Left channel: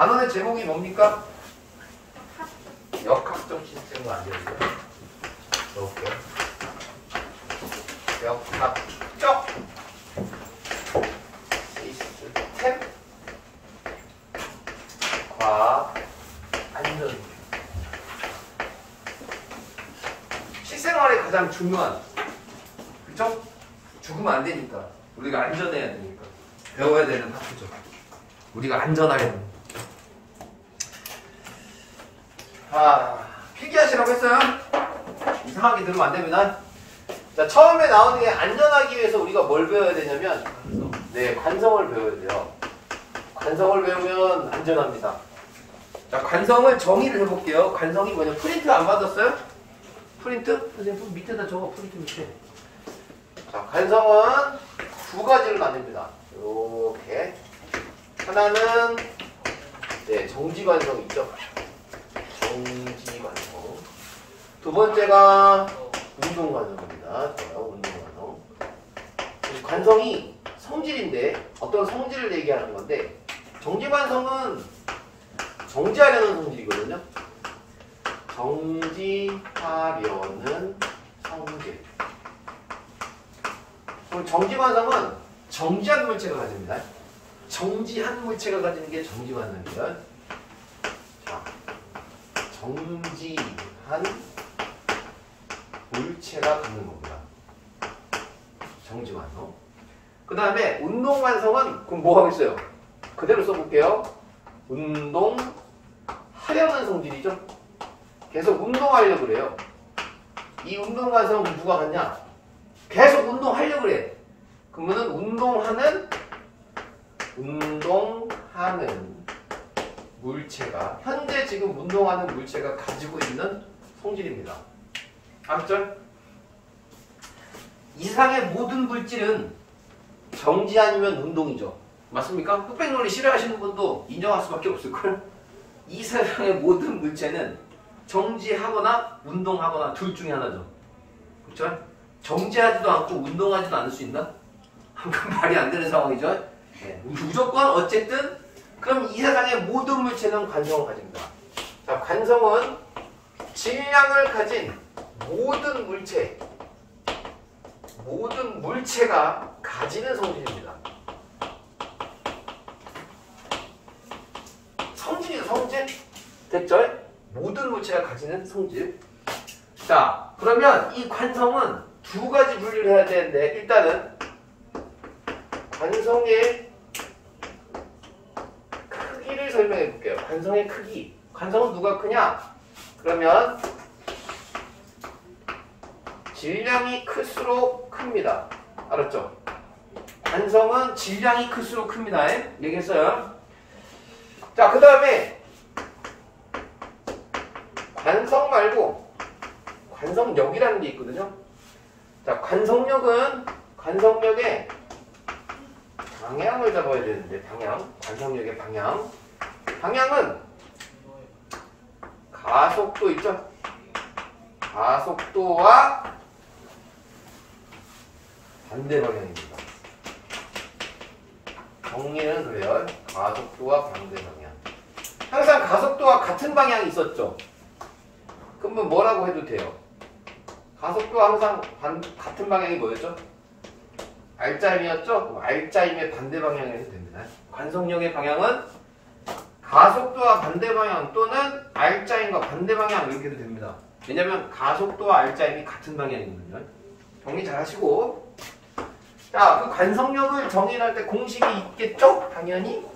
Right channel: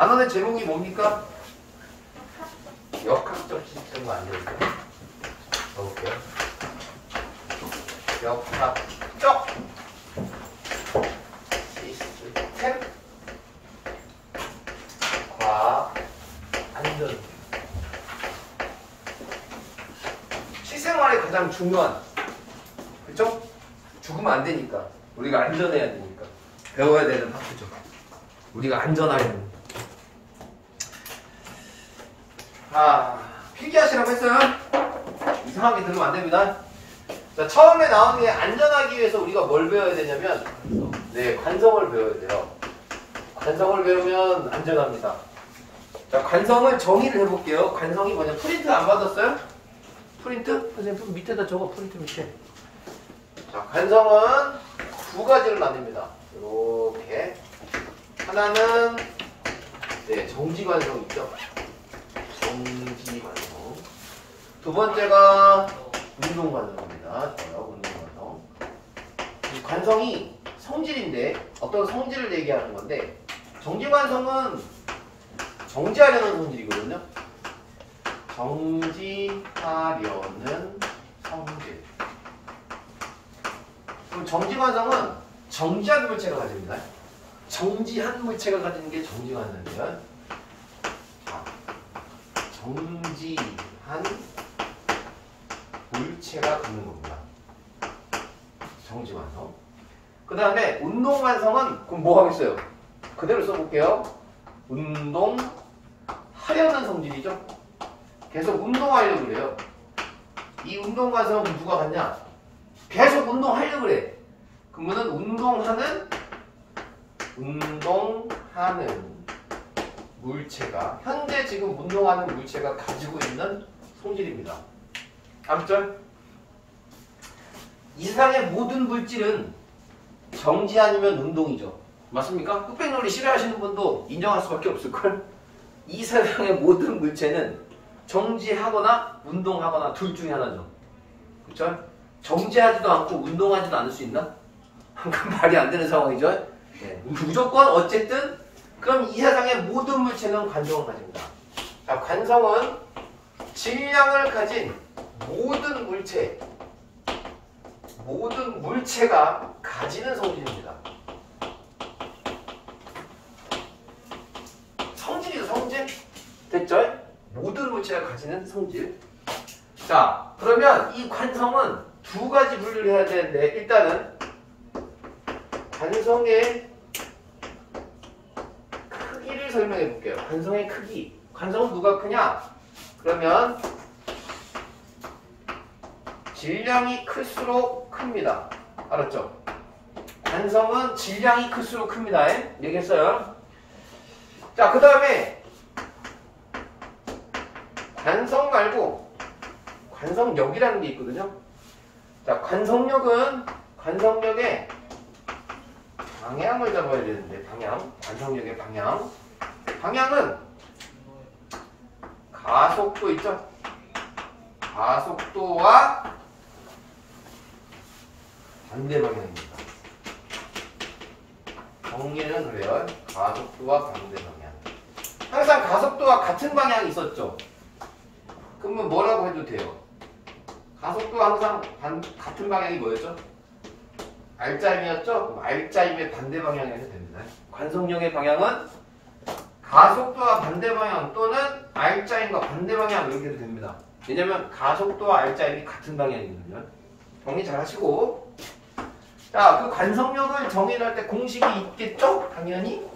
단원의 제목이 뭡니까? 역학적 시스템이 아니에요. 넣을게요. 역학적 시스템 과학 안전. 실생활에 가장 중요한, 그렇죠? 죽으면 안 되니까 우리가 안전해야 되니까 배워야 되는 파트죠. 우리가 안전하려면. 필기하시라고 했어요? 이상하게 들으면 안 됩니다. 자, 처음에 나오는 게 안전하기 위해서 우리가 뭘 배워야 되냐면, 네, 관성을 배워야 돼요. 관성을 배우면 안전합니다. 자, 관성을 정의를 해볼게요. 관성이 뭐냐? 프린트 안 받았어요? 프린트? 선생님 밑에다 적어. 프린트 밑에. 자, 관성은 두 가지로 나뉩니다. 이렇게. 하나는 네, 정지관성 있죠. 정지관성. 두 번째가 운동관성입니다. 운동관성. 이 관성이 성질인데 어떤 성질을 얘기하는 건데, 정지관성은 정지하려는 성질이거든요. 정지하려는 성질. 그럼 정지관성은 정지한 물체가 가집니다. 정지한 물체가 가지는 게 정지관성이에요. 자, 정지한 물체가 갖는 겁니다. 정지관성. 그 다음에 운동관성은 그럼 뭐 하겠어요? 그대로 써볼게요. 운동하려는 성질이죠. 계속 운동하려고 그래요. 이 운동관성은 누가 갖냐? 계속 운동하려고 그래. 그러면 운동하는 물체가, 현재 지금 운동하는 물체가 가지고 있는 성질입니다. 앞절. 이 세상의 모든 물질은 정지 아니면 운동이죠. 맞습니까? 흑백논리 싫어하시는 분도 인정할 수밖에 없을걸? 이 세상의 모든 물체는 정지하거나 운동하거나 둘 중에 하나죠. 그쵸? 정지하지도 않고 운동하지도 않을 수 있나? 말이 안 되는 상황이죠. 네, 무조건 어쨌든 그럼 이 세상의 모든 물체는 관성을 가집니다. 자, 관성은 질량을 가진 모든 물체가 가지는 성질입니다. 성질이죠, 성질. 됐죠? 모든 물체가 가지는 성질. 자, 그러면 이 관성은 두 가지 분류를 해야 되는데, 일단은 관성의 크기를 설명해 볼게요. 관성의 크기. 관성은 누가 크냐? 그러면 질량이 클수록 큽니다. 알았죠? 관성은 질량이 클수록 큽니다. 얘기했어요. 자, 그 다음에 관성 말고 관성력이라는 게 있거든요. 자, 관성력의 방향을 잡아야 되는데, 관성력의 방향은 가속도 있죠? 가속도와 반대 방향입니다. 정리는 그래요. 가속도와 반대 방향. 항상 가속도와 같은 방향이 있었죠? 그러면 뭐라고 해도 돼요? 가속도와 항상 같은 방향이 뭐였죠? R자임이었죠? 그럼 R자임의 반대 방향이 해도 됩니다. 관성력의 방향은 가속도와 반대 방향 또는 R자임과 반대 방향 이렇게 해도 됩니다. 왜냐면 가속도와 R자임이 같은 방향이거든요. 정리 잘 하시고. 자, 그 관성력을 정의할 때 공식이 있겠죠? 당연히.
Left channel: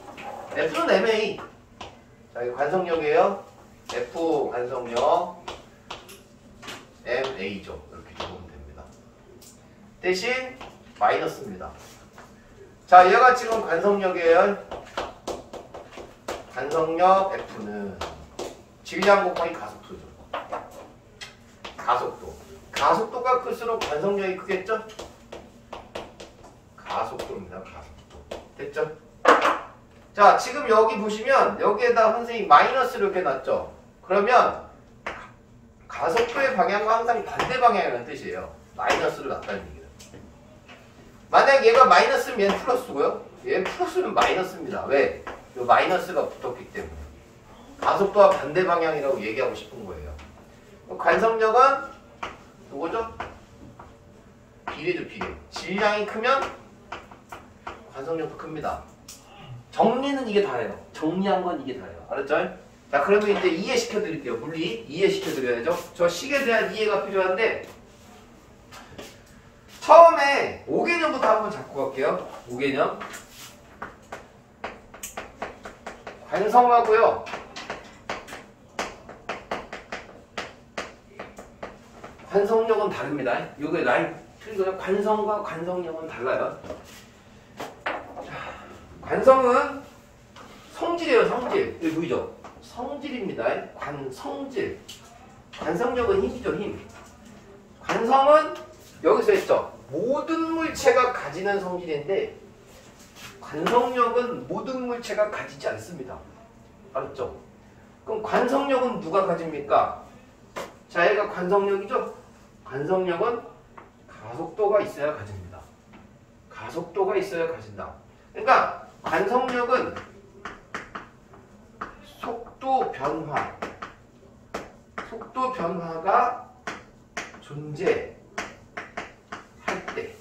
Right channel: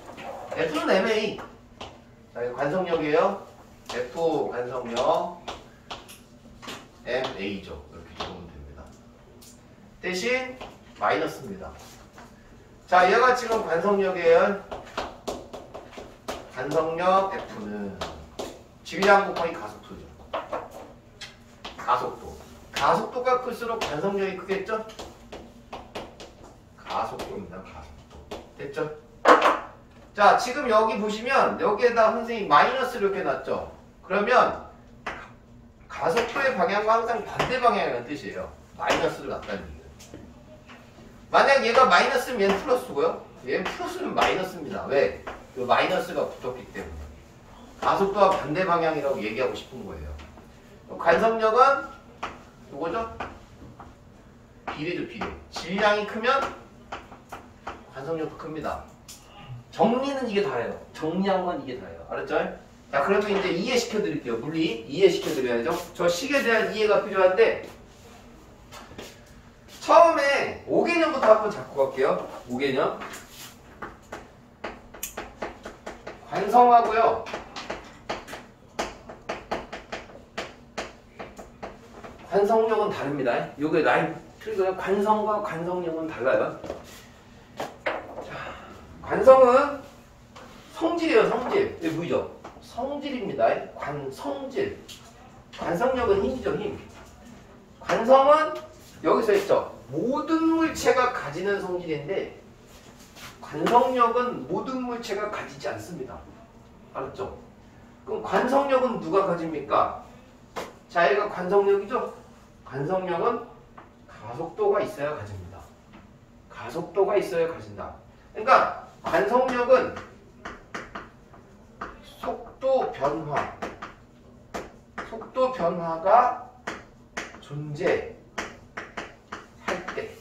F는 MA. 자, 이거 관성력이에요. F 관성력 MA죠. 이렇게 적으면 됩니다. 대신 마이너스입니다. 자, 얘가 지금 관성력이에요. 관성력 F는 질량 곱하기 가속도죠. 가속도가 클수록 관성력이 크겠죠? 가속도입니다. 가속도. 됐죠? 자, 지금 여기 보시면 여기에다 선생님이 마이너스를 이렇게 놨죠? 그러면 가속도의 방향과 항상 반대 방향이라는 뜻이에요. 마이너스를 놨다는 얘기예요. 만약 얘가 마이너스면 얘는 플러스고요. 얘는 플러스면 마이너스입니다. 왜? 요 마이너스가 붙었기 때문에 가속도와 반대 방향이라고 얘기하고 싶은 거예요. 관성력은 요거죠? 비례죠, 비례. 질량이 크면 관성력도 큽니다. 정리는 이게 다예요. 정리한 건 이게 다예요. 알았죠? 자, 그러면 이제 이해시켜 드릴게요. 물리 이해시켜 드려야죠. 저 식에 대한 이해가 필요한데 처음에 5개념부터 한번 잡고 갈게요. 5개념. 관성하고요. 관성력은 다릅니다. 요게 라인 틀고요. 관성과 관성력은 달라요. 관성은 성질이에요, 성질. 여기 보이죠? 성질입니다. 관성질. 관성력은 힘이죠, 힘. 관성은 여기서 했죠. 모든 물체가 가지는 성질인데 관성력은 모든 물체가 가지지 않습니다. 알았죠? 그럼 관성력은 누가 가집니까? 자, 얘가 관성력이죠? 관성력은 가속도가 있어야 가집니다. 가속도가 있어야 가진다. 그러니까 관성력은 속도 변화가 존재할 때,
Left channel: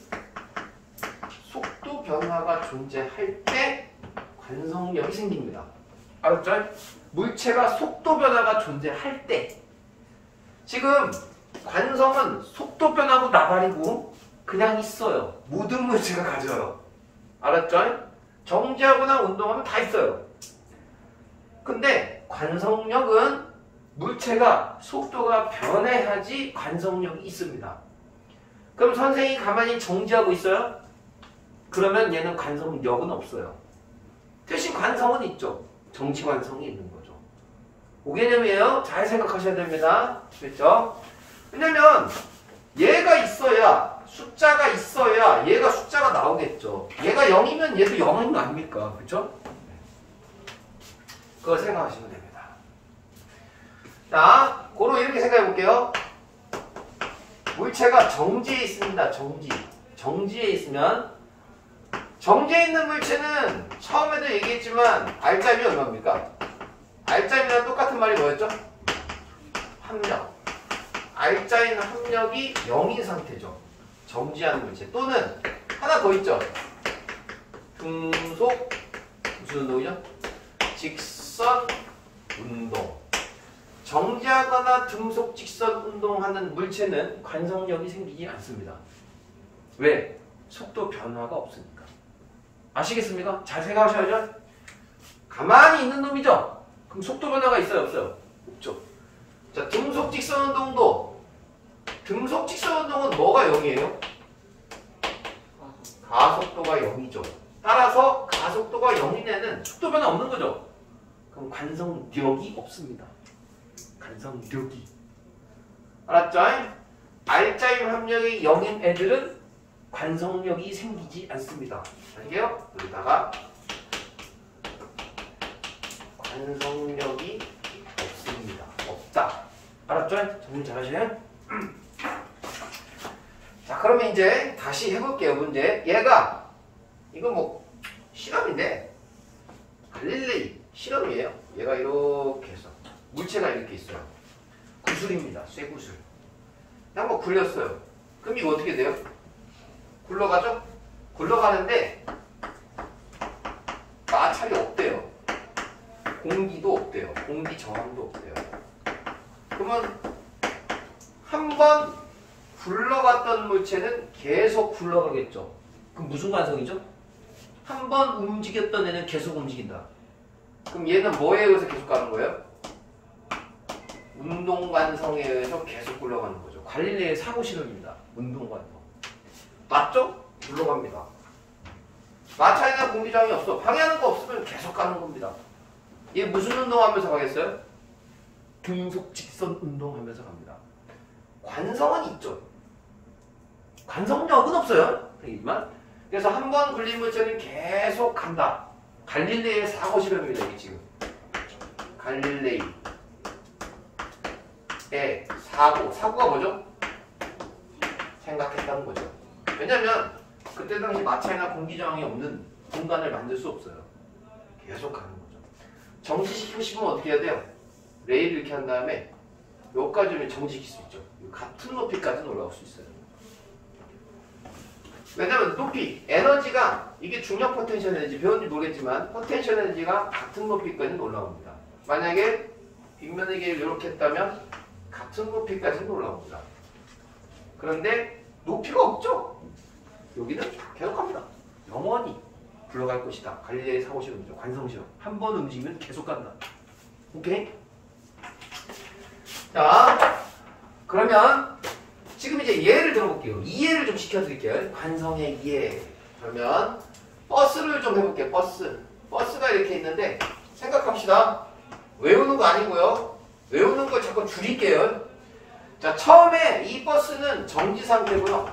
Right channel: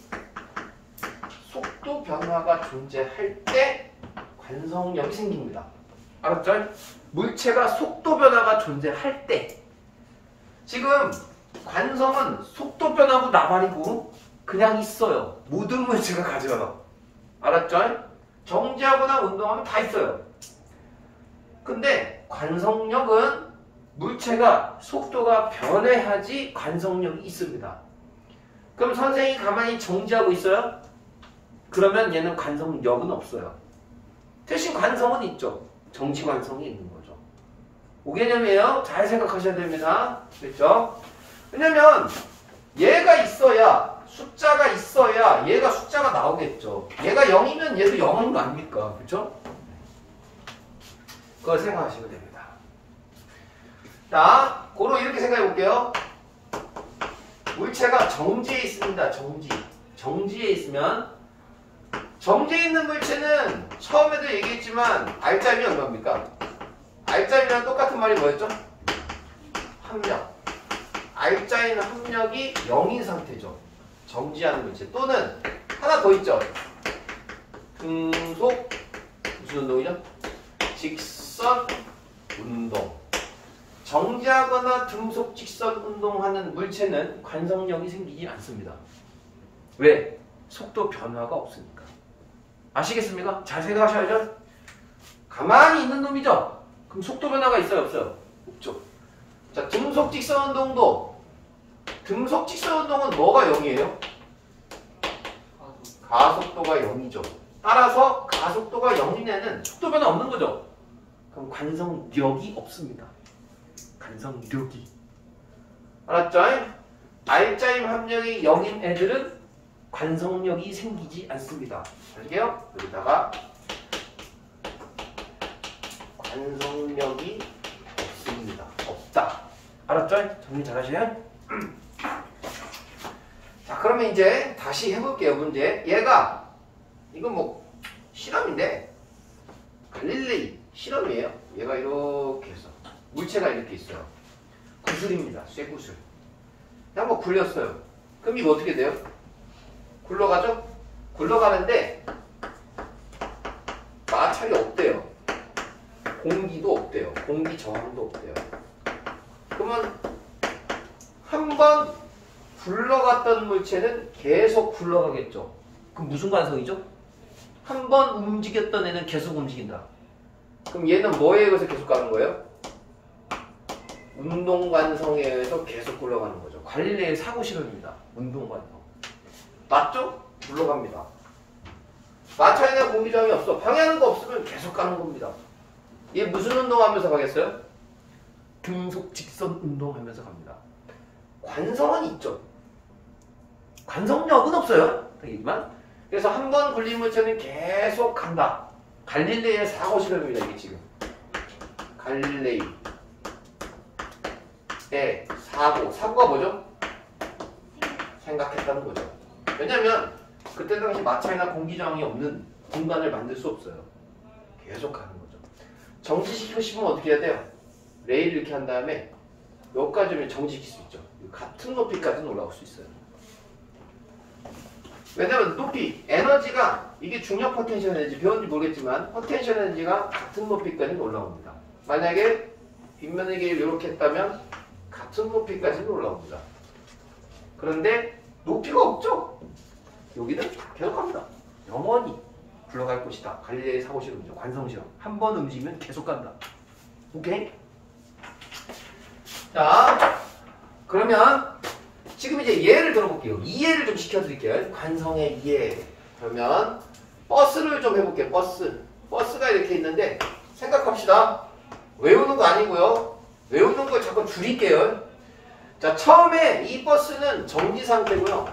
속도 변화가 존재할 때 관성력이 생깁니다. 알았죠? 물체가 속도 변화가 존재할 때. 지금 관성은 속도 변하고 나발이고 그냥 있어요. 모든 물체가 가져요. 알았죠? 정지하거나 운동하면 다 있어요. 근데 관성력은 물체가 속도가 변해야지 관성력이 있습니다. 그럼 선생님이 가만히 정지하고 있어요? 그러면 얘는 관성력은 없어요. 대신 관성은 있죠. 정지 관성이 있는 거죠. 5개념이에요. 잘 생각하셔야 됩니다. 됐죠? 왜냐면 얘가 있어야 숫자가 있어야 얘가 숫자가 나오겠죠. 얘가 0이면 얘도 0인 거 아닙니까? 그렇죠? 그거 생각하시면 됩니다. 자, 고로 이렇게 생각해 볼게요. 물체가 정지에 있습니다. 정지에 있으면 정지에 있는 물체는 처음에도 얘기했지만 R자임이 얼마입니까? R자임이랑 똑같은 말이 뭐였죠? 합력. R자임 합력이 0인 상태죠. 정지하는 물체. 또는 하나 더 있죠. 등속 무슨 운동이죠? 직선 운동. 정지하거나 등속 직선 운동하는 물체는 관성력이 생기지 않습니다. 왜? 속도 변화가 없으니까. 아시겠습니까? 잘 생각하셔야죠. 가만히 있는 놈이죠. 그럼 속도 변화가 있어요, 없어요? 없죠. 자, 등속 직선 운동도 등속 직선 운동은 뭐가 0이에요? 가속도가 0이죠. 따라서 가속도가 0인 애는 속도 변화 없는 거죠. 그럼 관성력이 없습니다. 관성력이. 알았죠? R자임 합력이 0인 애들은 관성력이 생기지 않습니다. 알게요? 여기다가 관성력이 없습니다. 없다. 알았죠? 정리 잘 하시네? 자, 그러면 이제 다시 해볼게요. 문제. 얘가 이건 뭐 실험인데 갈릴레이 실험이에요. 얘가 이렇게 해서 물체가 이렇게 있어요. 구슬입니다. 쇠구슬. 한번 굴렸어요. 그럼 이거 어떻게 돼요? 굴러가죠? 굴러가는데 마찰이 없대요. 공기도 없대요. 공기 저항도 없대요. 그러면 한번 굴러갔던 물체는 계속 굴러가겠죠. 그럼 무슨 관성이죠? 한 번 움직였던 애는 계속 움직인다. 그럼 얘는 뭐에 의해서 계속 가는 거예요? 운동관성에 의해서 계속 굴러가는 거죠. 갈릴레이의 사고 실험입니다. 운동관성. 맞죠? 굴러갑니다. 마찰이나 공기저항이 없어. 방해하는 거 없으면 계속 가는 겁니다. 얘 무슨 운동하면서 가겠어요? 등속 직선 운동하면서 갑니다. 관성은 있죠. 관성력은 없어요. 되겠지만 그래서 한 번 굴린 물체는 계속 간다. 갈릴레이의 사고 실험입니다. 이게 지금 갈릴레이의 사고가 뭐죠? 생각했다는 거죠. 왜냐면 그때 당시 마찰이나 공기 저항이 없는 공간을 만들 수 없어요. 계속 가는 거죠. 정지시키고 싶으면 어떻게 해야 돼요? 레일을 이렇게 한 다음에 여기까지 오면 정지시킬 수 있죠. 같은 높이까지는 올라올 수 있어요. 왜냐면 높이, 에너지가 이게 중력 포텐셜 에너지 배웠는지 모르겠지만 포텐셜 에너지가 같은 높이까지는 올라옵니다. 만약에 빗면의 길이를 이렇게 했다면 같은 높이까지는 올라옵니다. 그런데 높이가 없죠? 여기는 계속 갑니다. 영원히 굴러갈 것이다. 갈릴레이 사고실험이죠. 관성실험. 한 번 움직이면 계속 간다. 오케이? 자, 그러면 지금 이제 예를 들어볼게요. 이해를 좀 시켜드릴게요. 관성의 이해. 그러면 버스를 좀 해볼게요. 버스가 이렇게 있는데 생각합시다. 외우는 거 아니고요. 외우는 거 자꾸 줄일게요. 자, 처음에 이 버스는 정지 상태고요.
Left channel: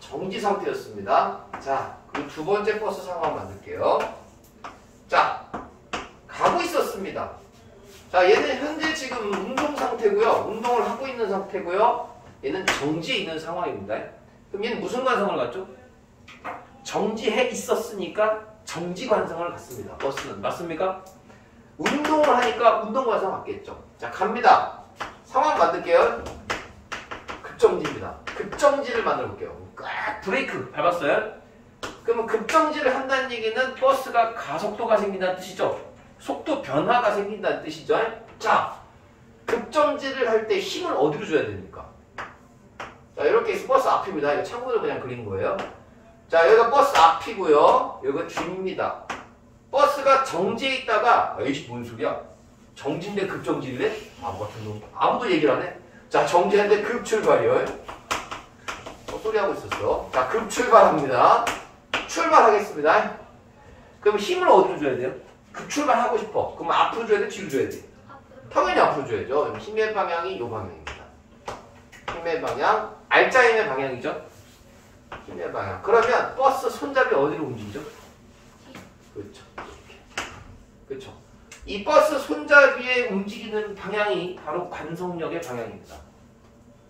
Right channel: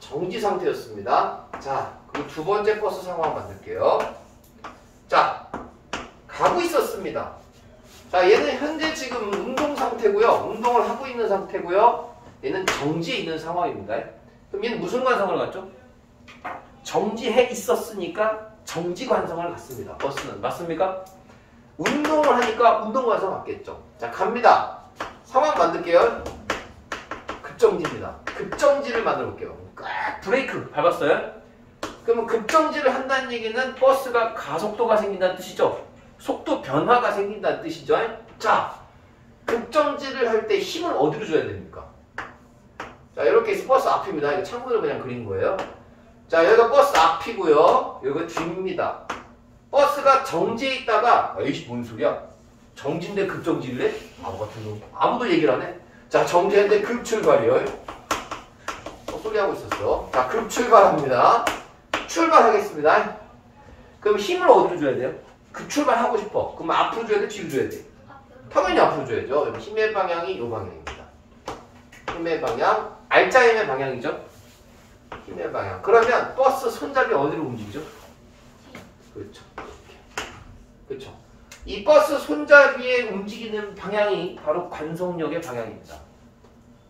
정지 상태였습니다. 자, 그리고 두 번째 버스 상황 만들게요. 자, 가고 있었습니다. 자, 얘는 현재 지금 운동 상태고요. 운동을 하고 있는 상태고요. 얘는 정지해 있는 상황입니다. 그럼 얘는 무슨 관성을 갖죠? 정지해 있었으니까 정지 관성을 갖습니다. 버스는. 맞습니까? 운동을 하니까 운동 관성 갖겠죠. 자, 갑니다. 상황 만들게요. 급정지입니다. 급정지를 만들어 볼게요. 꽉 브레이크 밟았어요? 그러면 급정지를 한다는 얘기는 버스가 가속도가 생긴다는 뜻이죠. 속도 변화가 생긴다는 뜻이죠. 자, 급정지를 할 때 힘을 어디로 줘야 됩니까? 자, 이렇게 해서 버스 앞입니다. 이거 참고로 그냥 그린 거예요. 자, 여기가 버스 앞이고요. 여기가 뒤입니다. 버스가 정지해 있다가 에이씨 뭔 소리야? 정지인데 급정지를 해? 아무 같은 놈. 아무도 얘기를 안 해. 자, 정지했는데 급출발이요. 소리하고 있었어. 자, 급출발합니다. 출발하겠습니다. 그럼 힘을 어디로 줘야 돼요? 급출발하고 싶어. 그럼 앞으로 줘야 돼? 뒤로 줘야 돼? 당연히 앞으로 줘야죠. 힘의 방향이 이 방향입니다. 힘의 방향, 알짜 힘의 방향이죠. 힘의 방향. 그러면 버스 손잡이 어디로 움직이죠? 그렇죠. 그렇죠. 이 버스 손잡이에 움직이는 방향이 바로 관성력의 방향입니다.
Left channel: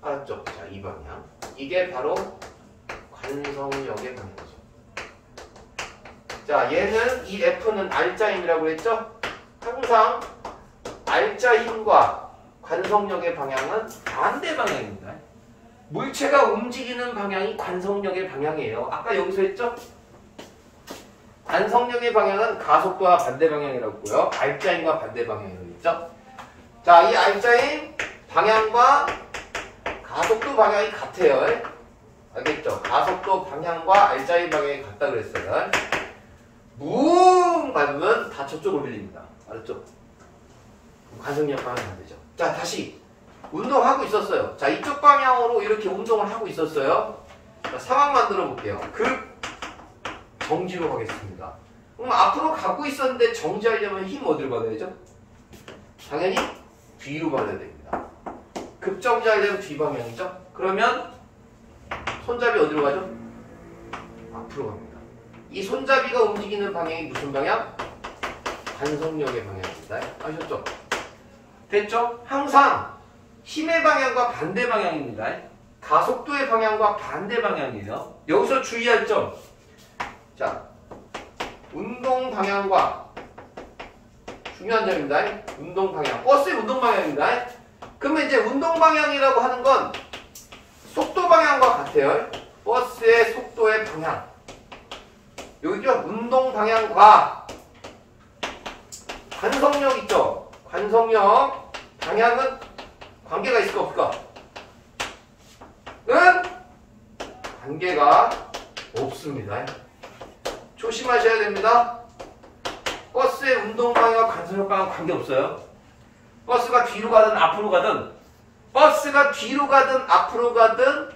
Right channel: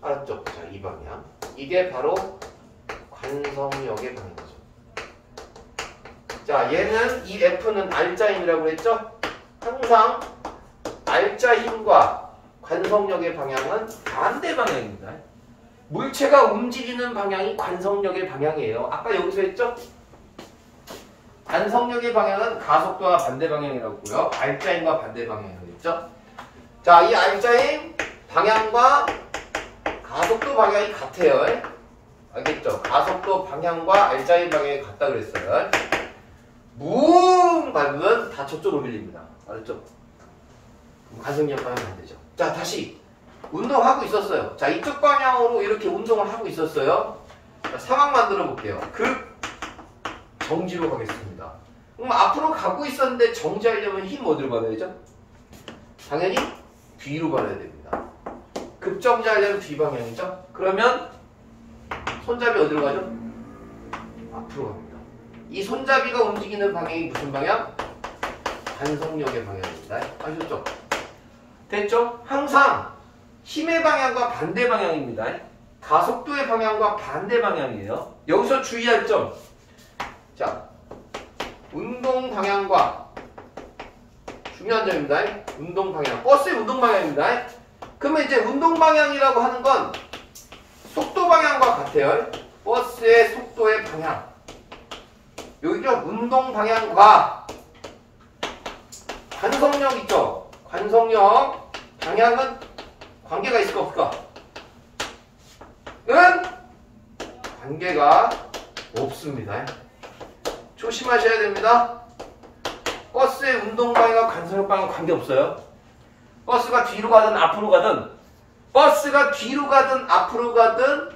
알았죠? 자, 이 방향. 이게 바로 관성력의 방향이죠. 자, 얘는 이 F는 알짜 힘이라고 했죠? 항상 알짜 힘과 관성력의 방향은 반대 방향입니다. 물체가 움직이는 방향이 관성력의 방향이에요. 아까 여기서 했죠? 관성력의 방향은 가속도와 반대 방향이라고 했고요. 알짜 힘과 반대 방향이라고 했죠? 자, 이 알짜 힘 방향과 가속도 방향이 같아요. 알겠죠? 가속도 방향과 알짜 힘 방향이 같다 그랬어요. 뭉 밟으면 다 저쪽으로 밀립니다. 알았죠? 관성력을 하면 안 되죠. 자, 다시 운동하고 있었어요. 자, 이쪽 방향으로 이렇게 운동을 하고 있었어요. 자, 상황 만들어 볼게요. 급 정지로 가겠습니다. 그럼 앞으로 가고 있었는데 정지하려면 힘 어디로 받아야죠? 당연히 뒤로 받아야 됩니다. 급정지하려면 뒤 방향이죠? 그러면 손잡이 어디로 가죠? 앞으로 갑니다. 이 손잡이가 움직이는 방향이 무슨 방향? 관성력의 방향입니다. 아셨죠? 됐죠? 항상 힘의 방향과 반대 방향입니다. 가속도의 방향과 반대 방향이에요. 여기서 주의할 점. 자, 운동 방향과 중요한 점입니다. 운동 방향. 버스의 운동 방향입니다. 그러면 이제 운동 방향이라고 하는 건 속도 방향과 같아요. 버스의 속도의 방향. 여기죠? 운동 방향과 관성력 있죠? 관성력 방향은 관계가 있을까 없을까? 는 관계가 없습니다. 조심하셔야 됩니다. 버스의 운동 방향과 관성력 방향 관계 없어요. 버스가 뒤로 가든 앞으로 가든, 버스가 뒤로 가든 앞으로 가든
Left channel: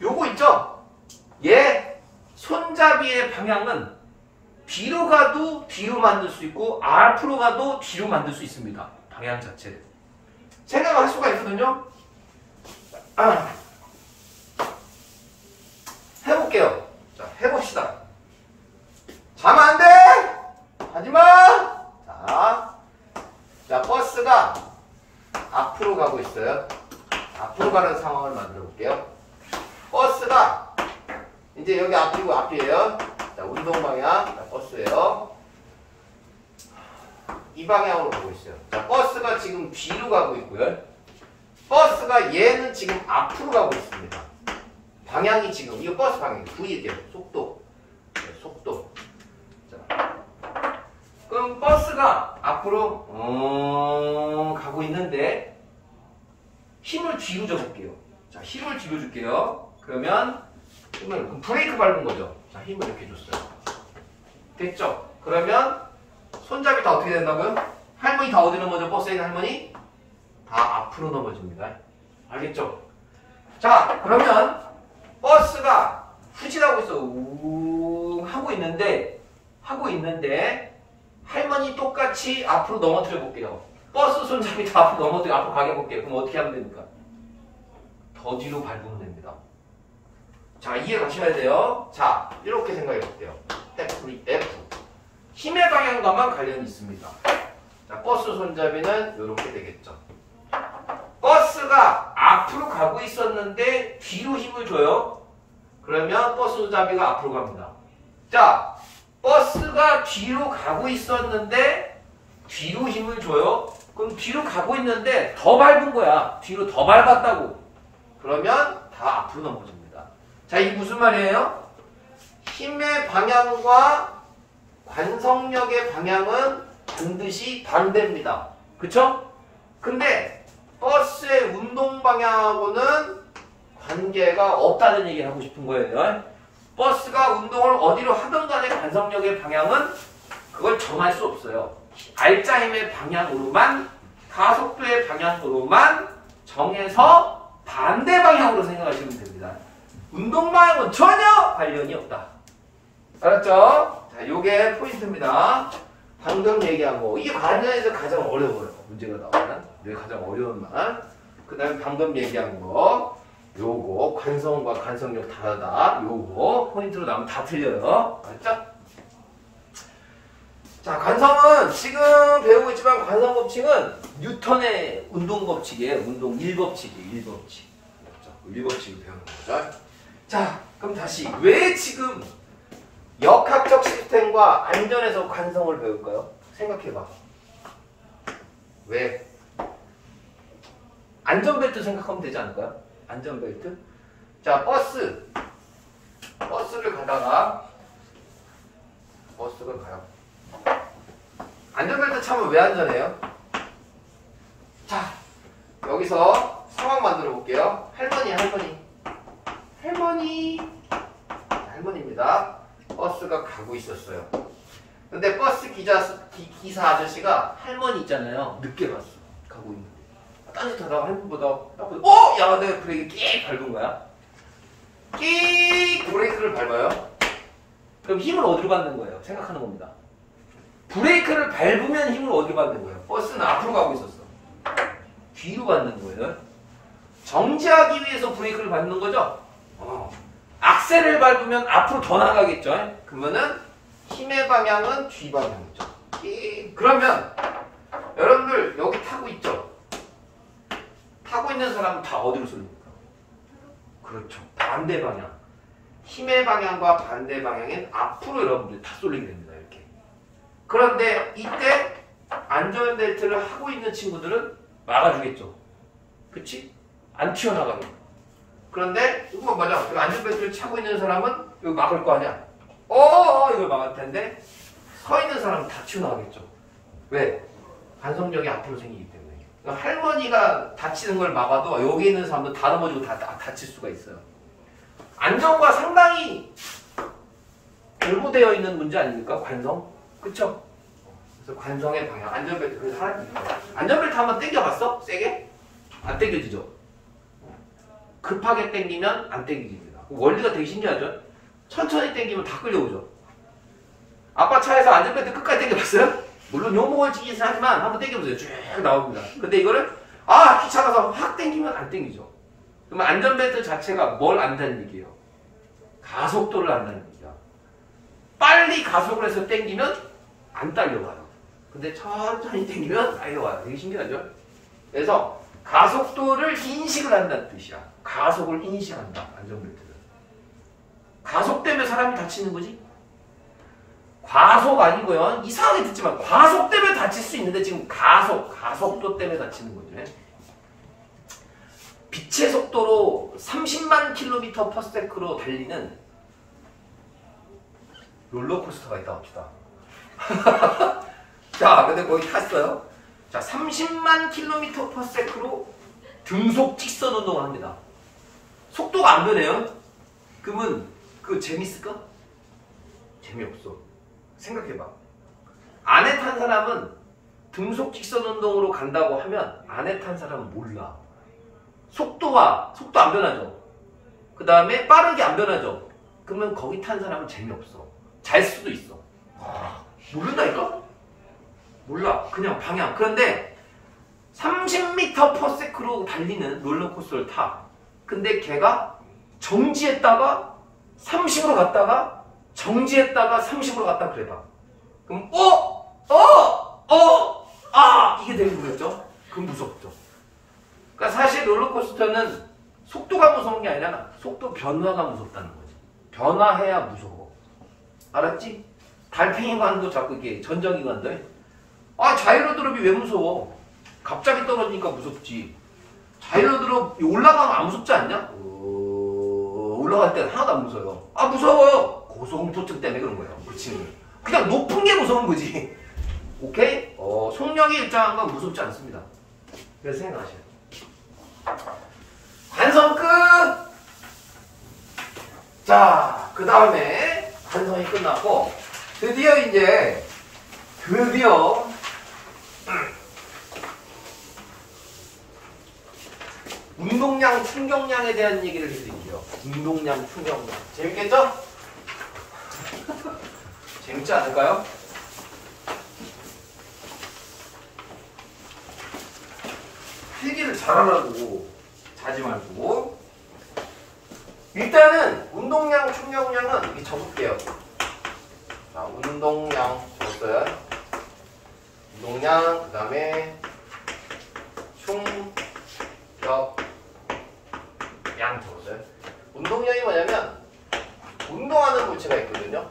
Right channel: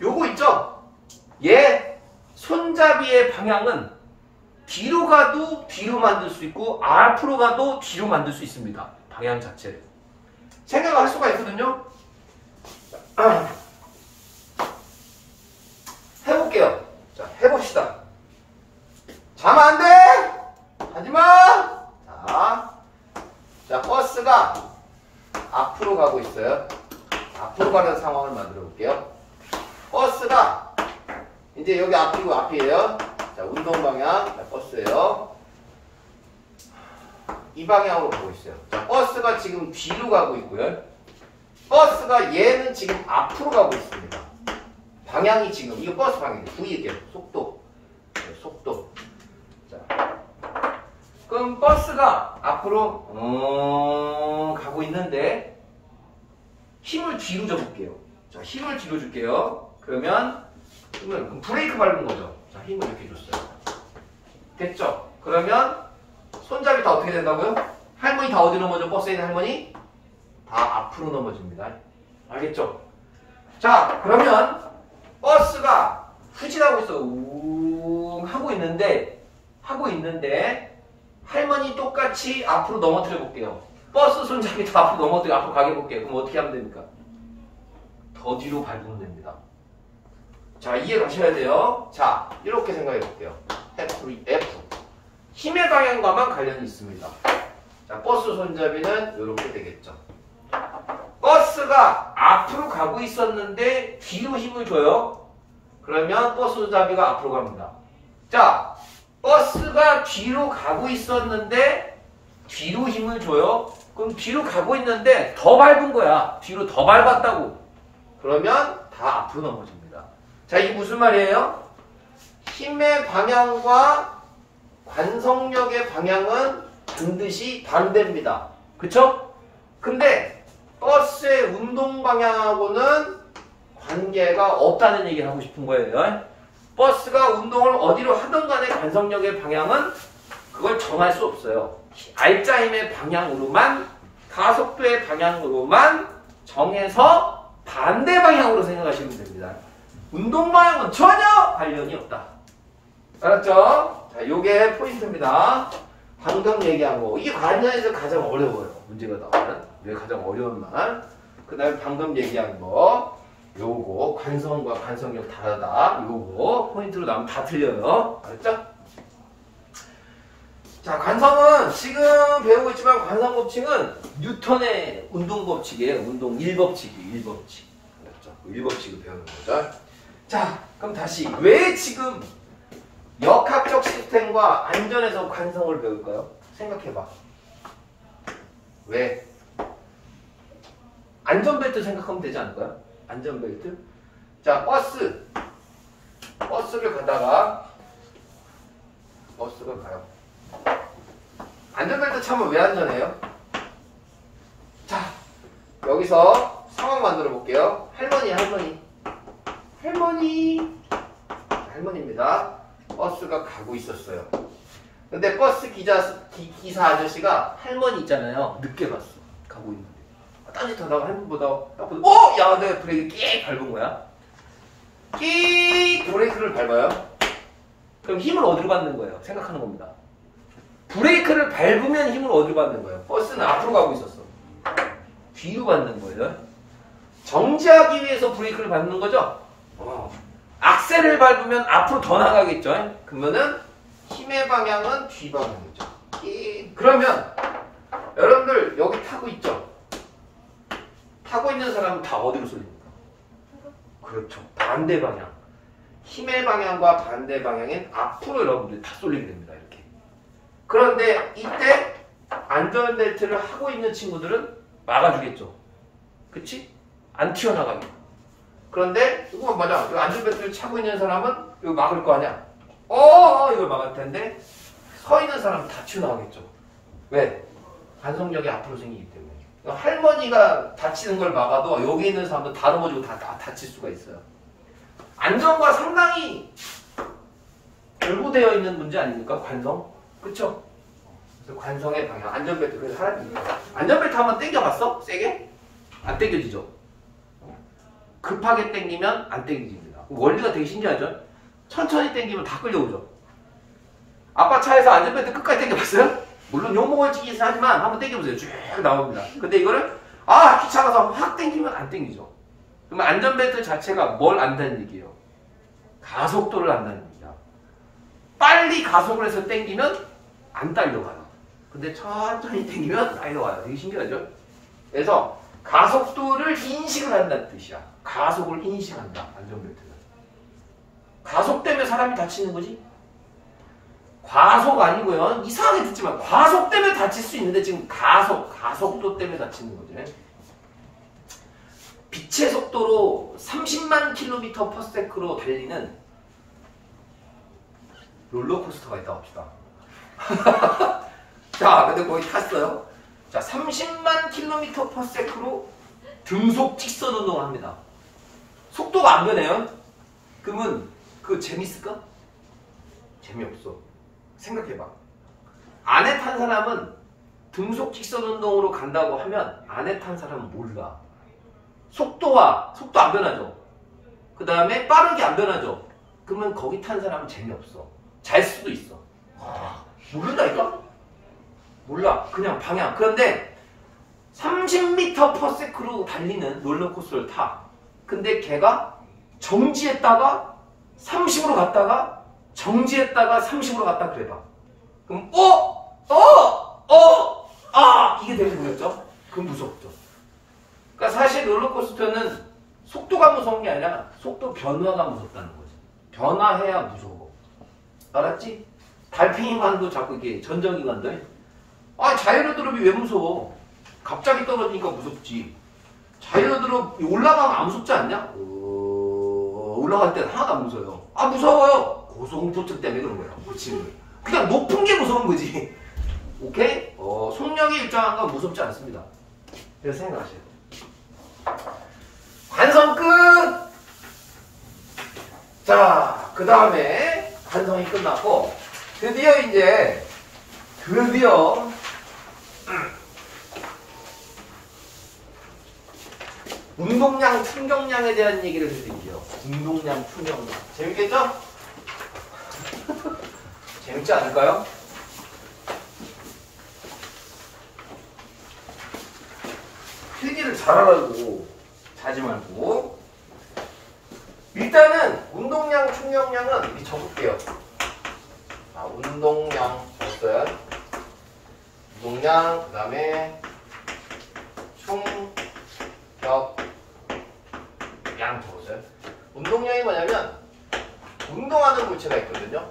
요거 있죠? 얘 손잡이의 방향은 뒤로 가도 뒤로 만들 수 있고 앞으로 가도 뒤로 만들 수 있습니다. 방향 자체를. 생각할 수가 있거든요. 해볼게요. 자, 해봅시다. 자면 안 돼! 하지마! 자, 버스가 앞으로 가고 있어요. 앞으로 가는 상황을 만들어 볼게요. 버스가 이제 여기 앞이고 앞이에요. 자, 운동 방향. 자, 버스예요. 이 방향으로 가고 있어요. 자, 버스가 지금 뒤로 가고 있고요. 버스가 얘는 지금 앞으로 가고 있습니다. 방향이 지금 이거 버스 방향이 V예요. 속도. 속도. 자. 그럼 버스가 앞으로 가고 있는데 힘을 뒤로 줘볼게요. 자, 힘을 뒤로 줄게요. 그러면 그럼 브레이크 밟은 거죠. 자, 힘을 이렇게 줬어요. 됐죠? 그러면 손잡이 다 어떻게 된다고요? 할머니 다 어디 넘어져? 버스에 있는 할머니? 다 앞으로 넘어집니다. 알겠죠? 자, 그러면 버스가 후진하고 있어. 우 하고 있는데 할머니 똑같이 앞으로 넘어뜨려 볼게요. 버스 손잡이 다 앞으로 넘어뜨려 앞으로 가게 볼게요. 그럼 어떻게 하면 됩니까? 더 뒤로 밟으면 됩니다. 자, 이해 가셔야 돼요. 자, 이렇게 생각해 볼게요. F. 힘의 방향과만 관련이 있습니다. 자, 버스 손잡이는 이렇게 되겠죠. 버스가 앞으로 가고 있었는데 뒤로 힘을 줘요. 그러면 버스 손잡이가 앞으로 갑니다. 자, 버스가 뒤로 가고 있었는데 뒤로 힘을 줘요. 그럼 뒤로 가고 있는데 더 밟은 거야. 뒤로 더 밟았다고. 그러면 다 앞으로 넘어집니다. 자, 이게 무슨 말이에요? 힘의 방향과 관성력의 방향은 반드시 반대입니다. 그쵸? 근데 버스의 운동 방향하고는 관계가 없다는 얘기를 하고 싶은 거예요. 버스가 운동을 어디로 하든 간에 관성력의 방향은 그걸 정할 수 없어요. 알짜 힘의 방향으로만, 가속도의 방향으로만 정해서 반대 방향으로 생각하시면 됩니다. 운동 방향은 전혀 관련이 없다. 알았죠? 자, 요게 포인트입니다. 방금 얘기한 거. 이게 관련해서 가장 어려워요. 문제가 나오면. 이게 가장 어려운 말. 그 다음에 방금 얘기한 거. 요거 관성과 관성력 다르다. 요거 포인트로 나면 다 틀려요. 알았죠? 자, 관성은 지금 배우고 있지만 관성 법칙은 뉴턴의 운동 법칙이에요. 운동 1법칙이에요. 1법칙. 알았죠? 1법칙을 배우는 거죠. 자, 그럼 다시 왜 지금 역학적 시스템과 안전에서 관성을 배울까요? 생각해봐. 왜? 안전벨트 생각하면 되지 않을까요? 안전벨트. 자, 버스를 가다가 버스가 가요. 안전벨트 차면 왜 안전해요? 자, 여기서 상황 만들어 볼게요. 할머니입니다. 버스가 가고 있었어요. 근데 버스 기사 아저씨가 할머니 있잖아요. 늦게 봤어. 가고 있는 거. 딴짓하다가 할머니보다 야, 내가 브레이크 끼익 밟은 거야. 끼익 브레이크를 밟아요. 그럼 힘을 어디로 받는 거예요? 생각하는 겁니다. 브레이크를 밟으면 힘을 어디로 받는 거예요? 버스는 앞으로 가고 있었어. 뒤로 받는 거예요. 정지하기 위해서 브레이크를 밟는 거죠? 악셀을 밟으면 앞으로 더 나가겠죠? 그러면은 힘의 방향은 뒤방향이죠. 그러면 여러분들 여기 타고 있죠? 타고 있는 사람은 다 어디로 쏠립니까? 그렇죠. 반대 방향. 힘의 방향과 반대 방향엔 앞으로 여러분들이 다 쏠리게 됩니다. 이렇게. 그런데 이때 안전벨트를 하고 있는 친구들은 막아주겠죠. 그치? 안 튀어나가게. 그런데 이거 뭐냐? 이 안전벨트를 차고 있는 사람은 이거 막을 거 아니야? 이걸 막을 텐데 서 있는 사람은 다 튀어나가겠죠. 왜? 관성력이 앞으로 생기기 때문에. 그러니까 할머니가 다치는 걸 막아도 여기 있는 사람도 다 넘어지고 다 다칠 수가 있어요. 안전과 상당히 결부되어 있는 문제 아닙니까? 관성? 그쵸? 그래서 관성의 방향, 안전벨트. 그래서 안전벨트 한번 당겨봤어? 세게? 안 당겨지죠? 급하게 당기면 안 당기집니다. 원리가 되게 신기하죠? 천천히 당기면 다 끌려오죠. 아빠 차에서 안전벨트 끝까지 당겨봤어요? 물론 욕먹을 짓이 하지만 한번 당겨보세요. 쭉 나옵니다. 근데 이거를 귀찮아서 확 당기면 안 당기죠. 그러면 안전벨트 자체가 뭘 안다는 얘기예요? 가속도를 안다는 얘기야. 빨리 가속을 해서 당기면 안 딸려와요. 근데 천천히 당기면 딸려와요. 되게 신기하죠? 그래서 가속도를 인식을 한다는 뜻이야. 가속을 인식한다. 안전벨트는. 가속 때문에 사람이 다치는 거지? 과속 아니고요. 이상하게 듣지만 과속 때문에 다칠 수 있는데 지금 가속도 때문에 다치는 거죠. 빛의 속도로 30만 킬로미터 퍼 세크로 달리는 롤러코스터가 있다고 합시다. 자, 근데 거기 탔어요. 자, 30만 킬로미터 퍼 세크로 등속 직선 운동을 합니다. 속도가 안 변해요. 그러면 그거 재밌을까? 재미없어. 생각해봐. 안에 탄 사람은 등속 직선 운동으로 간다고 하면 안에 탄 사람은 몰라. 속도 안 변하죠. 그 다음에 빠른 게 안 변하죠. 그러면 거기 탄 사람은 재미없어. 잘 수도 있어. 모른다니까? 몰라. 그냥 방향. 그런데 30m per sec로 달리는 롤러코스터를 타. 근데 걔가 정지했다가 30으로 갔다가 정지했다가 30으로 갔다 그래봐. 그럼 이게 되게 무섭죠? 그건 무섭죠. 그러니까 사실 롤러코스터는 속도가 무서운 게 아니라 속도 변화가 무섭다는 거지. 변화해야 무서워. 알았지? 달팽이관도 자꾸 이렇게 전정기관들. 자이로드롭이 왜 무서워? 갑자기 떨어지니까 무섭지. 자이로드롭 올라가면 안 무섭지 않냐? 올라갈 때는 하나도 안 무서워요. 무서워요. 고소공포증 때문에 그런 거야. 그 친구. 그냥 높은 게 무서운 거지. 오케이? 속력이 일정한 건 무섭지 않습니다. 그래서 생각하셔야 돼요. 완성 끝! 자, 그 다음에 완성이 끝났고 드디어 운동량, 충격량에 대한 얘기를 해드릴게요. 운동량, 충격량. 재밌겠죠? 재밌지 않을까요? 필기를 잘하라고. 자지 말고. 일단은 운동량, 충격량은 이렇게 적을게요. 자, 운동량 적었어요. 운동량, 그 다음에 충격량 적었어요. 운동량이 뭐냐면 운동하는 물체가 있거든요.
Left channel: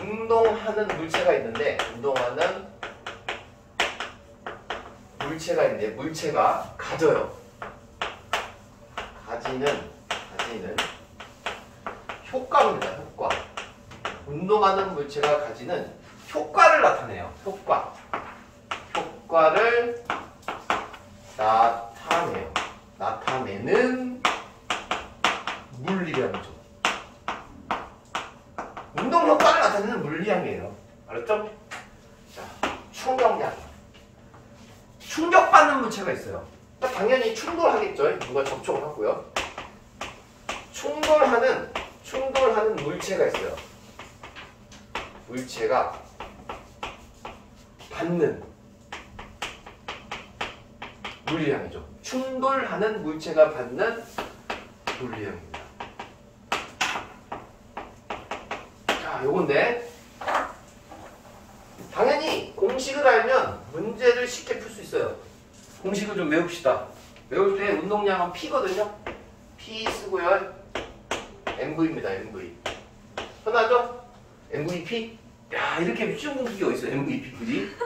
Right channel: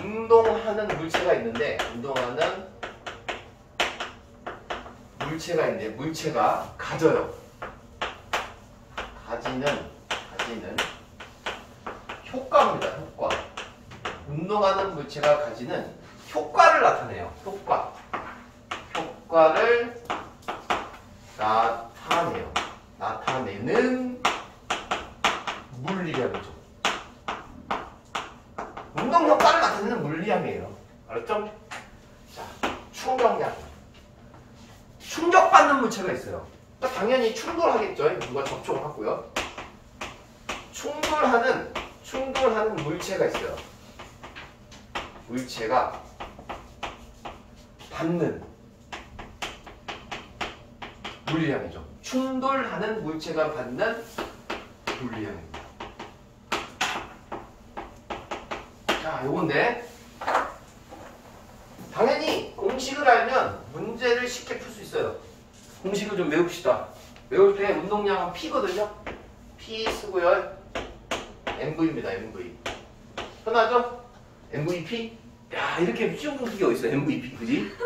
운동하는 물체가 있는데 물체가 가져요. 가지는 효과입니다. 효과. 운동하는 물체가 가지는 효과를 나타내요. 효과를 나타내는 물리량이죠. 운동 효과를 나타내는 물리량이에요. 알았죠? 자, 충격량. 충격받는 물체가 있어요. 당연히 충돌하겠죠. 누가 접촉을 하고요. 충돌하는 물체가 있어요. 물체가 받는 물리량이죠. 충돌하는 물체가 받는 물리량입니다. 자, 요건데 당연히 공식을 알면 문제를 쉽게 풀 수 있어요. 공식을 좀 외웁시다. 외울 때 운동량은 P거든요. P 쓰고요. MV입니다. MV. 편하죠? MVP? 야, 이렇게 쉬운 공식이 어딨어. MVP, 그지?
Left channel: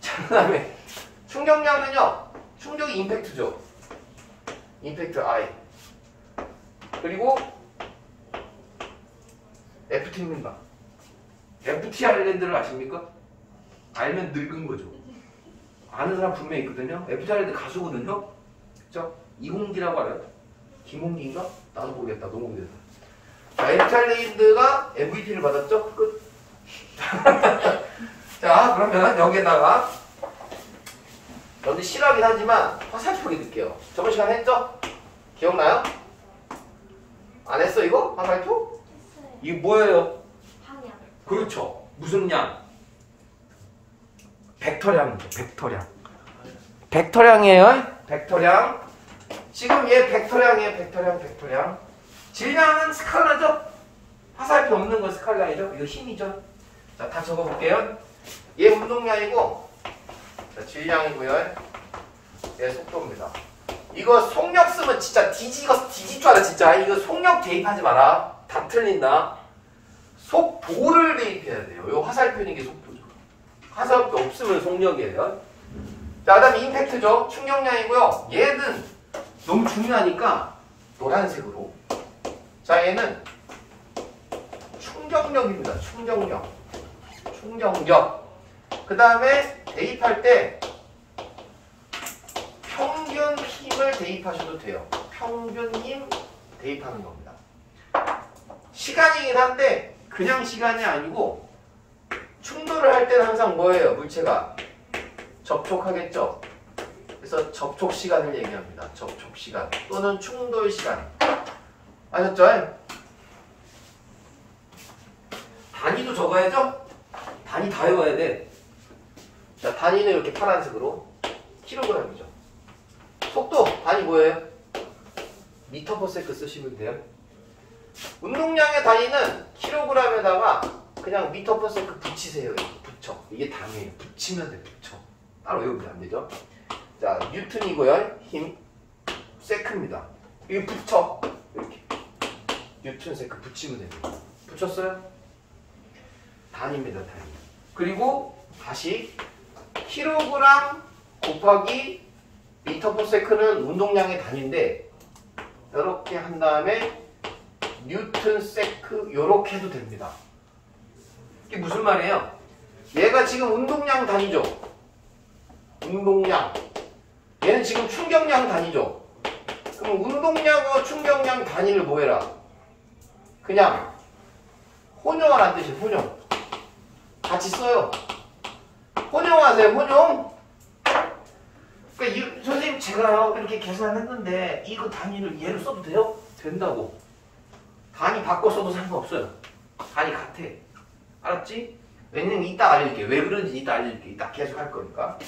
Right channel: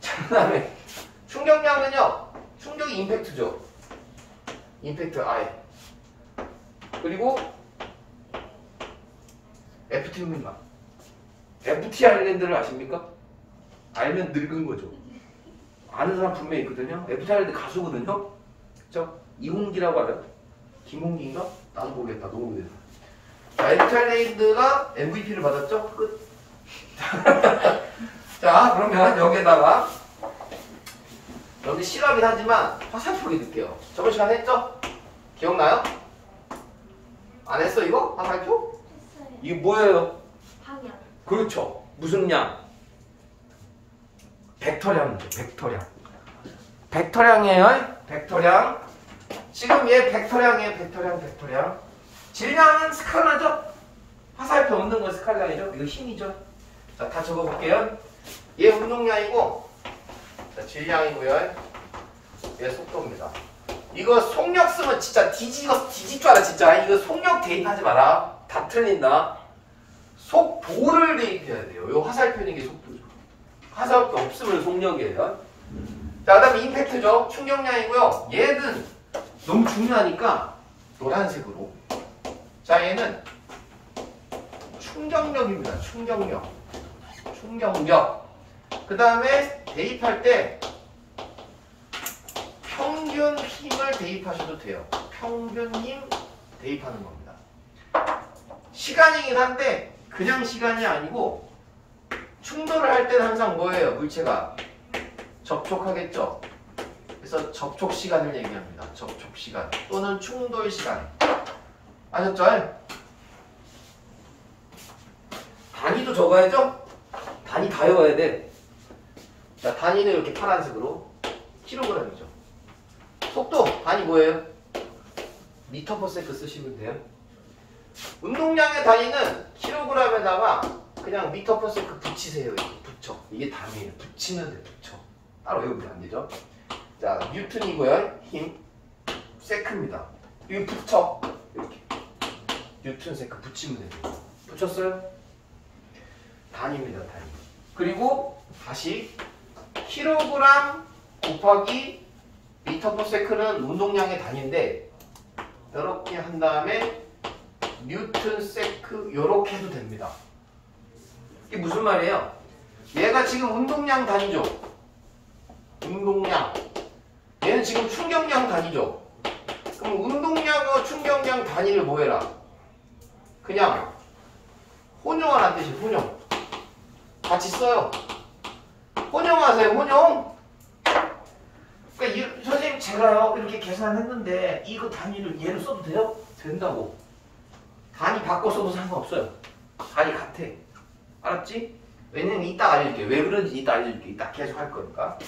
자, 그 다음에 충격량은요. 충격이 임팩트죠. 임팩트 I. 그리고 FT입니다. FT 아일랜드를 아십니까? 알면 늙은 거죠. 아는 사람 분명히 있거든요. FT 아일랜드 가수거든요. 그쵸? 이홍기라고 알아요? 김홍기인가? 나도 모르겠다. 너무 오래됐다. 자, FT 아일랜드가 MVP를 받았죠? 끝. 자, 그러면 여기에다가 여기 실하긴 하지만 화살표기 넣을게요. 저번 시간에 했죠? 기억나요? 안 했어 이거? 화살표? 했어요. 이게 뭐예요? 방향. 그렇죠. 무슨 양? 벡터량이죠. 벡터량이에요. 벡터량. 지금 얘 벡터량이에요. 벡터량. 질량은 스칼라죠? 화살표 없는 건 스칼라이죠? 이거 힘이죠? 자, 다 적어볼게요. 얘 운동량이고, 자, 질량이고요. 얘 속도입니다. 이거 속력 쓰면 진짜 뒤질 줄 알아, 진짜. 이거 속력 대입하지 마라. 다 틀린다. 속도를 대입해야 돼요. 이 화살표는 게 속도죠. 화살표 없으면 속력이에요. 자, 그 다음에 임팩트죠. 충격량이고요. 얘는 너무 중요하니까 노란색으로. 자, 얘는 충격력입니다. 충격력. 충격력. 그 다음에 대입할 때 평균 힘을 대입하셔도 돼요. 평균 힘 대입하는 겁니다. 시간이긴 한데 그냥 시간이 아니고 충돌을 할 때는 항상 뭐예요? 물체가 접촉하겠죠. 그래서 접촉 시간을 얘기합니다. 접촉 시간 또는 충돌 시간. 아셨죠? 단위도 적어야죠? 단위 다 외워야 돼. 자, 단위는 이렇게 파란색으로 킬로그램이죠. 속도 단위 뭐예요? 미터 퍼 세컨드 쓰시면 돼요. 운동량의 단위는 킬로그램에다가 그냥 미터 퍼 세컨드 붙이세요. 이렇게 붙여. 이게 단위예요. 붙이면 돼. 붙여. 따로 외우면 안 되죠. 자, 뉴턴이고요. 힘 세크입니다. 이거 붙여. 이렇게 뉴턴 세크 붙이면 됩니다. 붙였어요? 단위입니다. 단위. 그리고 다시 킬로그램 곱하기 미터 퍼 세컨드는 운동량의 단위인데 이렇게 한 다음에 뉴턴 세크 이렇게 해도 됩니다. 이게 무슨 말이에요? 얘가 지금 운동량 단위죠. 운동량. 얘는 지금 충격량 단위죠. 그럼 운동량과 충격량 단위를 뭐 해라? 그냥 혼용하라는 뜻이에요. 혼용. 같이 써요. 혼용하세요. 혼용. 그러니까 선생님 제가요 이렇게 계산했는데 이거 단위를 얘를 써도 돼요? 된다고. 단위 바꿔 써도 상관없어요. 단위 같아. 알았지? 왜냐면 이따 알려줄게. 왜 그런지 이따 알려줄게. 이따 계속 할 거니까.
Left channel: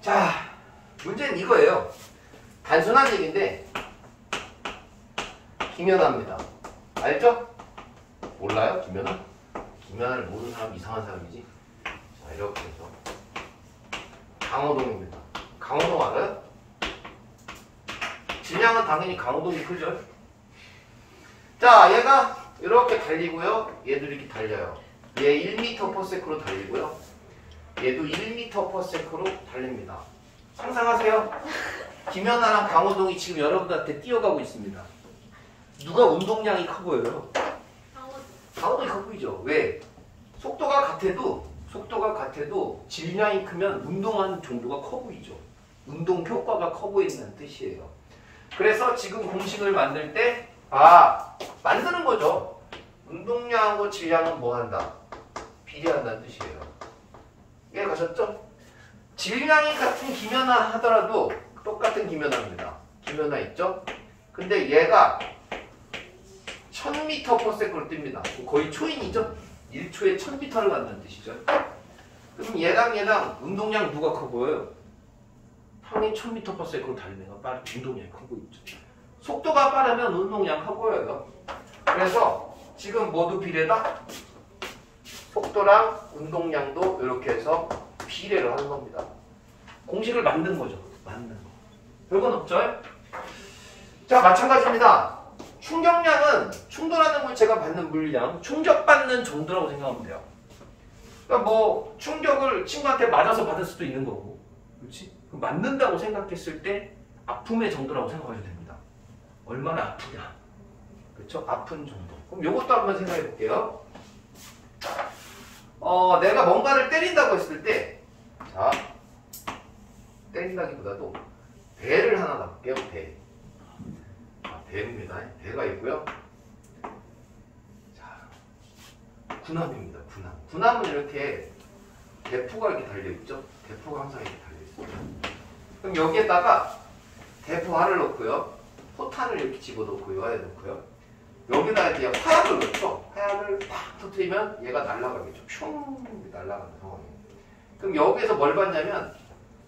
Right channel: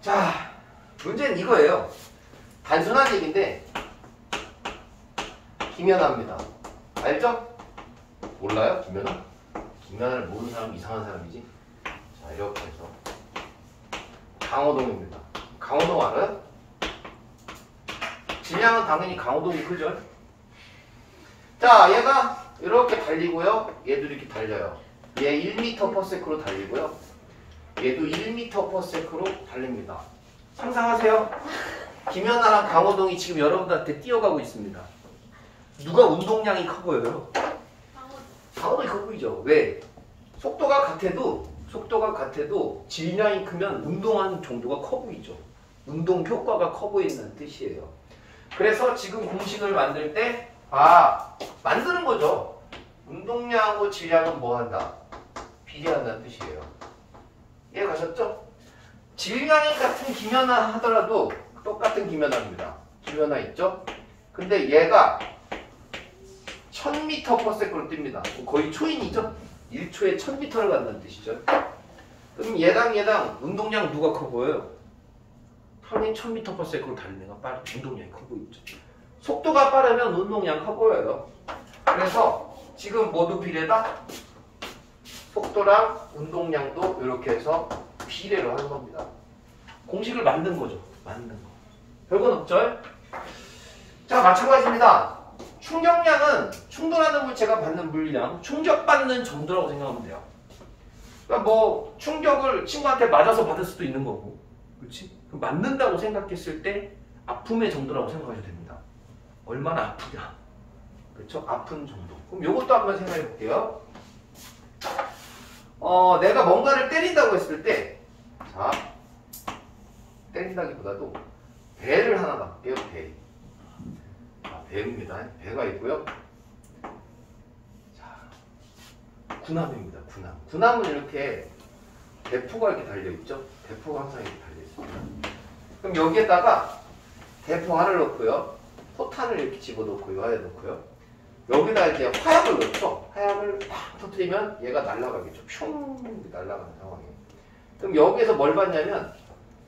자, 문제는 이거예요. 단순한 얘기인데 김연아입니다. 알죠? 몰라요? 김연아? 김연아를 모르는 사람 이상한 사람이지. 자, 이렇게 해서 강호동입니다. 강호동 알아요? 질량은 당연히 강호동이 크죠? 자, 얘가 이렇게 달리고요. 얘도 이렇게 달려요. 얘 1m/s로 달리고요. 얘도 1m/s로 달립니다. 상상하세요. 김연아랑 강호동이 지금 여러분들한테 뛰어가고 있습니다. 누가 운동량이 커 보여요? 강호동이 커 보이죠? 왜? 속도가 같아도 질량이 크면 운동하는 정도가 커 보이죠. 운동 효과가 커 보인다는 뜻이에요. 그래서 지금 공식을 만들 때 만드는 거죠. 운동량하고 질량은 뭐 한다? 비례한다는 뜻이에요. 이해 가셨죠? 질량이 같은 김연아 하더라도 똑같은 김연아입니다. 김연아 있죠? 근데 얘가 1000m/s로 뜁니다. 거의 초인이죠? 1초에 1000m를 간다는 뜻이죠. 그럼 얘당 운동량 누가 커 보여요? 당연히 1000m/s로 달리는 애가 운동량이 커 보이죠. 속도가 빠르면 운동량 커 보여요. 그래서 지금 모두 비례다. 속도랑 운동량도 이렇게 해서 비례를 하는 겁니다. 공식을 만든 거죠. 만든 거. 별건 없죠? 자, 마찬가지입니다. 충격량은 충돌하는 물체가 받는 물량, 충격받는 정도라고 생각하면 돼요. 그러니까 뭐 충격을 친구한테 맞아서 받을 수도 있는 거고, 그렇지? 그럼 맞는다고 생각했을 때 아픔의 정도라고 생각하셔도 됩니다. 얼마나 아프냐, 그렇죠? 아픈 정도. 그럼 요것도 한번 생각해 볼게요. 내가 뭔가를 때린다고 했을 때, 자, 때린다기보다도 배를 하나 놔볼게요. 배. 자, 배입니다. 배가 있고요. 자, 군함입니다. 군함. 군함은 이렇게 대포가 이렇게 달려있죠. 대포가 항상 이렇게 달려있어요. 그럼 여기에다가 대포알을 넣고요. 포탄을 이렇게 집어넣고 이 안에 넣고요. 여기다 이제 화약을 넣죠. 화약을 팍 터뜨리면 얘가 날아가겠죠. 슝 날아가는 상황이에요. 그럼 여기에서 뭘 받냐면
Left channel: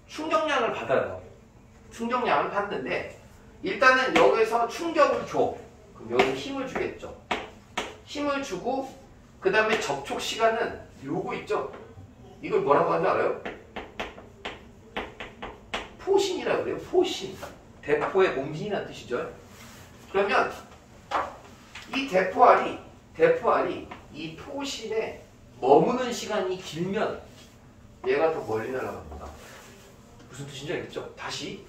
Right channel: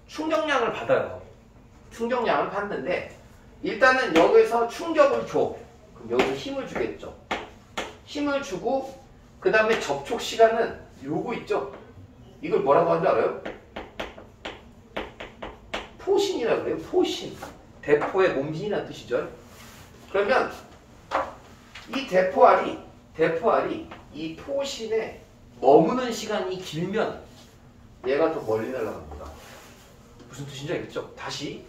충격량을 받아요. 충격량을 받는데 일단은 여기서 충격을 줘. 그럼 여기서 힘을 주겠죠. 힘을 주고 그 다음에 접촉 시간은 요거 있죠. 이걸 뭐라고 하는지 알아요? 포신이라고 그래요. 포신. 대포의 몸신이라는 뜻이죠. 그러면 이 대포알이 대포알이 이 포심에 머무는 시간이 길면 얘가 더 멀리 날아갑니다. 무슨 뜻인지 알겠죠? 다시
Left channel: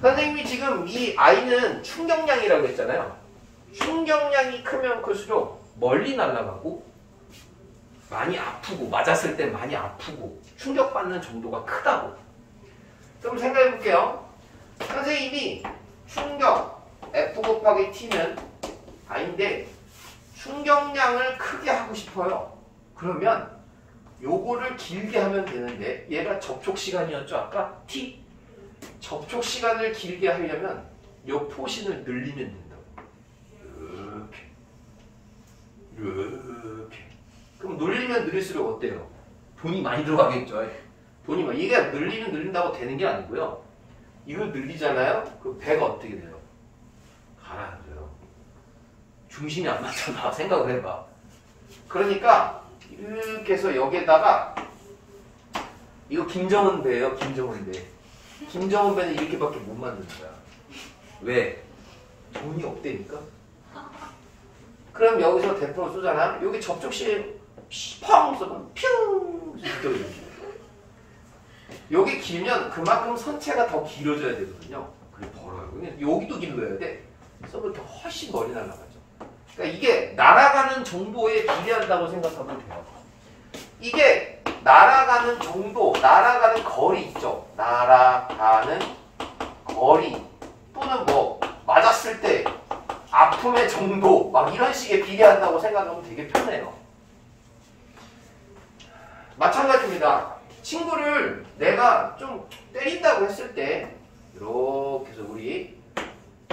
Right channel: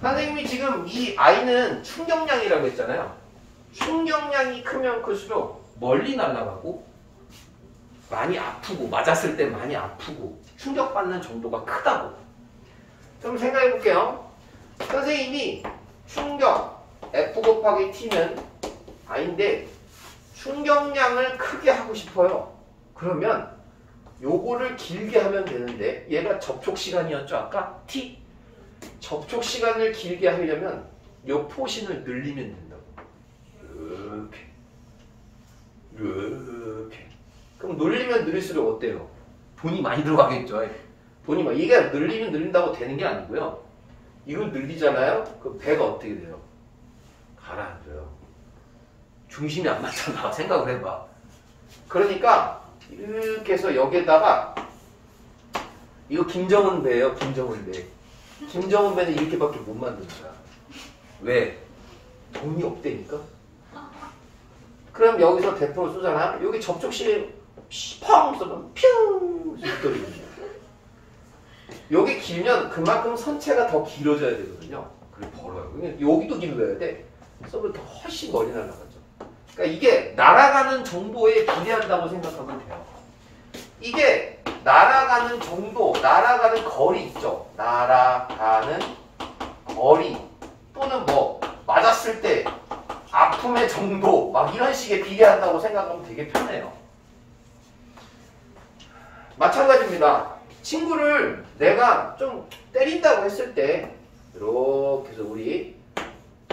선생님이 지금 이 I는 충격량이라고 했잖아요. 충격량이 크면 클수록 멀리 날아가고 많이 아프고 맞았을 때 많이 아프고 충격받는 정도가 크다고. 좀 생각해 볼게요. 선생님이 충격 F 곱하기 T는 I인데 충격량을 크게 하고 싶어요. 그러면 요거를 길게 하면 되는데 얘가 접촉시간이었죠 아까? T 접촉 시간을 길게 하려면 요 포신을 늘리면 된다고. 이렇게 그럼 늘리면 늘릴수록 어때요? 돈이 많이 들어가겠죠. 돈이 많이 이게 늘리면 늘린다고 되는 게 아니고요. 이걸 늘리잖아요. 그 배가 어떻게 돼요? 가라앉아요. 중심이 안 맞잖아. 생각을 해봐. 그러니까 이렇게 해서 여기에다가 이거 김정은 배예요. 김정은 배. 김정은 배는 이렇게밖에 못 만든다. 왜? 돈이 없대니까. 그럼 여기서 대포를 쏘잖아. 여기 접촉 시에 펑 쏘면 퓨 떨어지죠. 여기 길면 그만큼 선체가 더 길어져야 되거든요. 그래 벌어요. 여기도 길어야 돼. 쏘면 더 훨씬 멀리 날아가죠. 그러니까 이게 날아가는 정도에 비례한다고 생각하면 돼요. 이게 날아가는 정도, 날아가는 거리 있죠. 날아가는 거리 또는 뭐 맞았을 때 아픔의 정도 막 이런 식의 비례한다고 생각하면 되게 편해요. 마찬가지입니다. 친구를 내가 좀 때린다고 했을 때 이렇게 해서 우리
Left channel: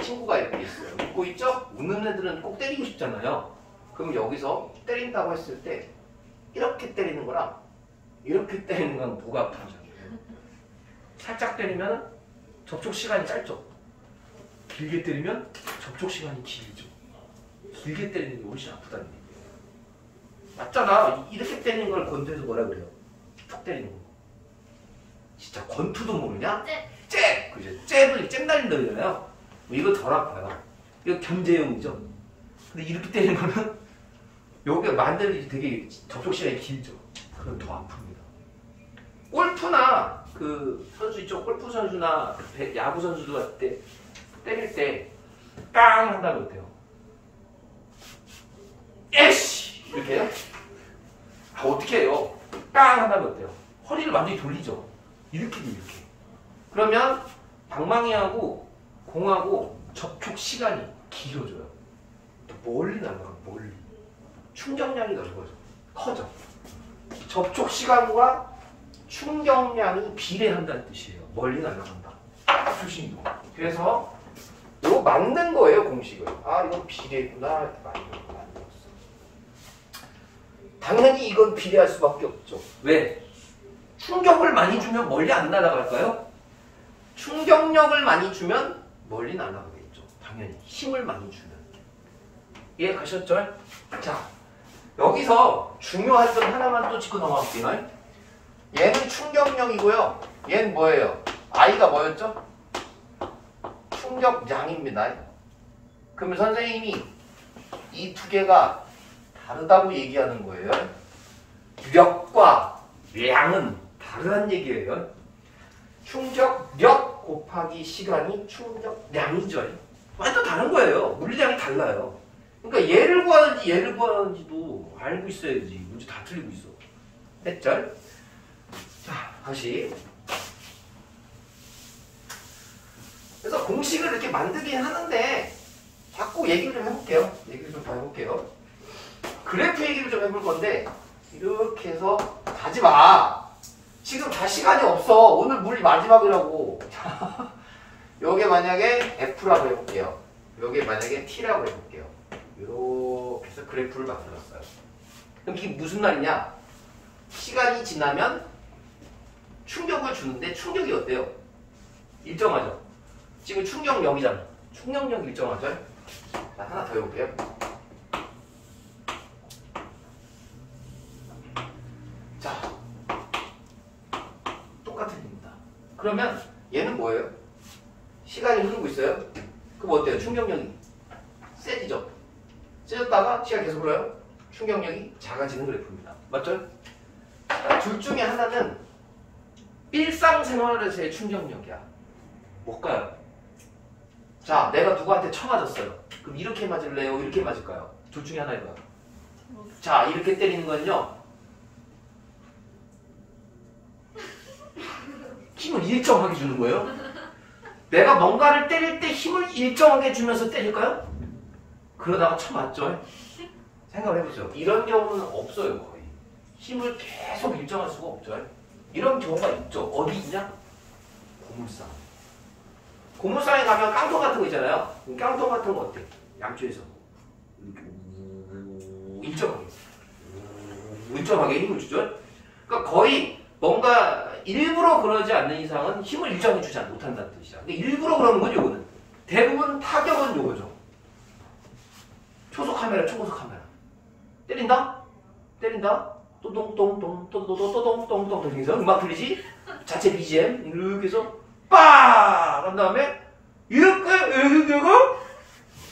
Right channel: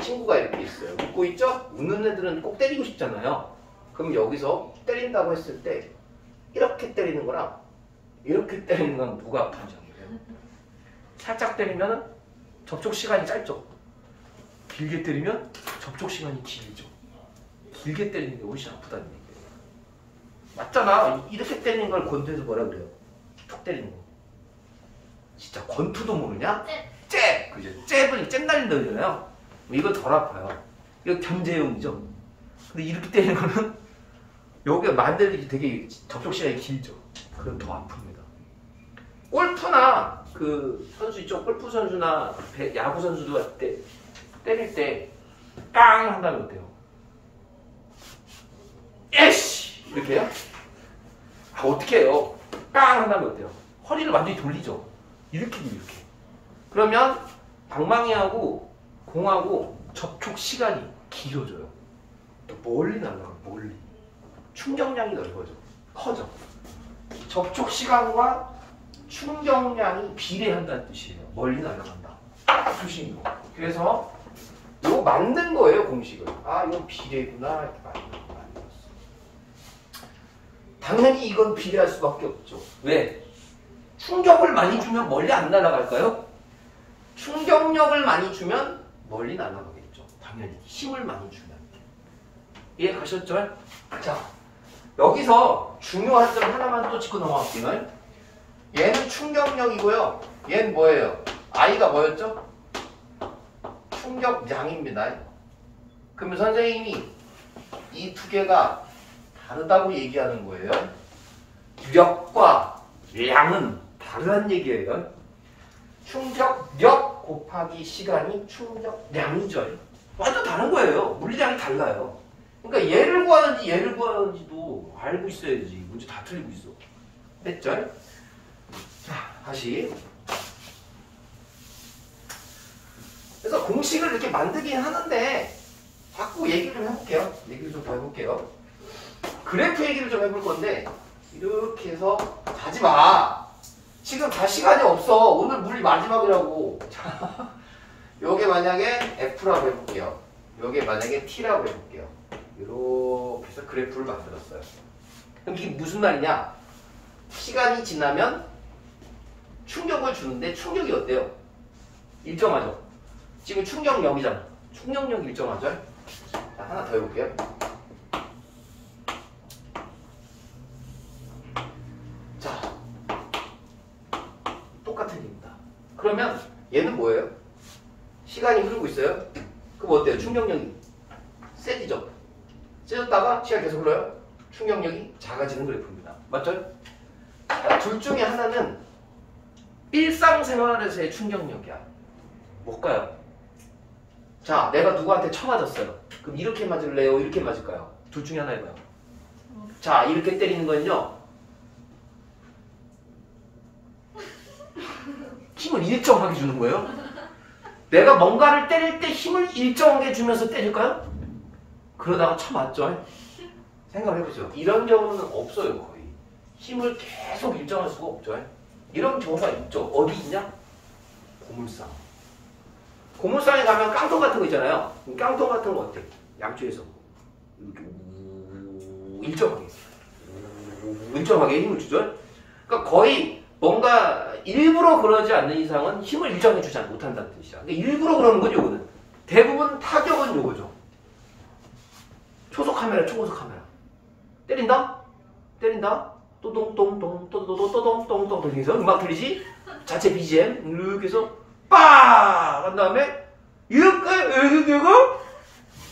친구가 이렇게 있어요. 웃고 있죠? 웃는 애들은 꼭 때리고 싶잖아요. 그럼 여기서 때린다고 했을 때 이렇게 때리는 거랑 이렇게 때리는 건 누가 아픈지 알아요? 살짝 때리면 접촉 시간이 짧죠. 길게 때리면 접촉 시간이 길죠. 길게 때리는 게 훨씬 아프다는 얘기예요. 맞잖아. 이렇게 때리는 걸 권투에서 뭐라 그래요? 툭 때리는 거. 진짜 권투도 모르냐? 잽! 그죠? 잽을 잽 날린다 그러잖아요. 이거 덜 아파요. 이거 견제용이죠. 근데 이렇게 때리는 거는 여기가 만들기 되게 접촉 시간이 길죠. 그럼 더 아픕니다. 골프나 그 선수 있죠? 골프 선수나 야구 선수도 할 때 때릴 때 깡 한다면 어때요? 에이씨! 이렇게 해요? 아, 어떻게 해요? 깡 한다면 어때요? 허리를 완전히 돌리죠. 이렇게 그러면 방망이하고 공하고 접촉 시간이 길어져요. 멀리 날아가요. 멀리. 충격량이 넓어져. 커져. 접촉 시간과 충격량이 비례한다는 뜻이에요. 멀리 날아간다. 조심히. 그래서 이거 맞는 거예요, 공식을. 아, 이거 비례구나. 이렇게 만들었어. 당연히 이건 비례할 수밖에 없죠. 왜? 충격을 많이 주면 멀리 안 날아갈까요? 충격력을 많이 주면 멀리 날아가겠죠. 당연히 힘을 많이 주면. 이해 가셨죠? 자, 여기서 중요한 점 하나만 또 짚고 넘어갈게요. 얘는 충격력이고요. 얘는 뭐예요? I가 뭐였죠? 충격량입니다. 그러면 선생님이 이 두 개가 다르다고 얘기하는 거예요. 력과 량은 다르다는 얘기예요. 충격력 곱하기 시간이 충격량이죠. 완전 다른 거예요. 물리량이 달라요. 그러니까 얘를 구하는지 얘를 구하는지도 알고 있어야지. 문제 다 틀리고 있어. 됐죠? 자, 다시. 그래서 공식을 이렇게 만들긴 하는데 자꾸 얘기를 좀 해볼게요. 얘기를 좀 더 해볼게요. 그래프 얘기를 좀 해볼 건데 이렇게 해서 가지 마. 지금 다 시간이 없어. 오늘 물리 마지막이라고. 자, 요게 만약에 F라고 해볼게요. 요게 만약에 T라고 해볼게요. 이렇게 해서 그래프를 만들었어요. 그럼 이게 무슨 말이냐? 시간이 지나면 충격을 주는데 충격이 어때요? 일정하죠? 지금 충격력이잖아. 충격력이 일정하죠? 자, 하나 더 해볼게요. 자, 똑같은 일입니다. 그러면 얘는 뭐예요? 시간이 흐르고 있어요? 그럼 어때요? 충격력이 세지죠? 세졌다가 시간 계속 흘러요. 충격력이 작아지는 그래프입니다. 맞죠? 둘 중에 하나는 일상생활에서의 충격력이야. 뭘까요? 자, 내가 누구한테 쳐맞았어요. 그럼 이렇게 맞을래요? 이렇게 맞을까요? 둘 중에 하나 해봐요. 자, 이렇게 때리는 거는요. 힘을 일정하게 주는 거예요. 내가 뭔가를 때릴 때 힘을 일정하게 주면서 때릴까요? 그러다가 쳐맞죠? 생각을 해보세요. 이런 경우는 없어요, 거의. 힘을 계속 일정할 수가 없죠. 이런 경우가 있죠. 어디 있냐? 고물상. 고물상에 가면 깡통 같은 거 있잖아요. 깡통 같은 거 어때요? 양쪽에서 이렇게 일정하게 힘을 주죠. 그러니까 거의 뭔가 일부러 그러지 않는 이상은 힘을 일정하게 주지 못한다는 뜻이죠. 근데 일부러 그러는 건 요거는. 대부분 타격은 요거죠. 초속 카메라, 초고속 카메라. 때린다? 또동동동, 또동동동, 해서 음악 들리지? 자체 BGM, 이렇게 해서, 빡! 한 다음에, 이렇게, 내가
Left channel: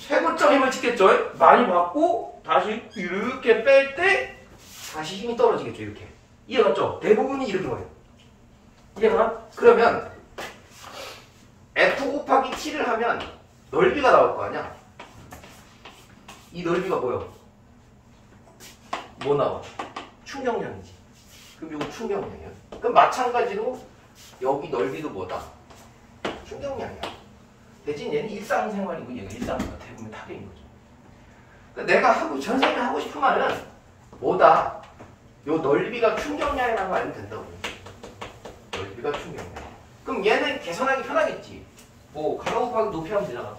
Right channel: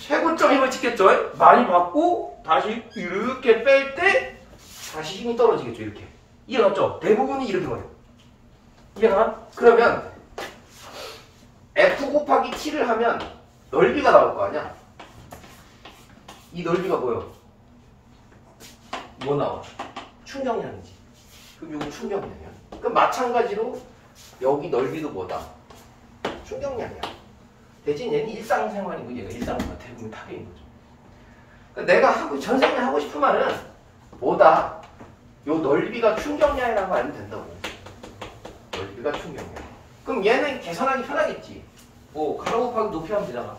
최고점 힘을 찍겠죠? 많이 받고, 다시 이렇게 뺄 때, 다시 힘이 떨어지겠죠, 이렇게. 이해갔죠? 대부분이 이렇게 거예요. 이해가? 그러면, F 곱하기 T를 하면, 넓이가 나올 거 아니야? 이 넓이가 뭐요? 뭐 나와? 충격량이지. 그럼 이거 충격량이야. 그럼 마찬가지로 여기 넓이도 뭐다? 충격량이야. 대신 얘는 일상생활이고 얘가 일상생활 대부분 타격인 거죠. 그러니까 내가 전생에 하고 싶은 말은 뭐다? 요 넓이가 충격량이라고 알면 된다고. 넓이가 충격량. 그럼 얘는 계산하기 편하겠지. 뭐 가로 곱하기 높이 하면 되잖아.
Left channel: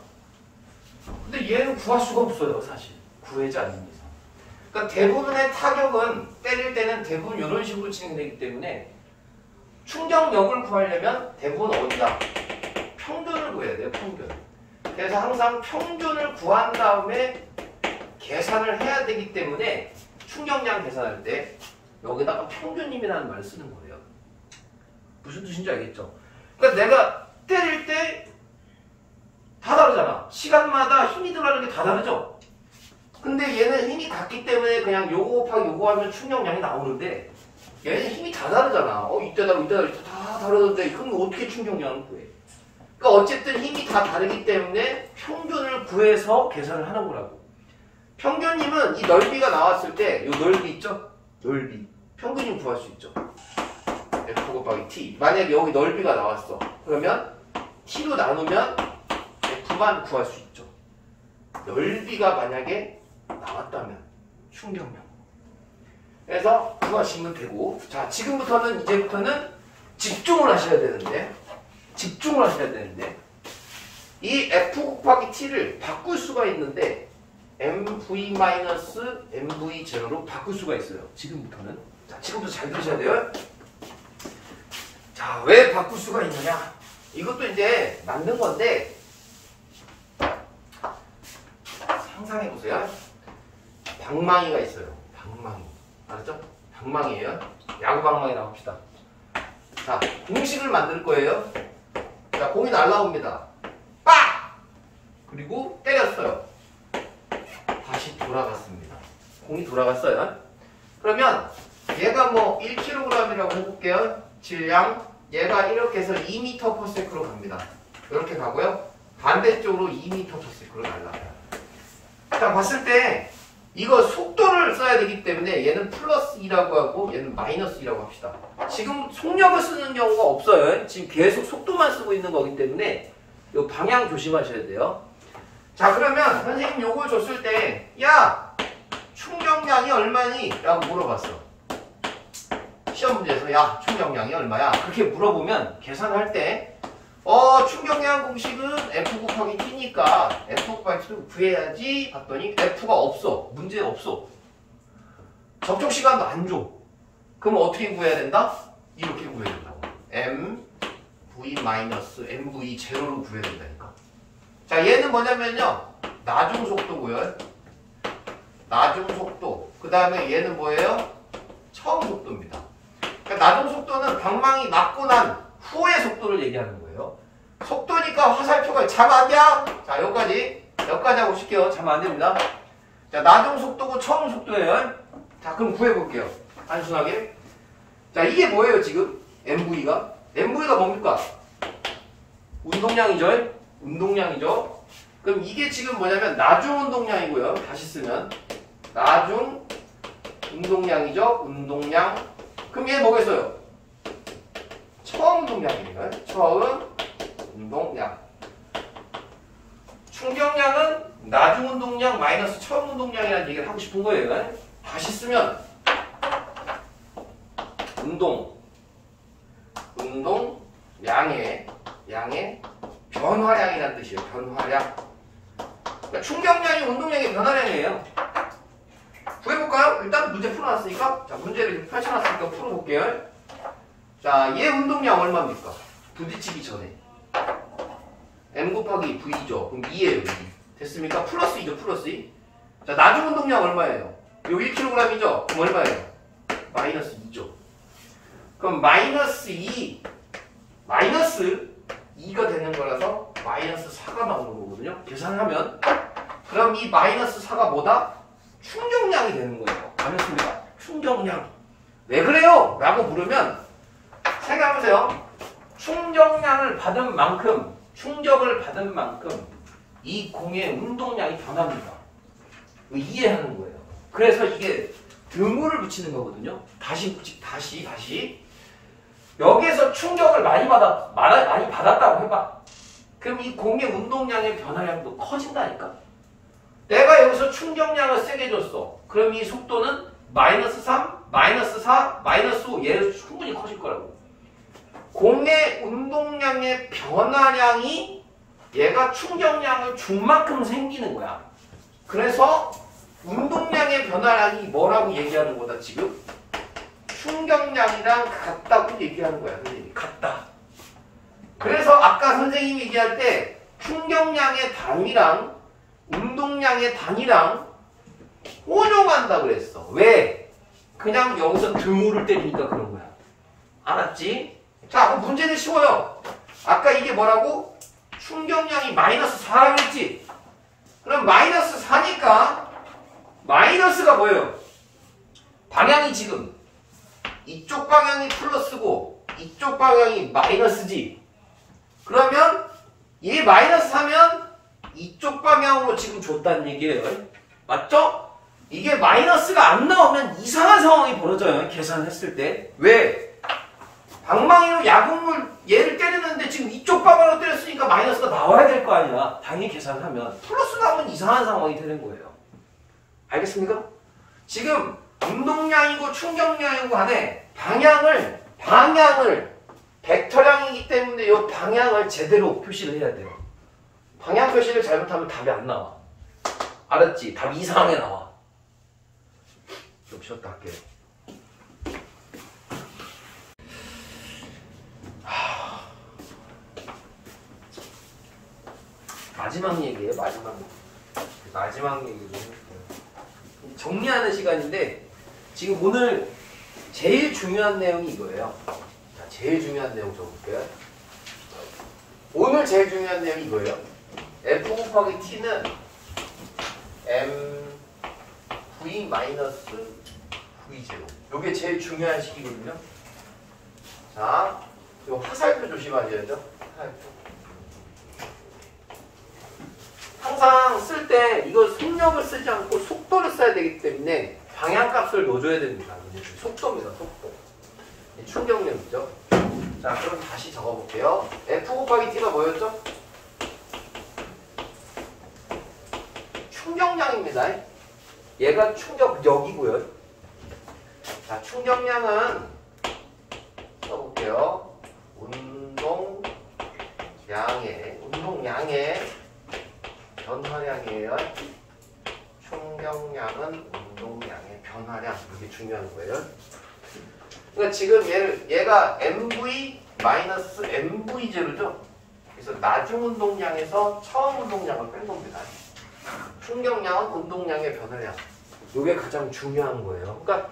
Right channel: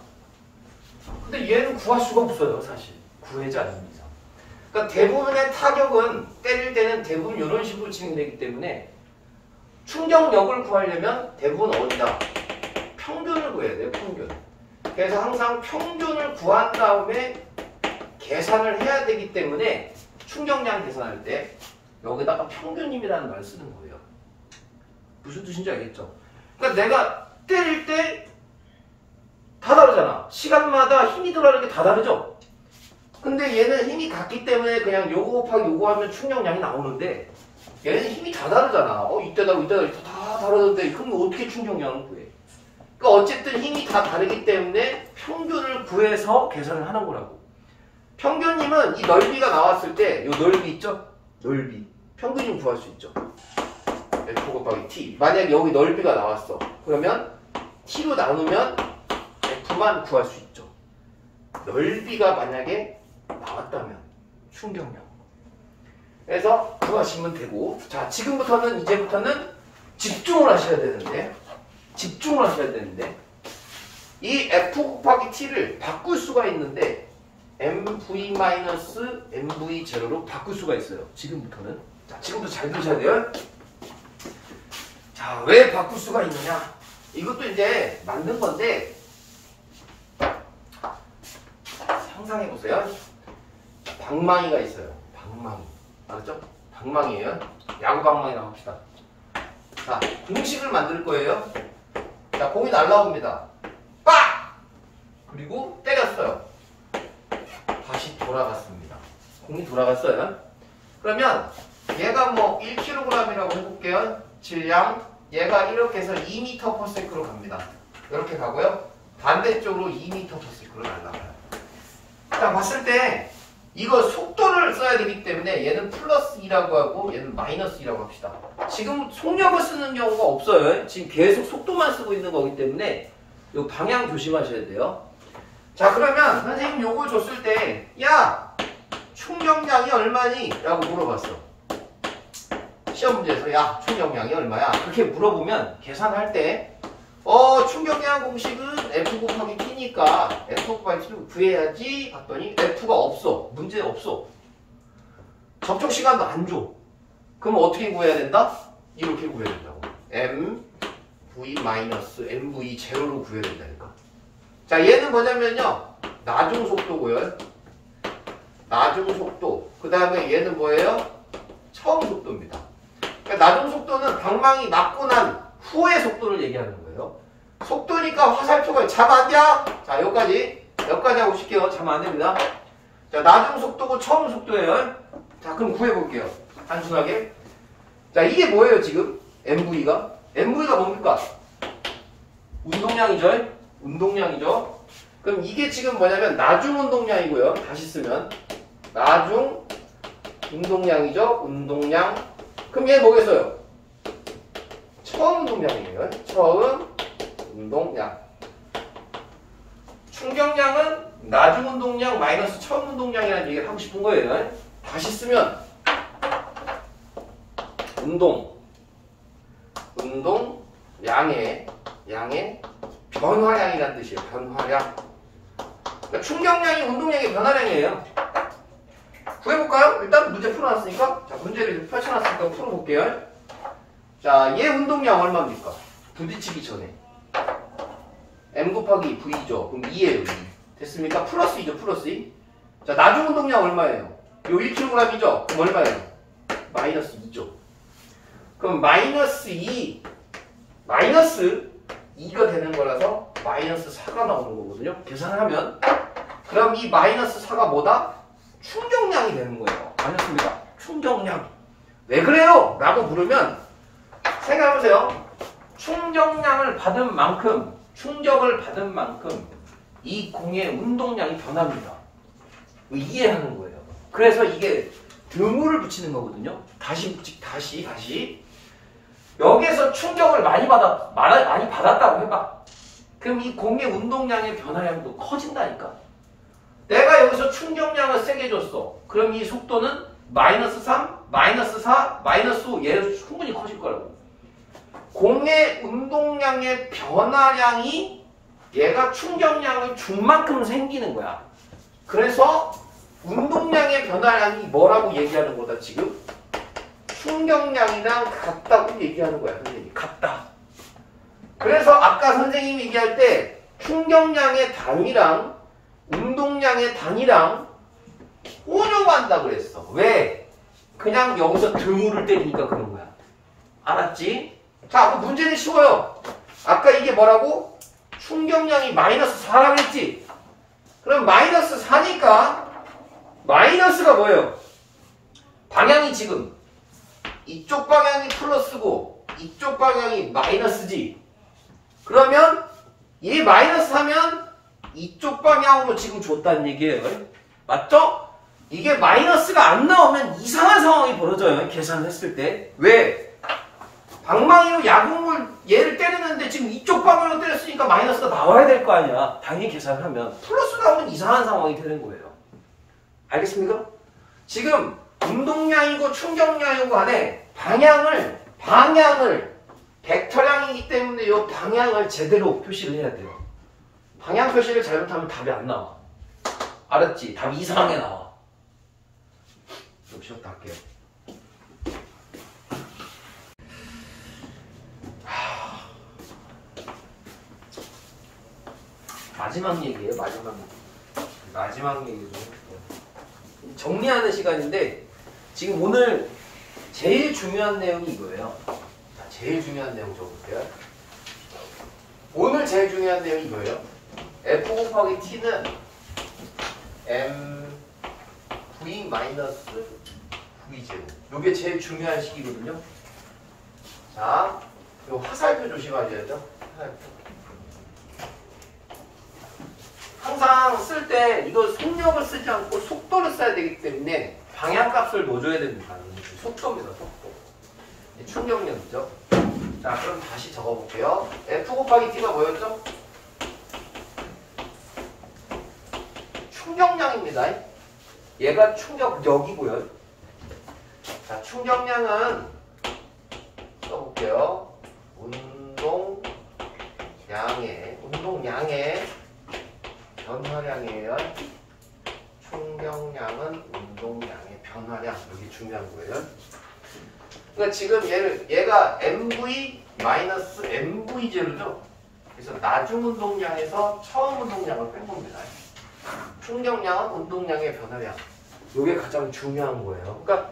근데 얘는 구할 수가 없어요, 사실. 구하지 않는 이상. 그러니까 대부분의 타격은 때릴 때는 대부분 이런 식으로 진행되기 때문에 충격력을 구하려면 대부분 어디다? 평균을 구해야 돼요, 평균. 그래서 항상 평균을 구한 다음에 계산을 해야 되기 때문에 충격량 계산할 때 여기다가 평균임이라는 말을 쓰는 거예요. 무슨 뜻인지 알겠죠? 그러니까 내가 때릴 때 다 다르잖아. 시간마다 힘이 들어가는 게 다 다르죠? 근데 얘는 힘이 같기 때문에 그냥 요거 곱하기 요거 하면 충격량이 나오는데 얘는 힘이 다 다르잖아. 이때 다르고 이때 다르고 다 다르는데 그럼 어떻게 충격량을 구해? 그러니까 어쨌든 힘이 다 다르기 때문에 평균을 구해서 계산을 하는 거라고. 평균임은 이 넓이가 나왔을 때 이 넓이 있죠? 넓이. 평균임 구할 수 있죠. F 곱하기 T. 만약에 여기 넓이가 나왔어. 그러면 T로 나누면 F만 구할 수 있죠. 넓이가 만약에 나왔다면 충격량. 그래서 구하시면 되고, 자 지금부터는 이제부터는 집중을 하셔야 되는데 이 F 곱하기 T를 바꿀 수가 있는데 MV-MV0로 바꿀 수가 있어요. 지금부터는. 자 지금부터 잘 들으셔야 돼요. 자 왜 바꿀 수가 있느냐? 이것도 이제 만든 건데 상상해보세요. 방망이가 있어요. 방망이. 알았죠? 방망이에요. 야구 방망이 나옵시다. 자, 공식을 만들 거예요. 자, 공이 날라옵니다. 빡! 그리고 때렸어요. 다시 돌아갔습니다. 공이 돌아갔어요. 그러면 얘가 뭐 1kg이라고 해볼게요. 질량. 얘가 이렇게 해서 2m/s로 갑니다. 이렇게 가고요. 반대쪽으로 2m/s로 날아가요. 딱 봤을 때 이거 속도를 써야 되기 때문에 얘는 플러스 2라고 하고 얘는 마이너스 2라고 합시다. 지금 속력을 쓰는 경우가 없어요. 지금 계속 속도만 쓰고 있는 거기 때문에 이 방향 조심하셔야 돼요. 자 그러면 선생님 요거 줬을 때 야 충격량이 얼마니? 라고 물어봤어. 시험 문제에서 야 충격량이 얼마야? 그렇게 물어보면 계산할 때 충격량 공식은 F 곱하기 T니까 F 곱하기 T를 구해야지 봤더니 F가 없어. 문제 없어. 접촉 시간도 안 줘. 그럼 어떻게 구해야 된다? 이렇게 구해야 된다고. MV-MV0로 구해야 된다니까. 자 얘는 뭐냐면요. 나중 속도고요. 나중 속도. 그 다음에 얘는 뭐예요? 처음 속도입니다. 그러니까 나중 속도는 방망이 맞고 난 후의 속도를 얘기하는 거예요. 속도니까 화살표가 잠 안 돼? 자 여기까지 하고 싶게요. 잠 안 됩니다. 자, 나중 속도고 처음 속도예요. 자, 그럼 구해볼게요. 단순하게. 자, 이게 뭐예요, 지금? MV가? MV가 뭡니까? 운동량이죠? 운동량이죠? 그럼 이게 지금 뭐냐면 나중 운동량이고요. 다시 쓰면. 나중 운동량이죠? 운동량. 그럼 얘 뭐겠어요? 처음 운동량이에요. 처음 운동량. 충격량은 나중 운동량 마이너스 처음 운동량이라는 얘기를 하고 싶은 거예요. 다시 쓰면 운동량의 변화량이라는 뜻이에요. 변화량. 그러니까 충격량이 운동량의 변화량이에요. 구해볼까요? 일단 문제 풀어놨으니까. 자, 문제를 펼쳐놨으니까 풀어볼게요. 자, 얘 운동량 얼마입니까? 부딪히기 전에. M 곱하기 V죠. 그럼 2예요. 2. 됐습니까? 플러스 2죠. 플러스 2. 자, 나중 운동량 얼마예요? 요 1kg이죠? 그럼 얼마예요? 마이너스 2죠. 그럼 마이너스 2, 마이너스 2가 되는 거라서 마이너스 4가 나오는 거거든요. 계산하면. 그럼 이 마이너스 4가 뭐다? 충격량이 되는 거예요. 알겠습니까? 충격량. 왜 그래요? 라고 물으면 생각해보세요. 충격량을 받은 만큼, 충격을 받은 만큼 이 공의 운동량이 변합니다. 이해하는 거예요. 그래서 이게 드물을 붙이는 거거든요. 다시. 여기에서 충격을 많이 받았다고 해봐. 그럼 이 공의 운동량의 변화량도 커진다니까. 내가 여기서 충격량을 세게 줬어. 그럼 이 속도는 마이너스 3, 마이너스 4, 마이너스 5 얘를 충분히 커질 거라고. 공의 운동량의 변화량이 얘가 충격량을 준 만큼 생기는 거야. 그래서 운동량의 변화량이 뭐라고 얘기하는 거다 지금? 충격량이랑 같다고 얘기하는 거야. 선생님이 같다. 그래서 아까 선생님이 얘기할 때 충격량의 단위랑 운동량의 단위랑 혼용한다 그랬어. 왜? 그냥 여기서 드물을 때리니까 그런 거야. 알았지? 자, 그럼 문제는 쉬워요. 아까 이게 뭐라고? 충격량이 마이너스 4라고 했지? 그럼 마이너스 4니까 마이너스가 뭐예요? 방향이 지금 이쪽 방향이 플러스고 이쪽 방향이 마이너스지. 그러면 이 마이너스 하면 이쪽 방향으로 지금 줬다는 얘기예요. 맞죠? 이게 마이너스가 안 나오면 이상한 상황이 벌어져요. 계산했을 때. 왜? 방망이로 야구물 얘를 때리는데 지금 이쪽 방향으로 때렸으니까 마이너스가 나와야 될 거 아니야. 당연히 계산하면. 플러스 나오면 이상한 상황이 되는 거예요. 알겠습니까? 지금 운동량이고 충격량이고 간에 방향을 벡터량이기 때문에 이 방향을 제대로 표시를 해야 돼요. 방향 표시를 잘못하면 답이 안 나와. 알았지? 답이 이상하게 나와. 좀 쉬었다 할게요. 마지막 얘기예요. 마지막 얘기도 해볼게요. 정리하는 시간인데 지금 오늘 제일 중요한 내용이 이거예요. 자, 제일 중요한 내용 적어볼게요. 오늘 제일 중요한 내용이 이거예요. f 곱하기 t는 mv 마이너스 v제로. 이게 제일 중요한 식이거든요. 자, 요 화살표 조심하셔야죠. 화살표. 항상 쓸 때 이거 속력을 쓰지 않고 속도를 써야 되기 때문에 방향값을 넣어줘야 됩니다. 속도입니다. 속도. 충격량이죠. 자, 그럼 다시 적어볼게요. f 곱하기 t가 뭐였죠? 충격량입니다. 얘가 충격력이고요. 자, 충격량은 써볼게요. 운동량의 변화량이에요. 충격량은 운동량의 변화량. 이게 중요한 거예요. 그러니까 지금 얘가 MV 마이너스 MV0죠. 그래서 나중 운동량에서 처음 운동량을 뺀 겁니다. 충격량은 운동량의 변화량. 이게 가장 중요한 거예요. 그러니까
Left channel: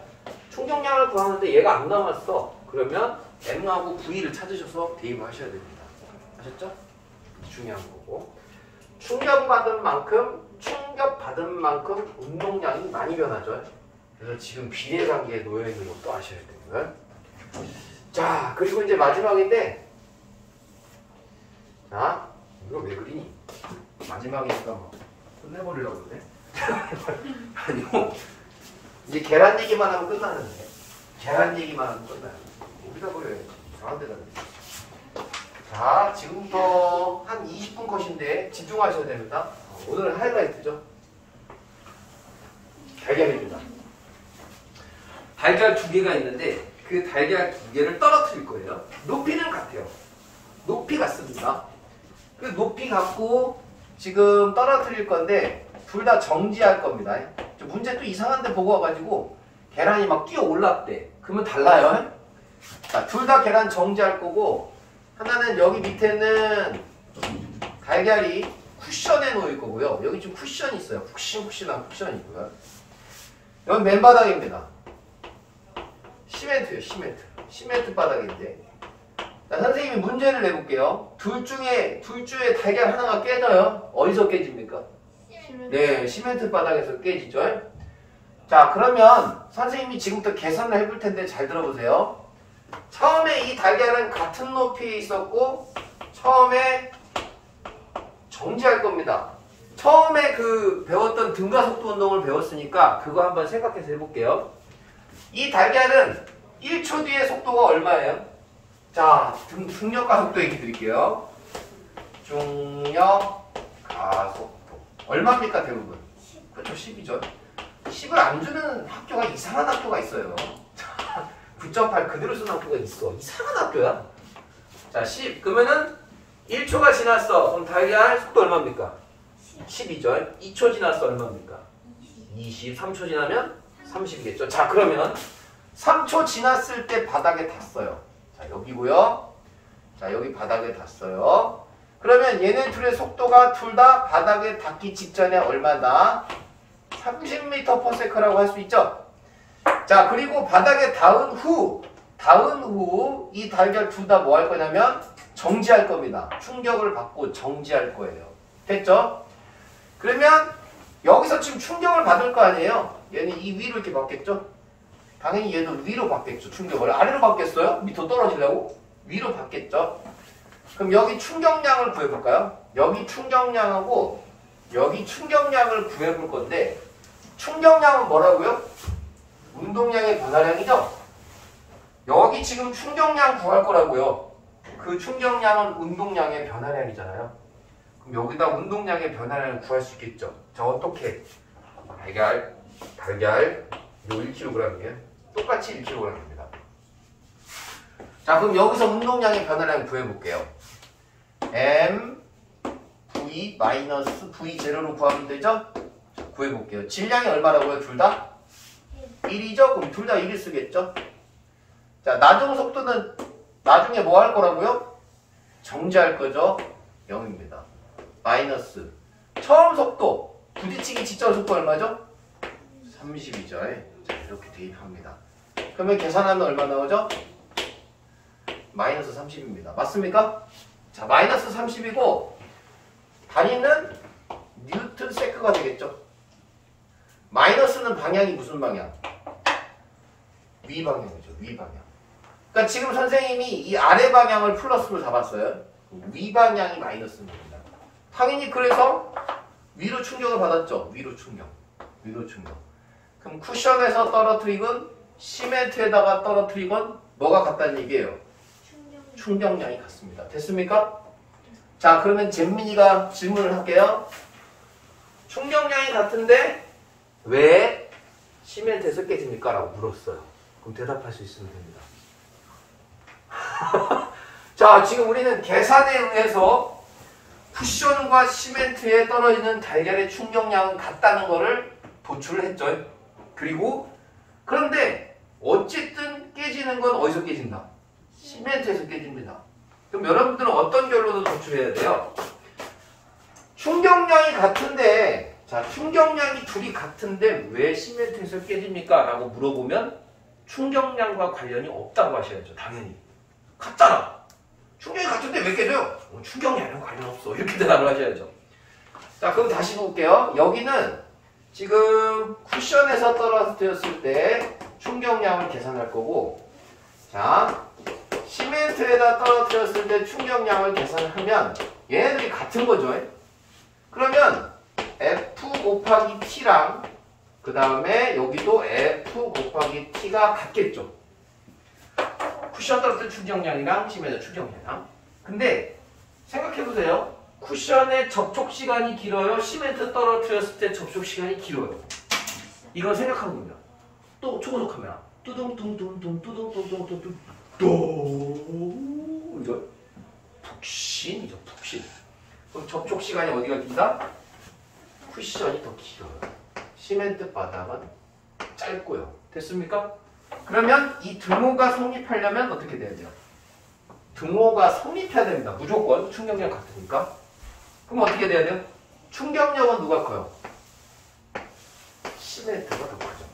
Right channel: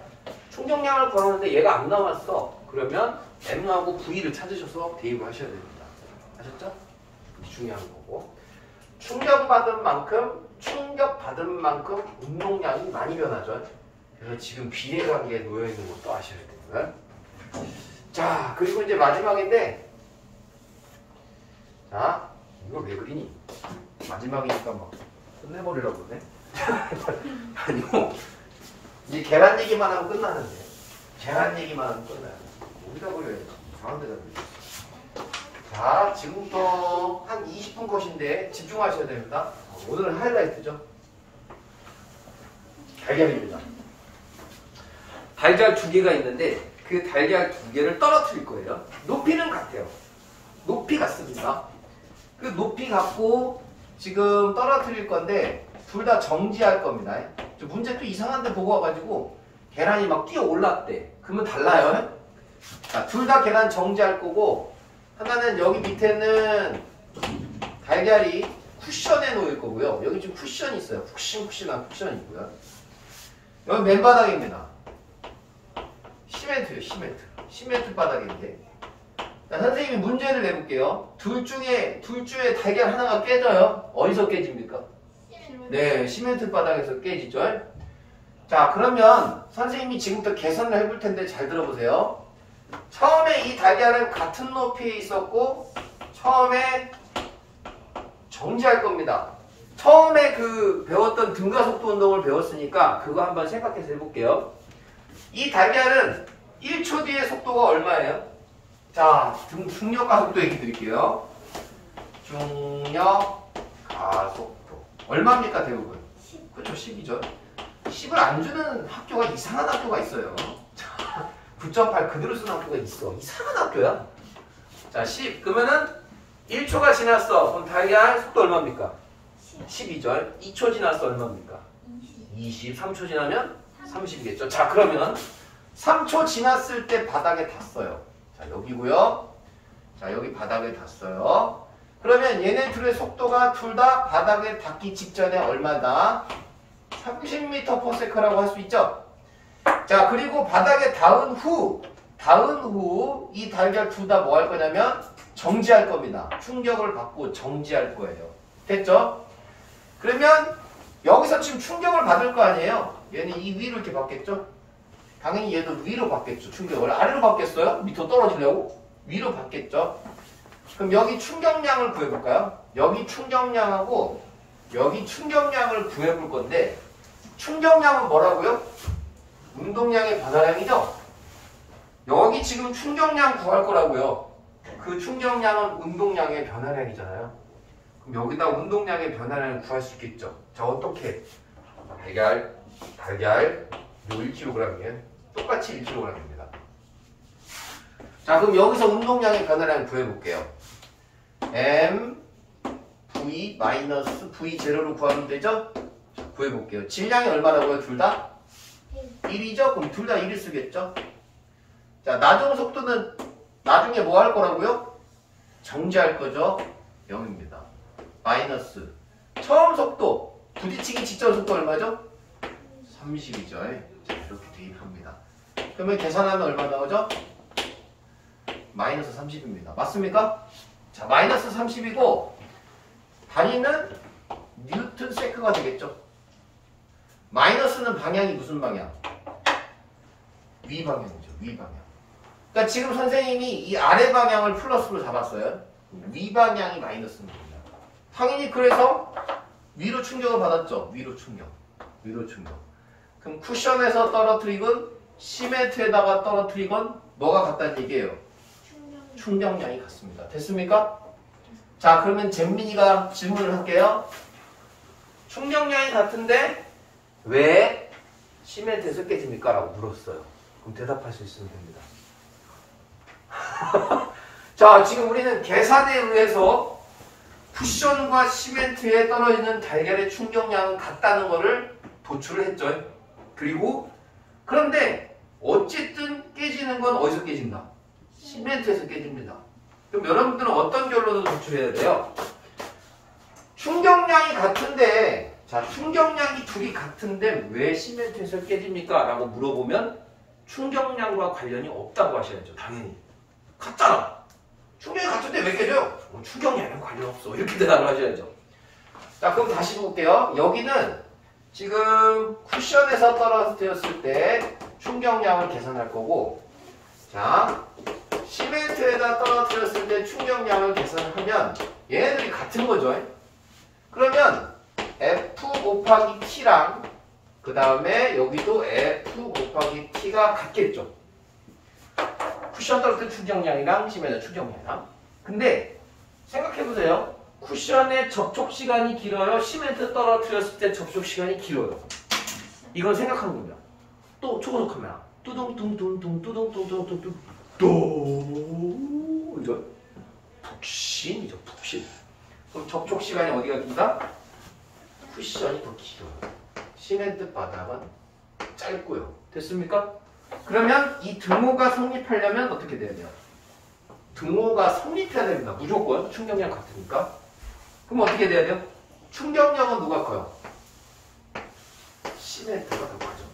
충격량을 구하는데 얘가 안 나왔어. 그러면 M하고 V를 찾으셔서 대입을 하셔야 됩니다. 아셨죠? 중요한 거고. 충격받은 만큼 충격 받은 만큼 운동량이 많이 변하죠. 그래서 지금 비례 단계에 놓여 있는 것도 아셔야 되고요. 자, 그리고 이제 마지막인데, 자, 이거 왜 그리니? 마지막이니까 뭐 끝내버리려고 그러네. 아니요. 이제 계란 얘기만 하면 끝나는데. 계란 얘기만 하면 끝나요. 어디다 그려야 돼? 이상한 데다 그려. 자, 지금부터 한 20분 컷인데 집중하셔야 됩니다. 오늘은 하이라이트죠. 달걀입니다. 달걀 2개가 있는데 그 달걀 2개를 떨어뜨릴 거예요. 높이는 같아요. 높이 같습니다. 그 높이 같고 지금 떨어뜨릴 건데 둘 다 정지할 겁니다. 문제 또 이상한 데 보고 와가지고 계란이 막 뛰어 올랐대. 그러면 달라요. 자, 둘 다 계란 정지할 거고 하나는 여기 밑에는 달걀이 쿠션에 놓일 거고요. 여기 좀 쿠션이 있어요. 푹신푹신한 쿠션이 있고요. 여기 맨바닥입니다. 시멘트예요. 시멘트 바닥인데. 자, 선생님이 문제를 내볼게요. 둘 중에 달걀 하나가 깨져요. 어디서 깨집니까? 네, 시멘트 바닥에서 깨지죠. 자, 그러면 선생님이 지금부터 계산을 해볼 텐데 잘 들어보세요. 처음에 이 달걀은 같은 높이에 있었고 처음에 정지할 겁니다. 처음에 그 배웠던 등가속도 운동을 배웠으니까 그거 한번 생각해서 해볼게요. 이 달걀은 1초 뒤에 속도가 얼마예요? 자, 중력 가속도 얘기 드릴게요. 중력 가속도 얼마입니까 대부분? 그렇죠, 10이죠. 10을 안 주는 학교가 이상한 학교가 있어요. 9.8 그대로 쓰는 학교가 있어. 이상한 학교야. 자, 10. 그러면은 1초가 지났어. 그럼 달걀 속도 얼마입니까? 10이죠. 2초 지났어. 얼마입니까? 20. 3초 지나면 30이겠죠. 자, 그러면 3초 지났을 때 바닥에 닿았어요. 자, 여기고요. 자, 여기 바닥에 닿았어요. 그러면 얘네 둘의 속도가 둘 다 바닥에 닿기 직전에 얼마다? 30m/s라고 할 수 있죠. 자, 그리고 바닥에 닿은 후 이 달걀 둘 다 뭐 할 거냐면 정지할 겁니다. 충격을 받고 정지할 거예요. 됐죠? 그러면 여기서 지금 충격을 받을 거 아니에요? 얘는 이 위로 이렇게 받겠죠? 당연히 얘도 위로 받겠죠. 충격을 아래로 받겠어요? 밑으로 떨어지려고? 위로 받겠죠? 그럼 여기 충격량을 구해볼까요? 여기 충격량하고 여기 충격량을 구해볼 건데 충격량은 뭐라고요? 운동량의 변화량이죠? 여기 지금 충격량 구할 거라고요. 그 충격량은 운동량의 변화량이잖아요. 그럼 여기다 운동량의 변화량을 구할 수 있겠죠? 자, 어떻게? 달걀 요 1kg이에요. 똑같이 1kg입니다. 자, 그럼 여기서 운동량의 변화량을 구해볼게요. m v 마이너스 v 제로로 구하면 되죠? 자, 구해볼게요. 질량이 얼마라고요? 둘 다? 1이죠? 그럼 둘 다 1을 쓰겠죠? 자, 나중 속도는 나중에 뭐 할 거라고요? 정지할 거죠? 0입니다. 마이너스 처음 속도 부딪히기 직전 속도 얼마죠? 30이죠. 자, 이렇게 대입합니다. 그러면 계산하면 얼마 나오죠? 마이너스 30입니다. 맞습니까? 자, 마이너스 30이고 단위는 뉴턴 세크가 되겠죠. 마이너스는 방향이 무슨 방향? 위 방향이죠. 위 방향. 그러니까 지금 선생님이 이 아래 방향을 플러스로 잡았어요. 위 방향이 마이너스입니다. 당연히 그래서 위로 충격을 받았죠. 위로 충격. 그럼 쿠션에서 떨어뜨리건 시멘트에다가 떨어뜨리건 뭐가 같다는 얘기예요? 충격량이 같습니다. 됐습니까? 자, 그러면 잼민이가 질문을 할게요. 충격량이 같은데 왜 시멘트에서 깨집니까? 라고 물었어요. 그럼 대답할 수 있으면 됩니다. 자, 지금 우리는 계산에 의해서 쿠션과 시멘트에 떨어지는 달걀의 충격량은 같다는 것을 도출을 했죠. 그리고 그런데 어쨌든 깨지는 건 어디서 깨진다? 시멘트에서 깨집니다. 그럼 여러분들은 어떤 결론을 도출해야 돼요? 충격량이 같은데, 자, 충격량이 둘이 같은데 왜 시멘트에서 깨집니까? 라고 물어보면 충격량과 관련이 없다고 하셔야죠. 당연히. 같잖아. 충격이 같은데 왜 깨져요? 충격량이랑 관련 없어. 이렇게 대답을 하셔야죠. 자, 그럼 다시 볼게요. 여기는 지금 쿠션에서 떨어뜨렸을 때 충격량을 계산할 거고, 자, 시멘트에다 떨어뜨렸을 때 충격량을 계산하면 얘네들이 같은 거죠. 그러면 F 곱하기 T랑 그 다음에 여기도 F 곱하기 T가 같겠죠. 쿠션 떨어뜨린 충격량이랑 시멘트 충격량이랑. 근데 생각해보세요. 쿠션의 접촉 시간이 길어요? 시멘트 떨어뜨렸을 때 접촉 시간이 길어요? 이건 생각하는 겁니다. 또 초고속 카메라. 뚜둥뚱뚱뚱 뚜둥뚱뚱뚱 또 이런 푹신이죠. 푹신. 그럼 접촉 시간이 어디가 긴다? 쿠션이 더 길어요. 시멘트 바닥은 짧고요. 됐습니까? 그러면 이 등호가 성립하려면 어떻게 돼야 돼요? 등호가 성립해야 됩니다. 무조건 충격량 같으니까. 그럼 어떻게 돼야 돼요? 충격력은 누가 커요? 시멘트가 더 크죠.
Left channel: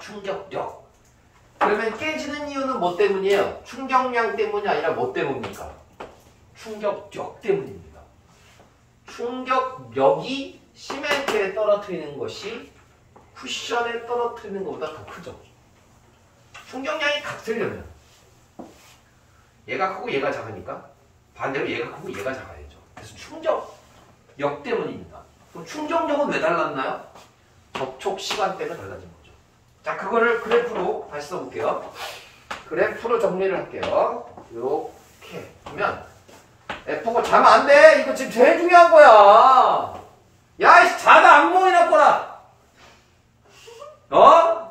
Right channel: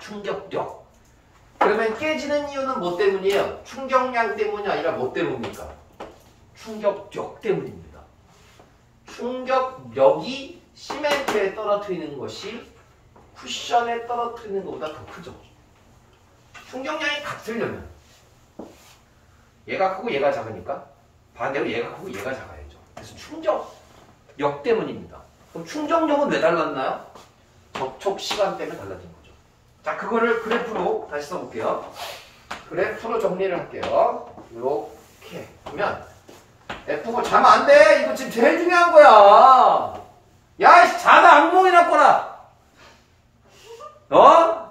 충격력. 그러면 깨지는 이유는 뭐 때문이에요? 충격량 때문이 아니라 뭐 때문입니까? 충격력 때문입니다. 충격력이 시멘트에 떨어뜨리는 것이 쿠션에 떨어뜨리는 것보다 더 크죠. 충격량이 같으려면 얘가 크고 얘가 작으니까 반대로 얘가 크고 얘가 작아야죠. 그래서 충격력 때문입니다. 그럼 충격력은 왜 달랐나요? 접촉 시간 때문에 달라진 거죠. 자, 그거를 그래프로 다시 써볼게요. 그래프로 정리를 할게요. 이렇게 하면 F가 자면 안 돼. 이거 지금 제일 중요한 거야. 야, 자다 악몽이 났거나.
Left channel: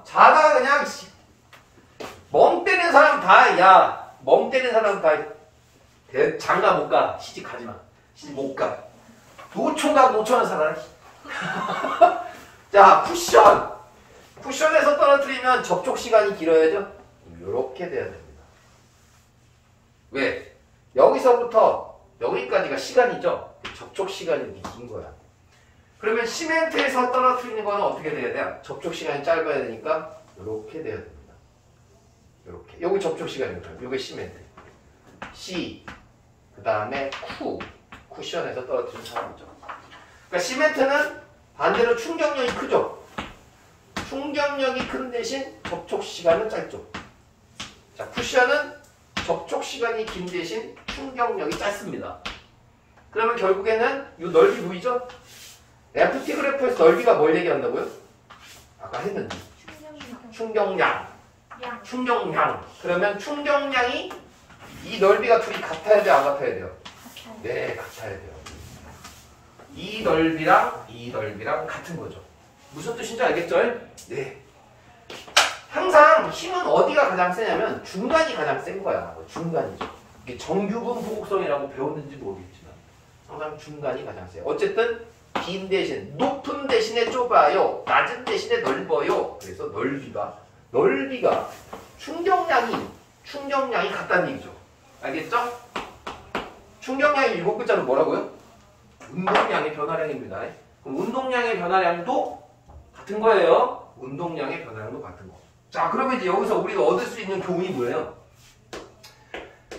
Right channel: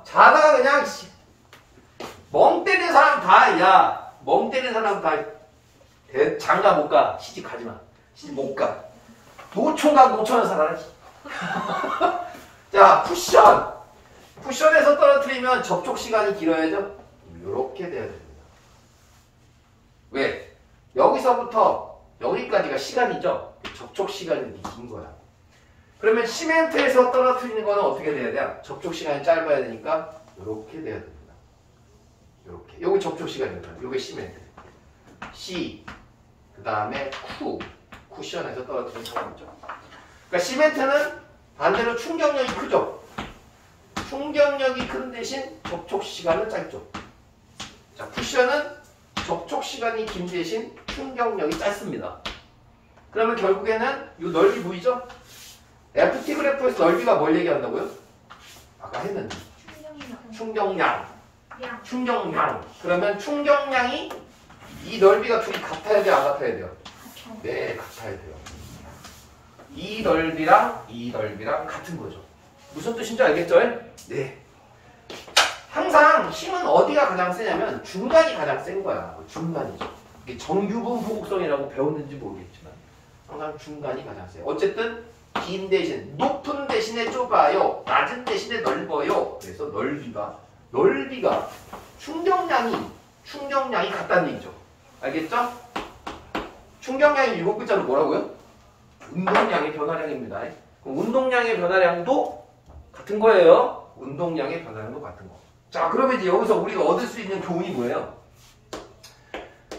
자다가 그냥 멍 때리는 사람 다, 야, 멍 때리는 사람 다 장가 못 가. 시집 가지 마. 시집 못 가. 노총각 노천한 사람. 자, 쿠션. 쿠션에서 떨어뜨리면 접촉 시간이 길어야죠. 이렇게 돼야 됩니다. 왜? 여기서부터 여기까지가 시간이죠. 접촉 시간이 긴 거야. 그러면 시멘트에서 떨어뜨리는 거는 어떻게 돼야 돼? 접촉 시간이 짧아야 되니까 이렇게 돼야 됩니다. 이렇게. 여기 접촉 시간이거든요. 요게 시멘트. C. 그 다음에 쿠션에서 떨어뜨리는 상황이죠. 그러니까 시멘트는 반대로 충격력이 크죠. 충격력이 큰 대신 접촉 시간은 짧죠. 자, 쿠션은 접촉 시간이 긴 대신 충격력이 짧습니다. 그러면 결국에는 이 넓이 보이죠? FT 그래프에서 넓이가 뭘 얘기한다고요? 아까 했는데. 충격량. 충격량. 그러면 충격량이 이 넓이가 둘이 같아야 돼요? 안 같아야 돼요? 네, 같아야 돼요. 이 넓이랑 같은 거죠. 무슨 뜻인지 알겠죠? 네. 항상 힘은 어디가 가장 세냐면 중간이 가장 센 거야. 중간이죠. 이게 정규분 보곡성이라고 배웠는지 모르겠지만 항상 중간이 가장 세요. 어쨌든 긴 대신 높은 대신에 좁아요. 낮은 대신에 넓어요. 그래서 넓이가 충격량이 같다는 얘기죠. 알겠죠? 충격량이 7글자로 뭐라고요? 운동량의 변화량입니다. 그럼 운동량의 변화량도 같은 거예요. 운동량의 변화량도 같은 거. 자, 그러면 이제 여기서 우리가 얻을 수 있는 교훈이 뭐예요?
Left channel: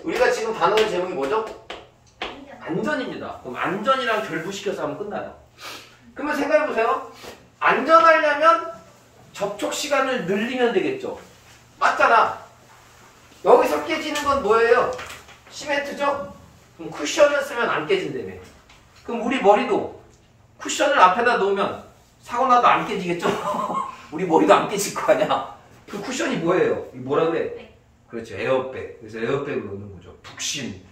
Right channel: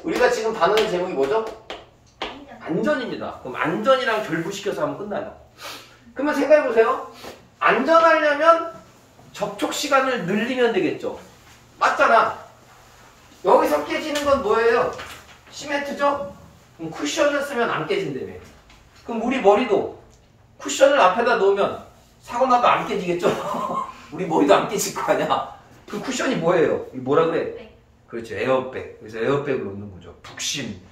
우리가 지금 단어의 제목이 뭐죠? 안전입니다. 그럼 안전이랑 결부시켜서 하면 끝나요. 그러면 생각해보세요. 안전하려면 접촉 시간을 늘리면 되겠죠. 맞잖아. 여기서 깨지는 건 뭐예요? 시멘트죠? 그럼 쿠션을 쓰면 안 깨진다며. 그럼 우리 머리도 쿠션을 앞에다 놓으면 사고 나도 안 깨지겠죠? 우리 머리도 안 깨질 거 아니야? 그 쿠션이 뭐예요? 이 뭐라 그래? 그렇죠. 에어백. 그래서 에어백을 놓는 거죠. 북신.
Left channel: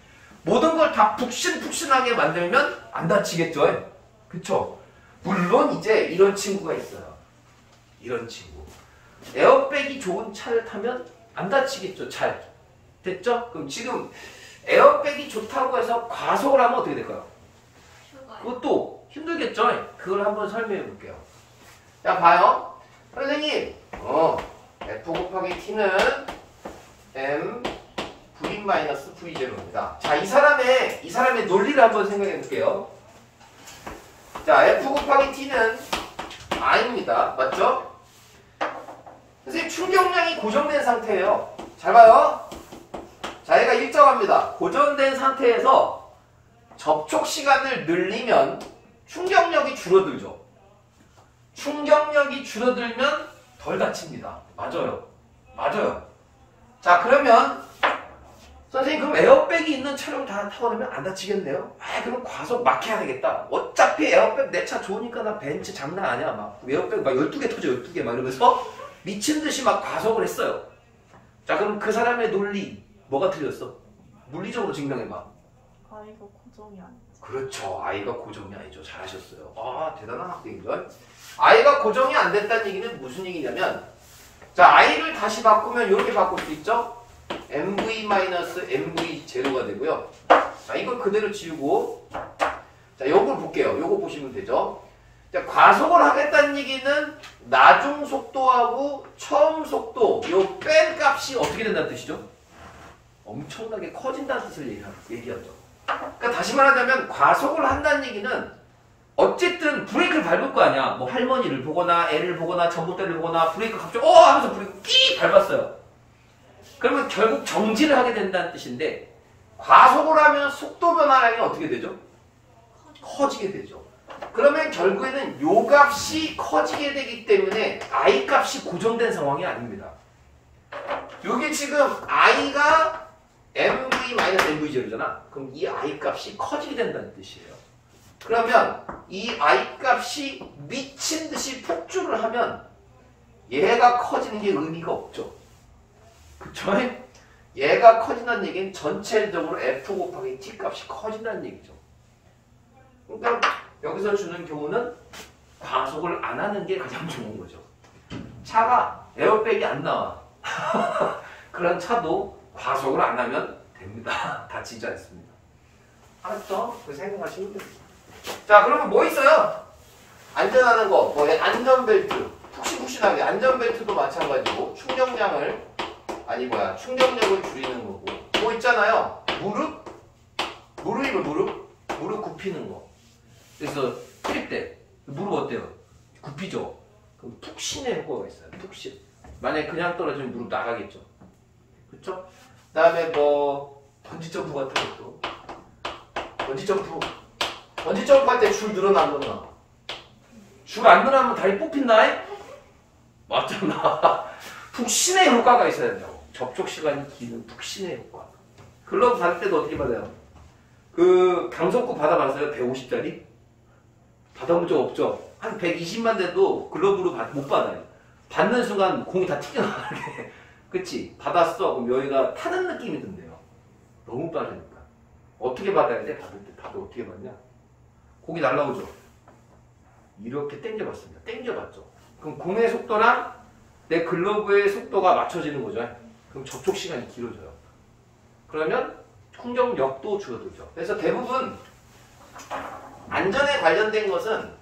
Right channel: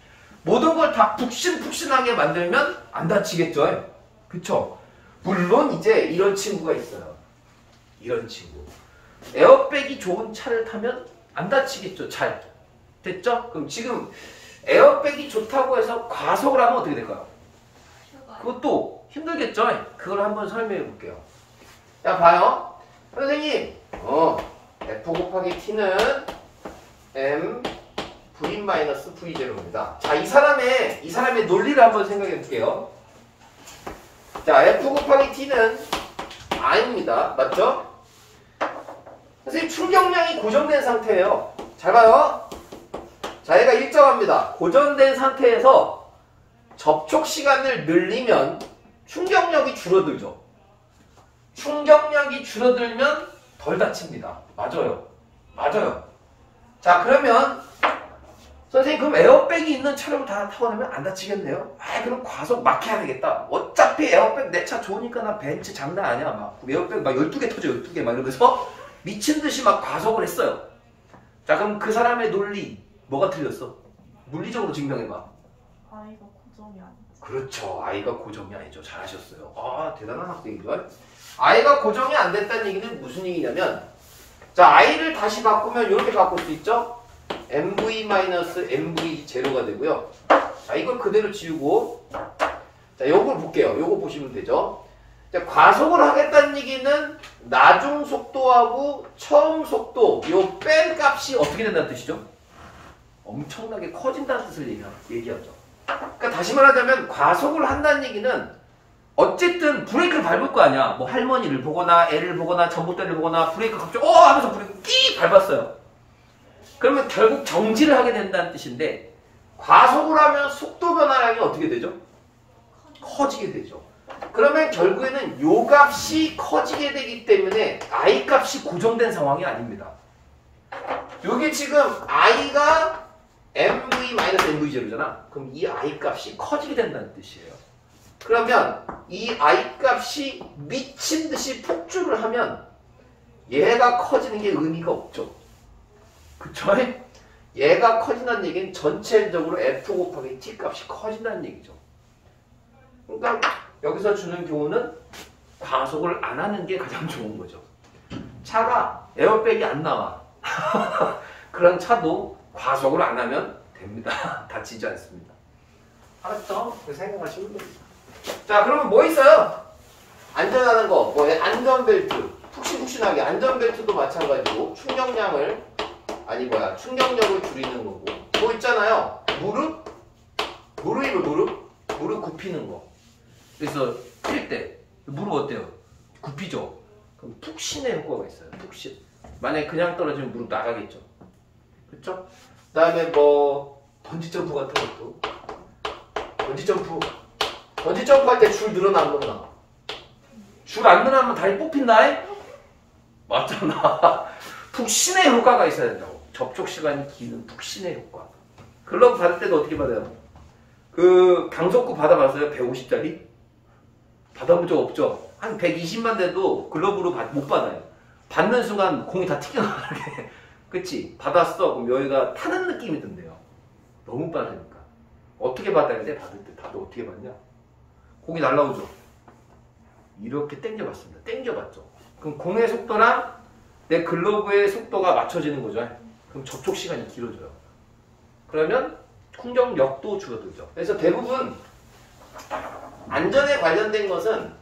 모든 걸 다 북신북신하게 만들면 안 다치겠죠? 그쵸? 물론 이제 이런 친구가 있어요. 이런 친구. 에어백이 좋은 차를 타면 안 다치겠죠? 잘. 됐죠? 그럼 지금 에어백이 좋다고 해서 과속을 하면 어떻게 될까요? 그것도 힘들겠죠? 그걸 한번 설명해 볼게요. 자, 봐요. 선생님, F 곱하기 T는 M V-V0입니다. 자, 이 사람의 논리를 한번 생각해 볼게요. 자, F 곱하기 T는 R입니다. 맞죠? 선생님, 충격량이 고정된 상태예요. 잘 봐요. 자, 얘가 일정합니다. 고정된 상태에서 접촉 시간을 늘리면 충격력이 줄어들죠. 충격력이 줄어들면 덜 다칩니다. 맞아요. 맞아요. 자, 그러면 선생님 그럼 에어백이 있는 차량을 다 타고 나면 안 다치겠네요? 아, 그럼 과속 막 해야 되겠다. 어차피 에어백 내 차 좋으니까 나 벤츠 장난 아니야. 막 에어백 막 12개 터져 12개 막 이러면서 미친 듯이 막 과속을 했어요. 자, 그럼 그 사람의 논리 뭐가 틀렸어? 물리적으로 증명해봐. 아이가 고정이 안 돼. 그렇죠. 아이가 고정이 아니죠. 잘하셨어요. 아, 대단한 학생이죠. 아이가 고정이 안 됐다는 얘기는 무슨 얘기냐면, 자, 아이를 다시 바꾸면 이렇게 바꿀 수 있죠. mv-mv0가 되고요. 자, 이걸 그대로 지우고, 자, 요걸 볼게요. 요거 보시면 되죠. 자, 과속을 하겠다는 얘기는 나중 속도하고 처음 속도, 요 뺀 값이 어떻게 된다는 뜻이죠? 엄청나게 커진다는 뜻을 얘기하죠. 그러니까 다시 말하자면 과속을 한다는 얘기는 어쨌든 브레이크를 밟을 거 아니야. 뭐 할머니를 보거나 애를 보거나 전봇대를 보거나 브레이크 갑자기 하면서 브레이크 끼 밟았어요. 그러면 결국 정지를 하게 된다는 뜻인데, 과속을 하면 속도 변화량이 어떻게 되죠? 커지게 되죠. 그러면 결국에는 요 값이 커지게 되기 때문에 I 값이 고정된 상황이 아닙니다. 요게 지금 I가 mv-mv0잖아. 그럼 이 I 값이 커지게 된다는 뜻이에요. 그러면 이 I 값이 미친 듯이 폭주를 하면 얘가 커지는 게 의미가 없죠. 그쵸? 얘가 커진다는 얘기는 전체적으로 F 곱하기 T 값이 커진다는 얘기죠. 그러니까 여기서 주는 교훈은 과속을 안 하는 게 가장 좋은 거죠. 차가 에어백이 안 나와. 그런 차도 과속을 안 하면 됩니다. 다치지 않습니다. 알았죠? 그 생각하시면 됩니다. 자, 그러면 뭐 있어요? 안전하는 거, 뭐 안전벨트, 푹신푹신하게. 안전벨트도 마찬가지고 충격량을 충격력을 줄이는 거고. 뭐 있잖아요. 무릎 굽히는 거. 그래서 뛸 때 무릎 어때요? 굽히죠? 그럼 푹신의 효과가 있어요. 푹신. 만약에 그냥 떨어지면 무릎 나가겠죠. 그쵸? 그 다음에 뭐 번지점프 같은 것도. 번지점프 할 때 줄 늘어나 안 늘어나? 줄 안 늘어나면 다리 뽑힌다. 맞잖아. 푹신의 효과가 있어야 된다고. 접촉 시간이 기는 푹신의 효과. 글러브 받을 때도 어떻게 받아요? 그 강속구 받아봤어요? 150짜리? 받아본 적 없죠? 한 120만 돼도 글러브로 못 받아요. 받는 순간 공이 다 튀겨나가게. 그치? 받았어. 그럼 여기가 타는 느낌이 든대요. 너무 빠르니까. 어떻게 받아야 돼? 받을 때 다들 어떻게 받냐? 공이 날라오죠? 이렇게 당겨봤습니다. 당겨봤죠? 그럼 공의 속도랑 내 글러브의 속도가 맞춰지는 거죠. 그럼 접촉 시간이 길어져요. 그러면 충격력도 줄어들죠. 그래서 대부분 안전에 관련된 것은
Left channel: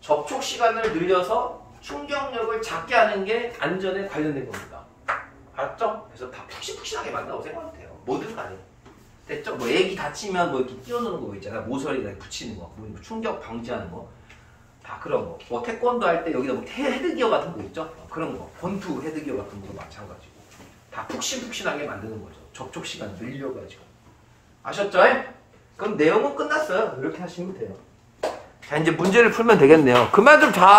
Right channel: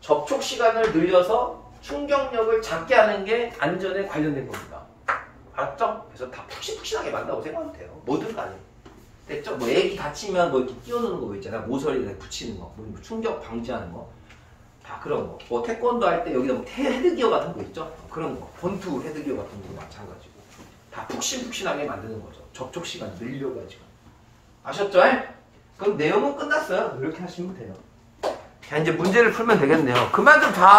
접촉 시간을 늘려서 충격력을 작게 하는 게 안전에 관련된 겁니다. 알았죠? 그래서 다 푹신푹신하게 만든다고 생각하면 돼요. 뭐든 간에. 됐죠? 뭐 애기 다치면 뭐 이렇게 끼워놓는 거 있잖아. 모서리에 붙이는 거, 뭐 충격 방지하는 거. 다 그런 거. 뭐 태권도 할 때 여기다 뭐 헤드기어 같은 거 있죠? 그런 거. 권투 헤드기어 같은 것도 마찬가지고. 다 푹신푹신하게 만드는 거죠. 접촉 시간 늘려가지고. 아셨죠? 그럼 내용은 끝났어요. 이렇게 하시면 돼요. 자, 이제 문제를 풀면 되겠네요. 그만 좀 자.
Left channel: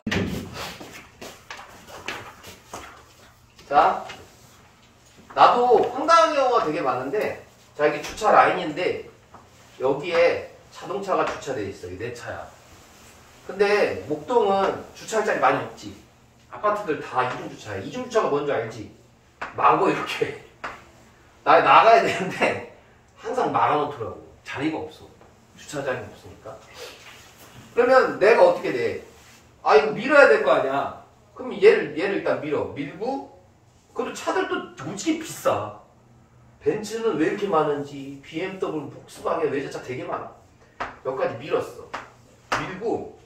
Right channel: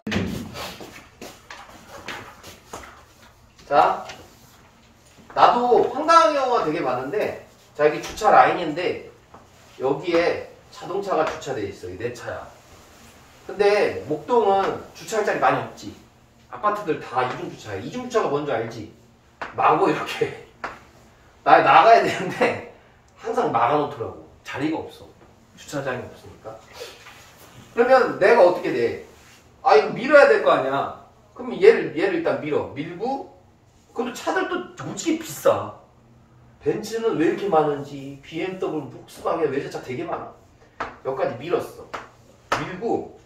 자, 나도 황당한 경우가 되게 많은데, 자, 여기 주차 라인인데 여기에 자동차가 주차되어 있어. 이게 내 차야. 근데 목동은 주차할 자리 많이 없지. 아파트들 다 이중주차야. 이중주차가 뭔지 알지? 마구 이렇게 나가야 되는데 항상 막아놓더라고. 자리가 없어. 주차장이 없으니까. 그러면 내가 어떻게 돼? 아, 이거 밀어야 될 거 아니야. 그럼 얘를 일단 밀고, 그리고 차들도 무지개 비싸. 벤츠는 왜 이렇게 많은지, BMW, 폭스바겐 외제차 되게 많아. 여기까지 밀었어. 밀고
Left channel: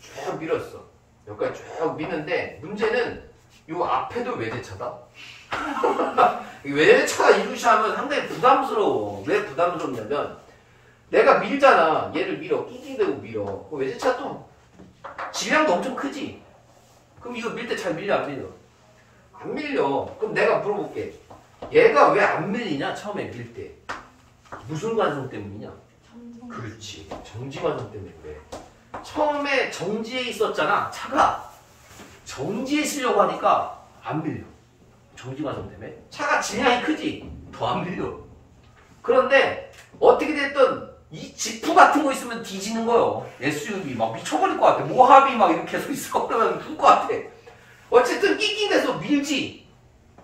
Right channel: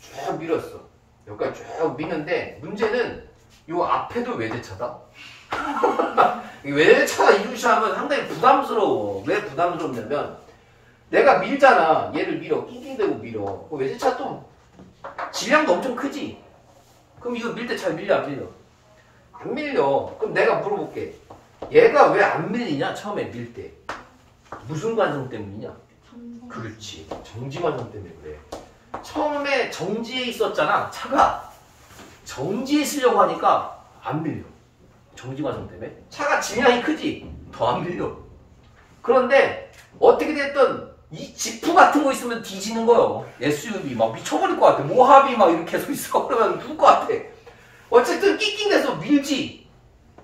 쭉 밀었어. 여기까지 쭉 미는데 문제는 요 앞에도 외제차다. 외제차가 이루시하면 상당히 부담스러워. 왜 부담스럽냐면 내가 밀잖아. 얘를 밀어. 낑낑대고 밀어. 외제차 또 질량도 엄청 크지. 그럼 이거 밀 때 잘 밀려 안 밀려? 안 밀려. 그럼 내가 물어볼게. 얘가 왜 안 밀리냐? 처음에 밀 때. 무슨 과정 때문이냐? 그렇지. 정지 과정 때문에 그래. 처음에 정지에 있었잖아. 차가. 정지에 쓰려고 하니까 안 밀려. 정지 과정 때문에. 차가 질량이 크지? 더 안 밀려. 그런데 어떻게 됐든 이 지프 같은 거 있으면 뒤지는 거예요. SUV 막 미쳐버릴 것 같아. 모하비 막 이렇게 서 있어. 그러면 죽을 것 같아. 어쨌든 낑낑대서 밀지.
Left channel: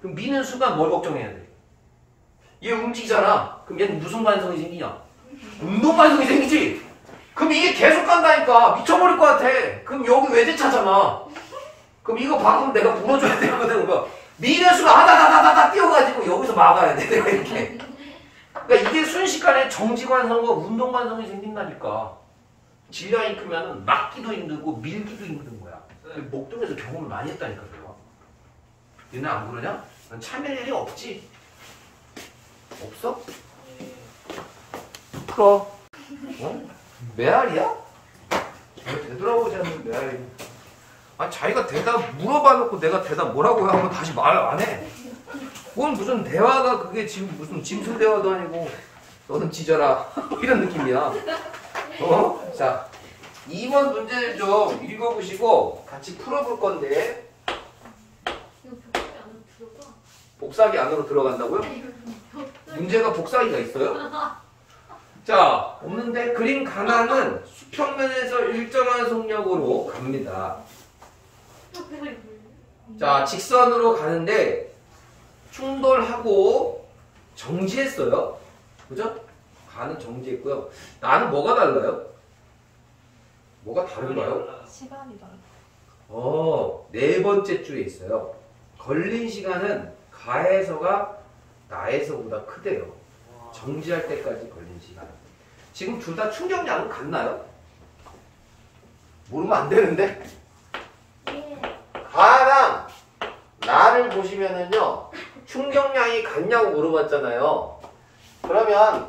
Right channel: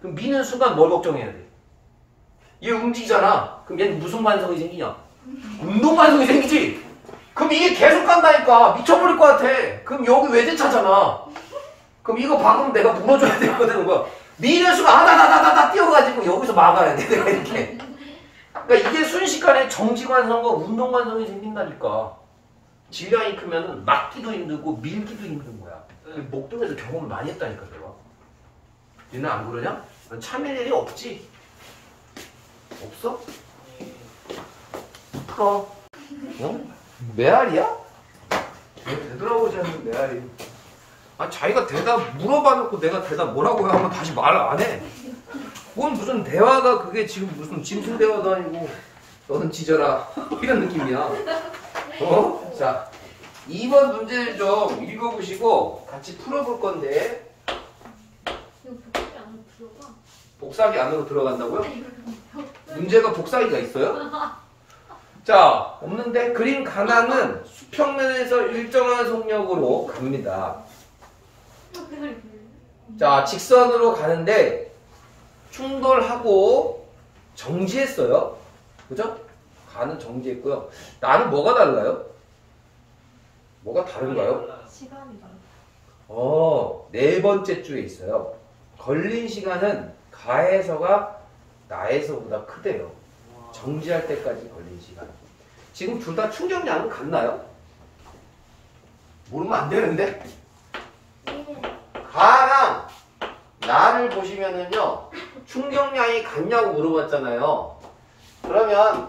그럼 미는 순간 뭘 걱정해야 돼? 얘 움직이잖아. 그럼 얘는 무슨 반성이 생기냐? 운동 반성이 생기지? 그럼 이게 계속 간다니까. 미쳐버릴 것 같아. 그럼 여기 외제차잖아. 그럼 이거 박으면 내가 물어줘야 되거든. 미는 순간 하다다다다다 뛰어가지고 여기서 막아야 돼. 내가 이렇게. 그러니까 이게 순식간에 정지관성과 운동관성이 생긴다니까. 질량이 크면은 막기도 힘들고 밀기도 힘든 거야. 목동에서 경험을 많이 했다니까 내가. 얘는 안 그러냐? 넌 참을 일이 없지? 없어? 풀어. 어? 메아리야? 되돌아보지 않는 메아리. 아 자기가 대답 물어봐 놓고 내가 대답 뭐라고 하면 다시 말을 안 해. 뭔 무슨 대화가 그게 지금 무슨 짐승 대화도 아니고 너는 짖어라 이런 느낌이야. 어? 자 2번 문제를 좀 읽어보시고 같이 풀어볼 건데. 이거 복사기 안으로 들어가? 복사기 안으로 들어간다고요? 문제가 복사기가 있어요? 자 없는데. 그림 가나는 수평면에서 일정한 속력으로 갑니다. 대가리 불려. 자 직선으로 가는데 충돌하고 정지했어요. 그죠? 가는 정지했고요. 나는 뭐가 달라요? 뭐가 다른가요? 시간이 달라. 네 번째 줄에 있어요. 걸린 시간은 가에서가 나에서보다 크대요. 정지할 때까지 걸린 시간. 지금 둘 다 충격량은 같나요? 모르면 안 되는데. 예. 가랑 나를 보시면은요 충격량이 같냐고 물어봤잖아요. 그러면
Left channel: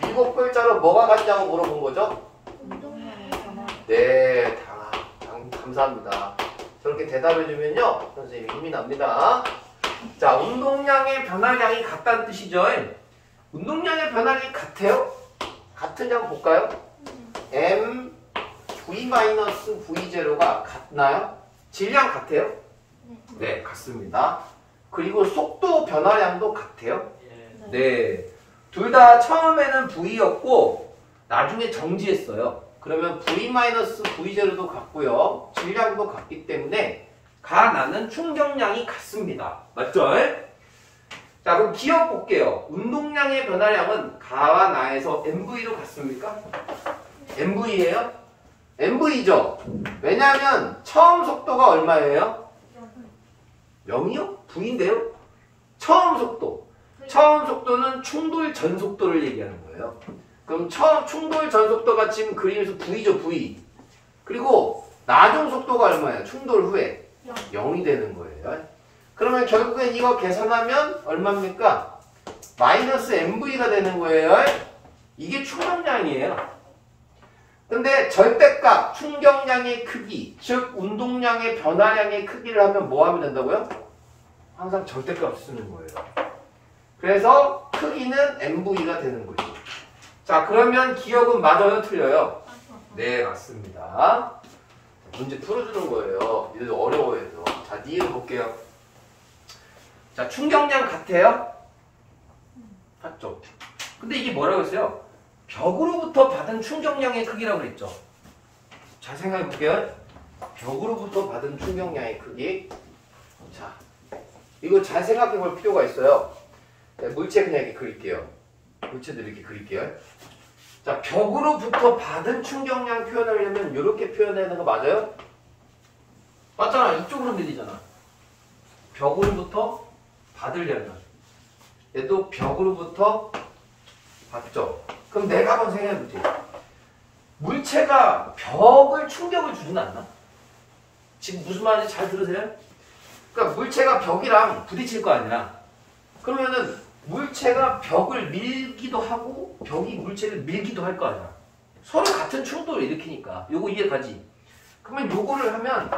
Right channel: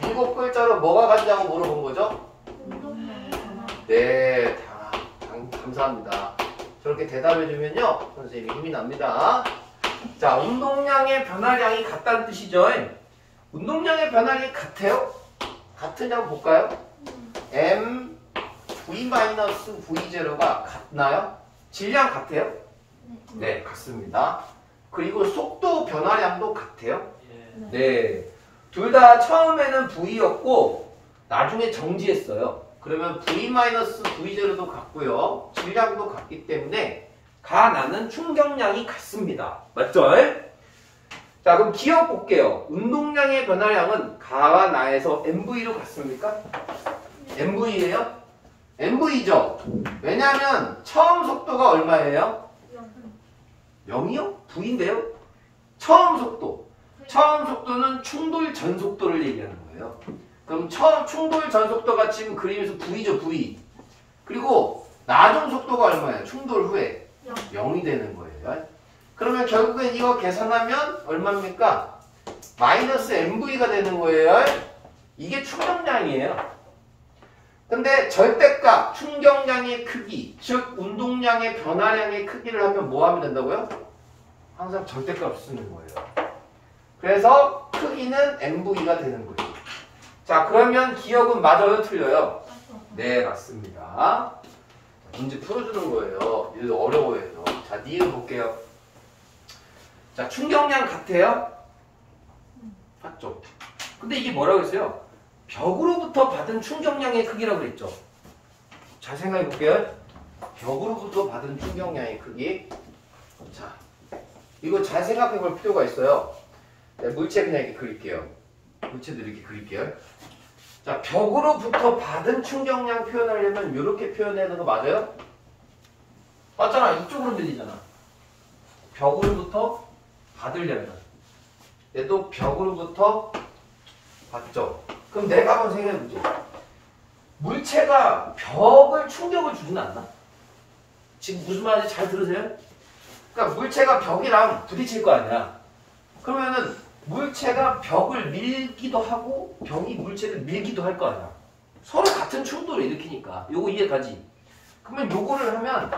7글자로 뭐가 같냐고 물어본 거죠? 운동량이 변화. 네, 감사합니다. 저렇게 대답해주면요 선생님이 힘이 납니다. 자, 운동량의 변화량이 같다는 뜻이죠. 운동량의 변화량이 같아요? 같은지 한번 볼까요? m v-v0가 같나요? 질량 같아요? 네, 같습니다. 그리고 속도 변화량도 같아요? 네. 둘 다 처음에는 V였고 나중에 정지했어요. 그러면 V-V0도 같고요. 질량도 같기 때문에 가, 나는 충격량이 같습니다. 맞죠? 자, 그럼 기억 볼게요. 운동량의 변화량은 가와 나에서 MV로 같습니까? MV예요? MV죠? 왜냐하면 처음 속도가 얼마예요? 0이요? V인데요? 처음 속도. 처음 속도는 충돌 전 속도를 얘기하는 거예요. 그럼 처음 충돌 전 속도가 지금 그림에서 V죠, V. 그리고 나중 속도가 얼마예요? 충돌 후에 0이 되는 거예요. 그러면 결국엔 이거 계산하면 얼마입니까? 마이너스 MV가 되는 거예요. 이게 충격량이에요. 근데 절대값, 충격량의 크기, 즉 운동량의 변화량의 크기를 하면 뭐 하면 된다고요? 항상 절대값 쓰는 거예요. 그래서 크기는 MV가 되는 거죠. 자, 그러면 기억은 맞아요, 틀려요? 네, 맞습니다. 문제 풀어주는 거예요. 얘도 어려워해서. 자, 니은 볼게요. 자, 충격량 같아요? 맞죠? 근데 이게 뭐라고 했어요? 벽으로부터 받은 충격량의 크기라고 그랬죠. 잘 생각해 볼게요. 벽으로부터 받은 충격량의 크기. 자, 이거 잘 생각해 볼 필요가 있어요. 네, 물체 그냥 이렇게 그릴게요. 물체도 이렇게 그릴게요. 자, 벽으로부터 받은 충격량 표현하려면 이렇게 표현하는 거 맞아요? 맞잖아. 이쪽으로 들리잖아. 벽으로부터 받으려면. 얘도 벽으로부터 받죠. 그럼 내가 한번 생각해보지. 물체가 벽을 충격을 주진 않나? 지금 무슨 말인지 잘 들으세요? 그러니까 물체가 벽이랑 부딪힐 거 아니야. 그러면은 물체가 벽을 밀기도 하고 벽이 물체를 밀기도 할 거 아니야. 서로 같은 충돌을 일으키니까. 요거 이해가지? 그러면 요거를 하면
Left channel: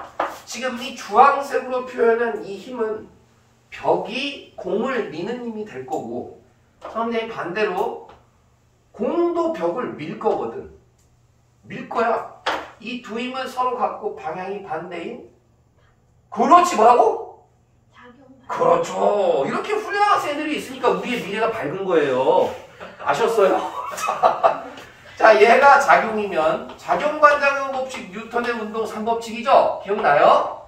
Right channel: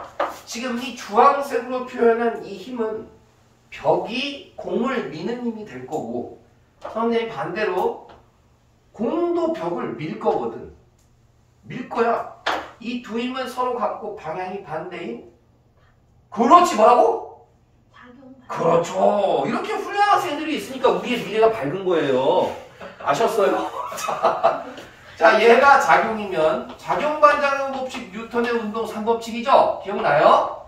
지금 이 주황색으로 표현한 이 힘은 벽이 공을 미는 힘이 될 거고 선생님이 반대로 공도 벽을 밀 거거든. 밀 거야. 이 두 힘은 서로 같고 방향이 반대인 그렇지 뭐라고? 작용. 그렇죠. 이렇게 훌륭한 학생들이 있으니까 우리의 미래가 밝은 거예요. 아셨어요? 자, 얘가 작용이면 작용 반작용 법칙 뉴턴의 운동 3법칙이죠? 기억나요?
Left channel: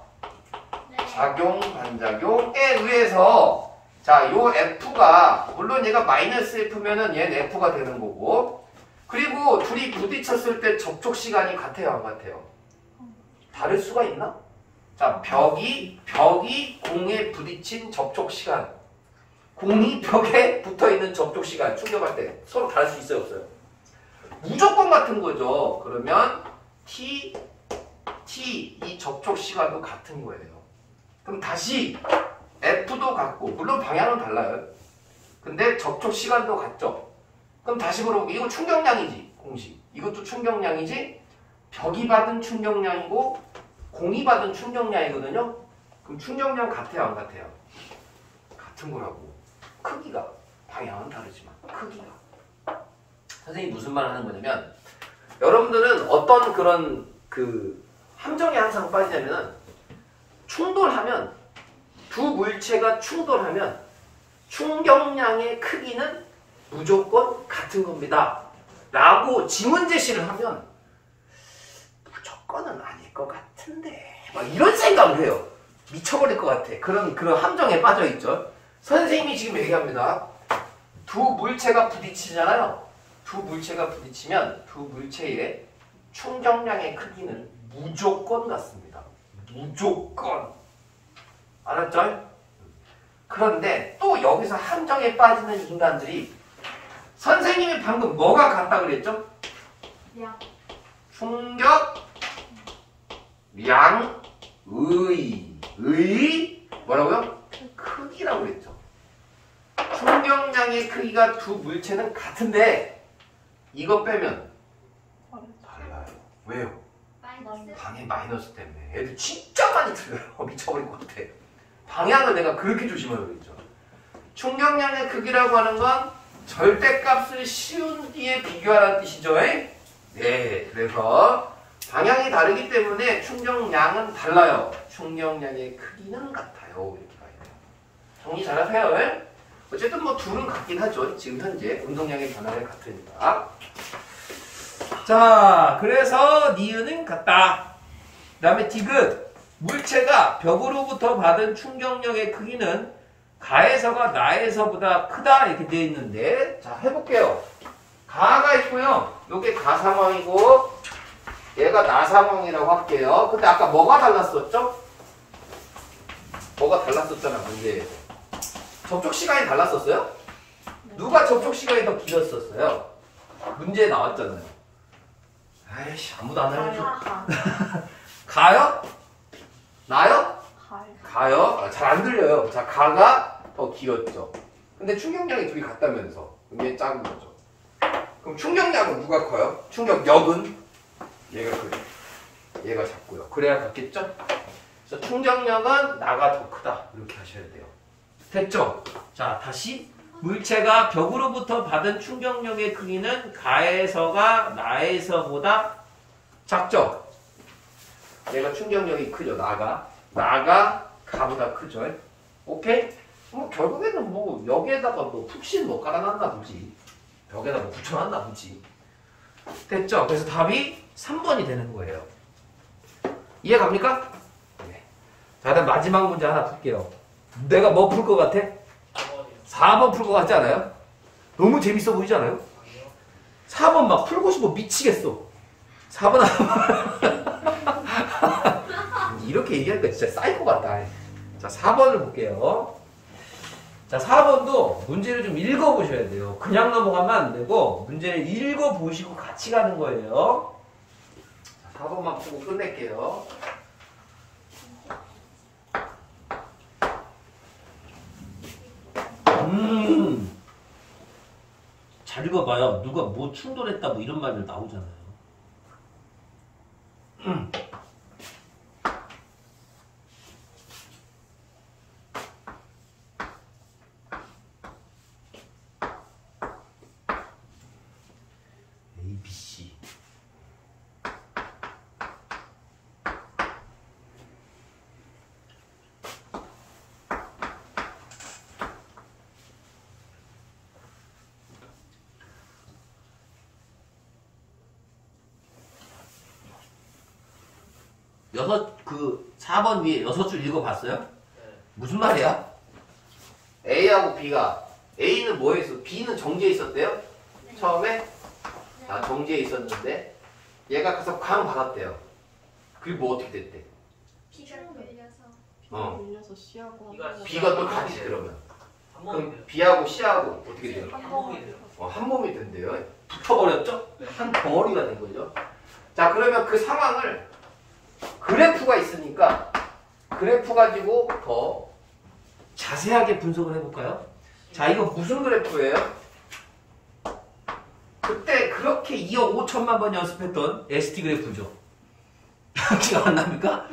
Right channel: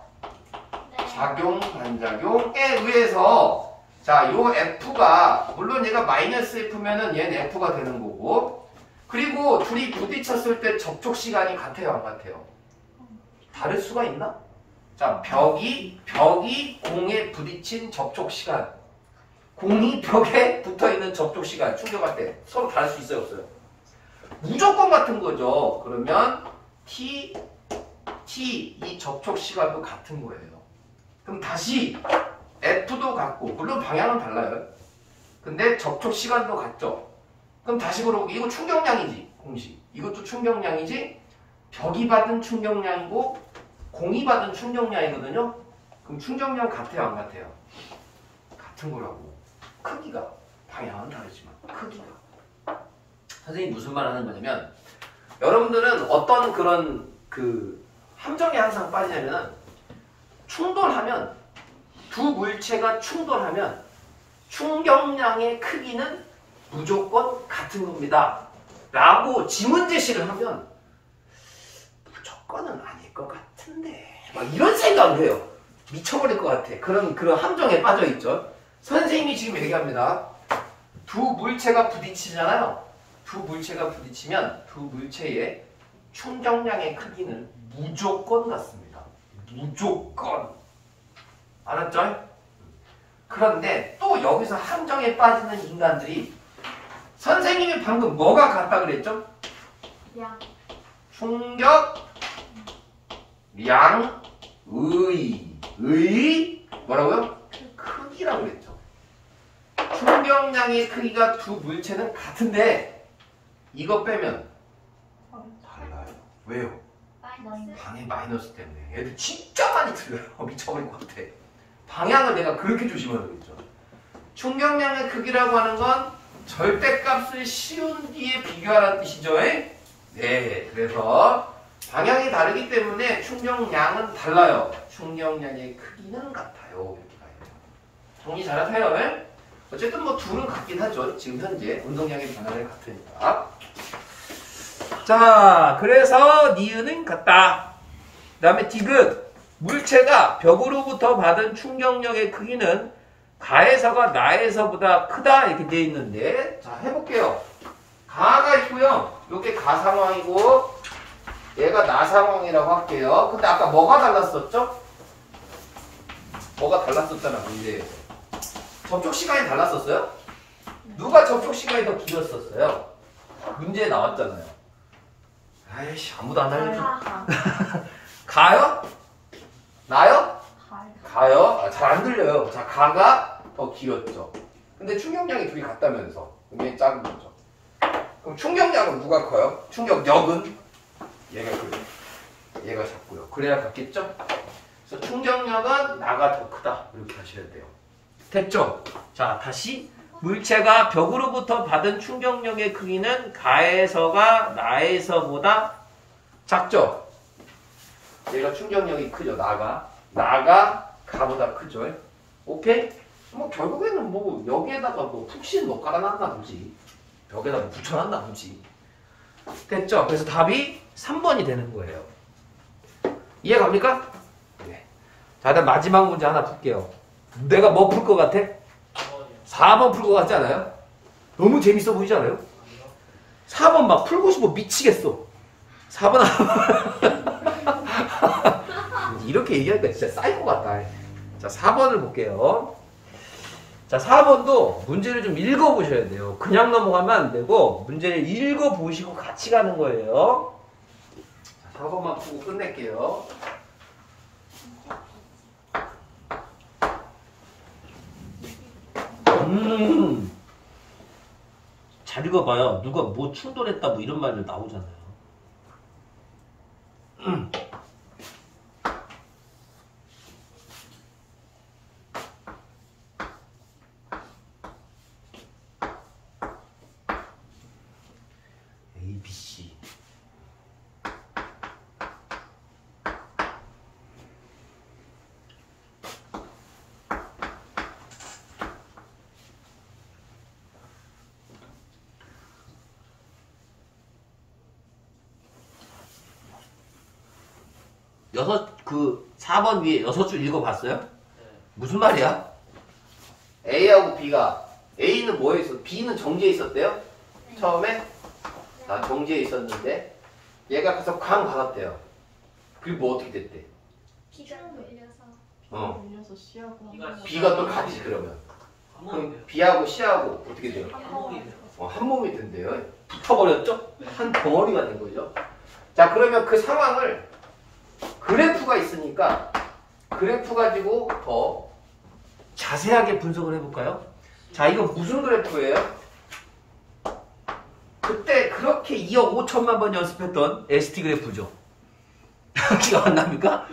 네. 작용 반작용에 의해서 자, 요 F가 물론 얘가 마이너스 F면은 얘는 F가 되는 거고 그리고 둘이 부딪혔을 때 접촉 시간이 같아요, 안 같아요? 다를 수가 있나? 자, 벽이 공에 부딪힌 접촉 시간 공이 벽에 붙어있는 접촉 시간 충격할 때 서로 다를 수 있어요, 없어요? 무조건 같은 거죠. 그러면 T 이 접촉 시간도 같은 거예요. 그럼 다시 F도 같고 물론 방향은 달라요. 근데 접촉 시간도 같죠. 그럼 다시 물어볼게요. 이거 충격량이지 공식. 이것도 충격량이지. 벽이 받은 충격량이고 공이 받은 충격량이거든요. 그럼 충격량 같아요, 안 같아요? 같은 거라고. 크기가 방향은 다르지만 크기가. 선생님이 무슨 말 하는 거냐면 여러분들은 어떤 그런 그 함정에 항상 빠지냐면은 충돌하면 두 물체가 충돌하면 충격량의 크기는 무조건 같은 겁니다. 라고 지문 제시를 하면 무조건은 아닐 것 같은데 막 이런 생각을 해요. 미쳐버릴 것 같아. 그런 함정에 빠져있죠. 선생님이 지금 얘기합니다. 두 물체가 부딪히잖아요. 두 물체가 부딪히면 두 물체의 충격량의 크기는 무조건 같습니다. 무조건. 알았죠? 그런데 또 여기서 함정에 빠지는 인간들이 선생님이 방금 뭐가 같다 그랬죠? 양. 충격량의 뭐라고요? 크기라고 그랬죠. 충격량의 크기가 두 물체는 같은데 이거 빼면 달라요. 왜요? 마이너스. 방해 마이너스 때문에 애들 진짜 많이 틀려요. 미쳐버릴 것 같아. 방향을 내가 그렇게 조심하라고 했죠. 충격량의 크기라고 하는 건 절대값을 씌운 뒤에 비교하라는 뜻이죠. 네, 그래서 방향이 다르기 때문에 충격량은 달라요. 충격량의 크기는 같아요. 이렇게 가야 돼요. 정리 잘하세요. 네? 어쨌든 뭐 둘은 같긴 하죠. 지금 현재 운동량의 변화가 같으니까. 자, 그래서 니은은 같다. 그 다음에 디귿. 물체가 벽으로부터 받은 충격력의 크기는 가에서가 나에서보다 크다 이렇게 되어 있는데 자 해볼게요. 가가 있고요. 요게 가 상황이고 얘가 나 상황이라고 할게요. 근데 아까 뭐가 달랐었죠? 뭐가 달랐었잖아 문제에서. 접촉 시간이 달랐었어요? 누가 접촉 시간이 더 길었었어요? 문제에 나왔잖아요. 아이씨 아무도 안 알려줘. 가요? 나요? 가요? 아, 잘 안 들려요. 자, 가가 더 길었죠. 근데 충격량이 둘이 같다면서. 이게 작은 거죠. 그럼 충격량은 누가 커요? 충격력은? 얘가 크죠. 얘가 작고요. 그래야 같겠죠? 그래서 충격력은 나가 더 크다. 이렇게 하셔야 돼요. 됐죠? 자, 다시. 물체가 벽으로부터 받은 충격력의 크기는 가에서가 나에서보다 작죠? 얘가 충격력이 크죠. 나가 가보다 크죠. 오케이? 뭐 결국에는 뭐 여기에다가 뭐 푹신 뭐 깔아놨나 보지. 벽에다 뭐 붙여놨나 보지. 됐죠? 그래서 답이 3번이 되는 거예요. 이해 갑니까? 네. 자, 일단 마지막 문제 하나 풀게요. 내가 뭐 풀 것 같아? 4번 풀 것 같지 않아요? 너무 재밌어 보이지 않아요? 4번 막 풀고 싶어 미치겠어. 4번 이렇게 얘기하니까 진짜 사이코 같다. 자, 4번을 볼게요. 자, 4번도 문제를 좀 읽어보셔야 돼요. 그냥 넘어가면 안 되고 문제를 읽어보시고 같이 가는 거예요. 자, 4번만 풀고 끝낼게요. 잘 읽어봐요. 누가 뭐 충돌했다 뭐 이런 말들 나오잖아요. A, B, C. 그 4번 위에 6줄 읽어봤어요? 네. 무슨 말이야? A하고 B가 A는 뭐에 있어? B는 정지에 있었대요? 네. 처음에? 나 정지에 있었는데 얘가 가서 쾅 받았대요. 그리고 뭐 어떻게 됐대? 비가 밀려서 어. 올려서 C하고 B가 B가 또 같이 그러면. 한 몸이 그럼 돼요. B하고 C하고 어떻게 돼요? 한 몸이 돼요. 한 몸이 된대요. 붙어버렸죠? 네. 한 덩어리가 된 거죠. 자, 그러면 그 상황을 그래프가 있으니까 그래프 가지고 더 자세하게 분석을 해볼까요? 자, 이거 무슨 그래프예요? 그때 그렇게 2억 5천만 번 연습했던 ST 그래프죠. 기억 안 납니까?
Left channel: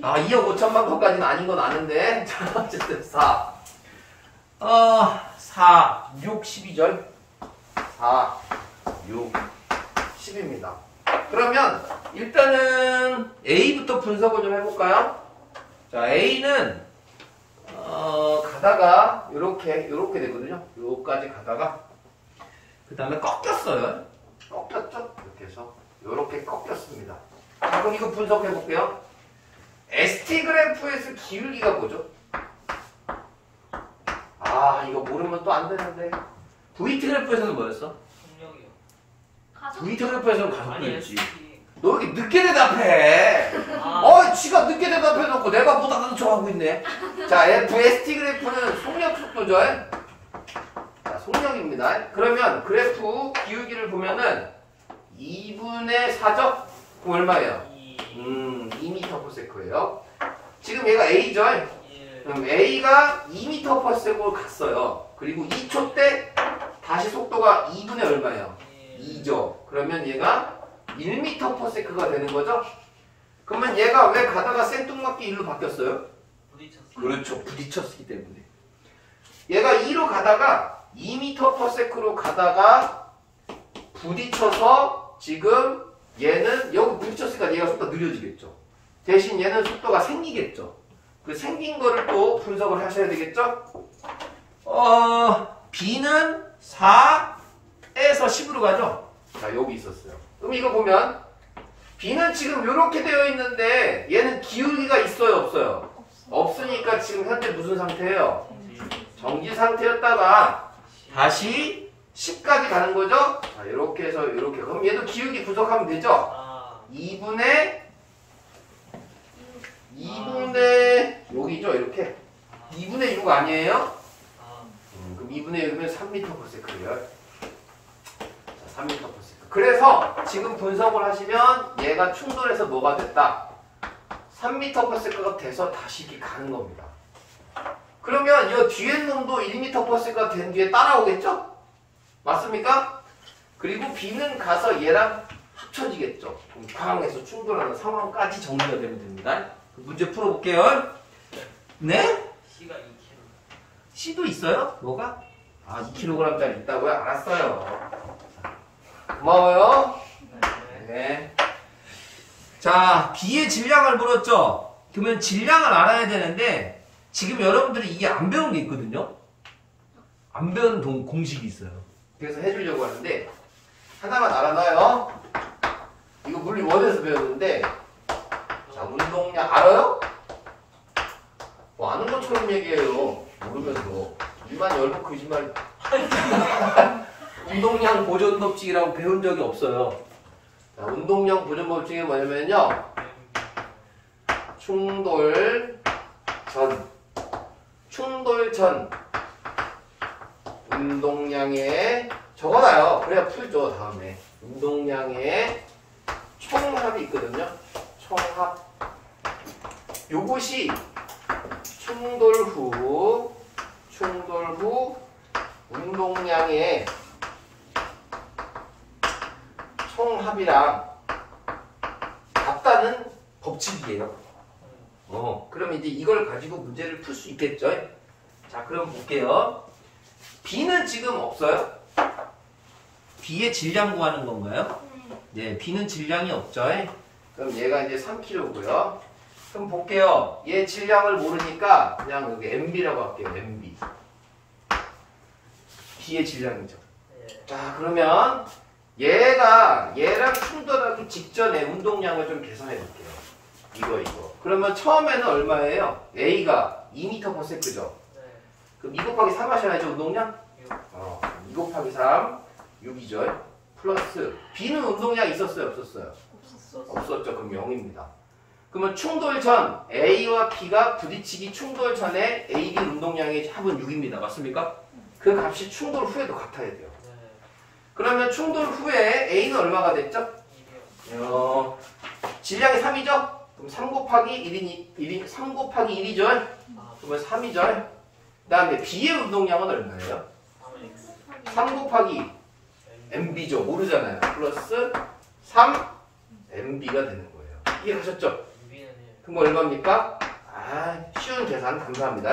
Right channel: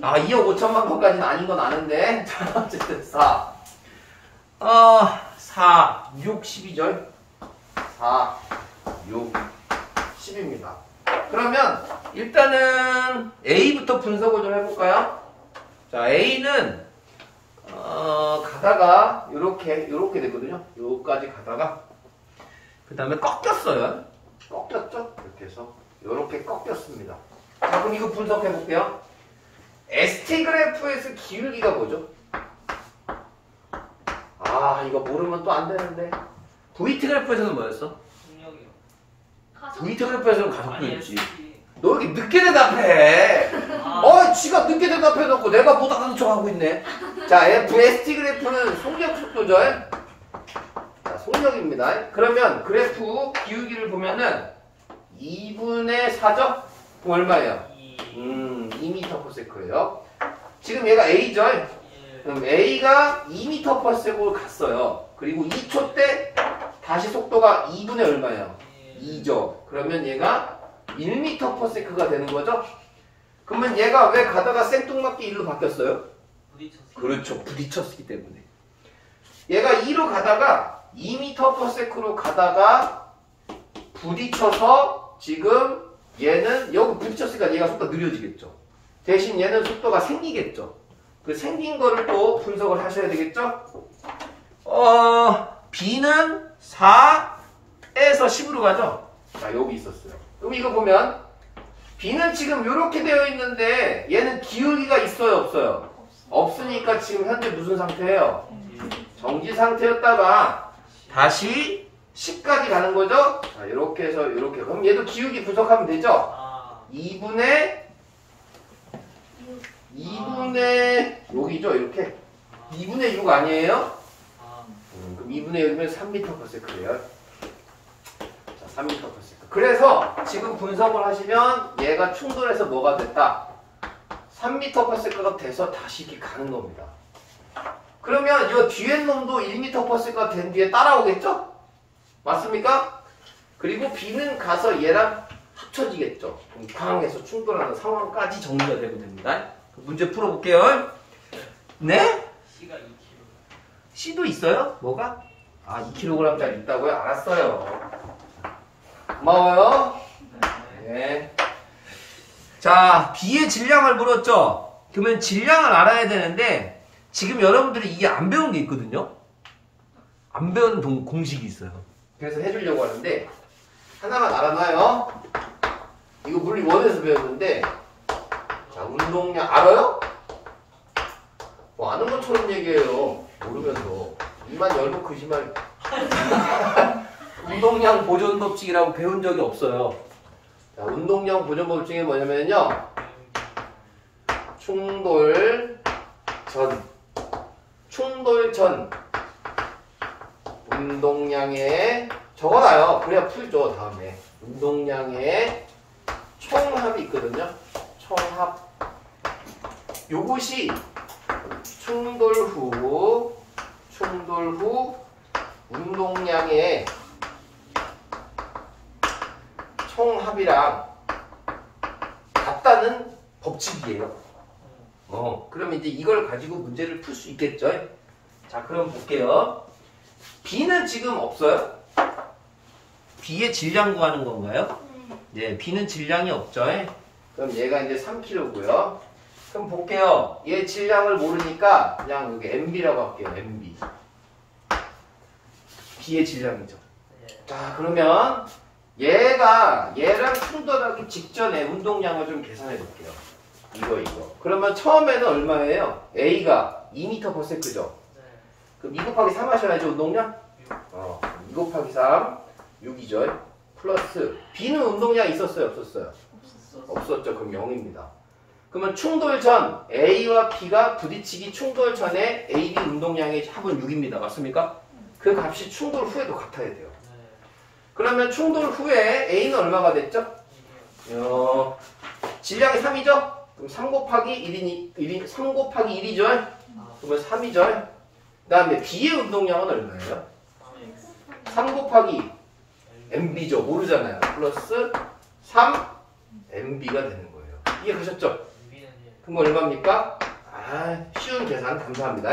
2억 5천만 번까지는 아닌 건 아는데 자, 어쨌든 4 6, 12절 4, 6, 10입니다. 그러면 일단은 A부터 분석을 좀 해볼까요? 자, A는 가다가 요렇게 되거든요. 요까지 가다가 그 다음에 꺾였어요. 꺾였죠? 이렇게 해서 요렇게 꺾였습니다. 자, 그럼 이거 분석해 볼게요. ST 그래프에서 기울기가 뭐죠? 이거 모르면 또 안 되는데. VT 그래프에서는 뭐였어? 속력이요. 가속 VT 그래프에서는 가속도였지. ST. 너 왜 이렇게 늦게 대답해? 지가 늦게 대답해놓고 내가 못 알아듣는 척하고 있네. 자, ST 그래프는 속력 속도죠. 자, 속력입니다. 그러면 그래프 기울기를 보면은 2분의 4죠? 그럼 얼마예요? 2m/s예요. 지금 얘가 A죠? 예. 그럼 A가 2m/s로 갔어요. 그리고 2초 때 다시 속도가 2분의 얼마예요? 2죠. 그러면 얘가 1m/s가 되는 거죠? 그러면 얘가 왜 가다가 생뚱맞게 1로 바뀌었어요? 부딪혔어요. 그렇죠. 부딪혔기 때문에. 얘가 2로 가다가 2m/s로 가다가 부딪혀서 지금 얘는 여기 부딪혔으니까 얘가 속도가 느려지겠죠. 대신 얘는 속도가 생기겠죠. 그 생긴 거를 또 분석을 하셔야 되겠죠? B는 4에서 10으로 가죠? 자, 여기 있었어요. 그럼 이거 보면 B는 지금 이렇게 되어 있는데 얘는 기울기가 있어요, 없어요? 없으니까 지금 현재 무슨 상태예요? 정지 상태였다가 다시 10까지 가는 거죠? 자, 이렇게 해서 이렇게. 그럼 얘도 기울기 분석하면 되죠? 2분의 여기죠, 이렇게. 2분의 6 아니에요? 그럼 2분의 6이면 3m/s예요. 자, 3m/s. 그래서 지금 분석을 하시면 얘가 충돌해서 뭐가 됐다? 3m/s가 돼서 다시 이렇게 가는 겁니다. 그러면 이 뒤에 놈도 1m/s가 된 뒤에 따라오겠죠? 맞습니까? 그리고 B는 가서 얘랑 합쳐지겠죠. 광에서 충돌하는 상황까지 정리가 되면 됩니다. 문제 풀어볼게요. 네? C가 2kg. C도 있어요? 뭐가? 2kg짜리 있다고요? 알았어요. 고마워요. 네. 자, B의 질량을 물었죠? 그러면 질량을 알아야 되는데 지금 여러분들이 이게 안 배운 게 있거든요? 안 배운 공식이 있어요. 그래서 해주려고 하는데 하나만 알아놔요. 이거 물리 원에서 배웠는데 자, 운동량 알아요? 아는 것처럼 얘기해요. 모르면서 입만 열고 거짓말. 운동량 보존 법칙이라고 배운 적이 없어요. 자, 운동량 보존 법칙이 뭐냐면요, 충돌 전 운동량의 적어놔요. 그래야 풀죠. 다음에 운동량의 총합이 있거든요. 총합. 요것이 충돌 후 운동량의 총합이랑 같다는 법칙이에요. 그럼 이제 이걸 가지고 문제를 풀 수 있겠죠? 자, 그럼 볼게요. B는 지금 없어요? B의 질량 구하는 건가요? 네, B는 질량이 없죠? 그럼 얘가 이제 3kg고요. 그럼 볼게요. 얘 질량을 모르니까 그냥 여기 MB라고 할게요. MB. B의 질량이죠. 자, 그러면 얘랑 충돌하기 직전에 운동량을 좀 계산해 볼게요. 이거. 그러면 처음에는 얼마예요? A가 2m/s죠. 네. 그럼 2 곱하기 3 하셔야죠, 운동량? 6. 2 곱하기 3, 6이죠. 플러스 B는 운동량이 있었어요, 없었어요? 없었죠. 그럼 0입니다. 그러면 충돌 전 A와 B가 부딪히기 충돌 전에 A, B 운동량의 합은 6입니다. 맞습니까? 그 값이 충돌 후에도 같아야 돼요. 네. 그러면 충돌 후에 A는 얼마가 됐죠? 1이요. 질량이 3이죠? 그럼 3 곱하기 3 곱하기 1이죠? 아, 그러면 3이죠? 그 다음에 B의 운동량은 얼마예요? 3x. 3 곱하기 MB죠. 모르잖아요. 플러스 3 MB가 되는 거예요. 이해가셨죠? 6이는 1. 그럼 얼마입니까? 쉬운 계산 감사합니다.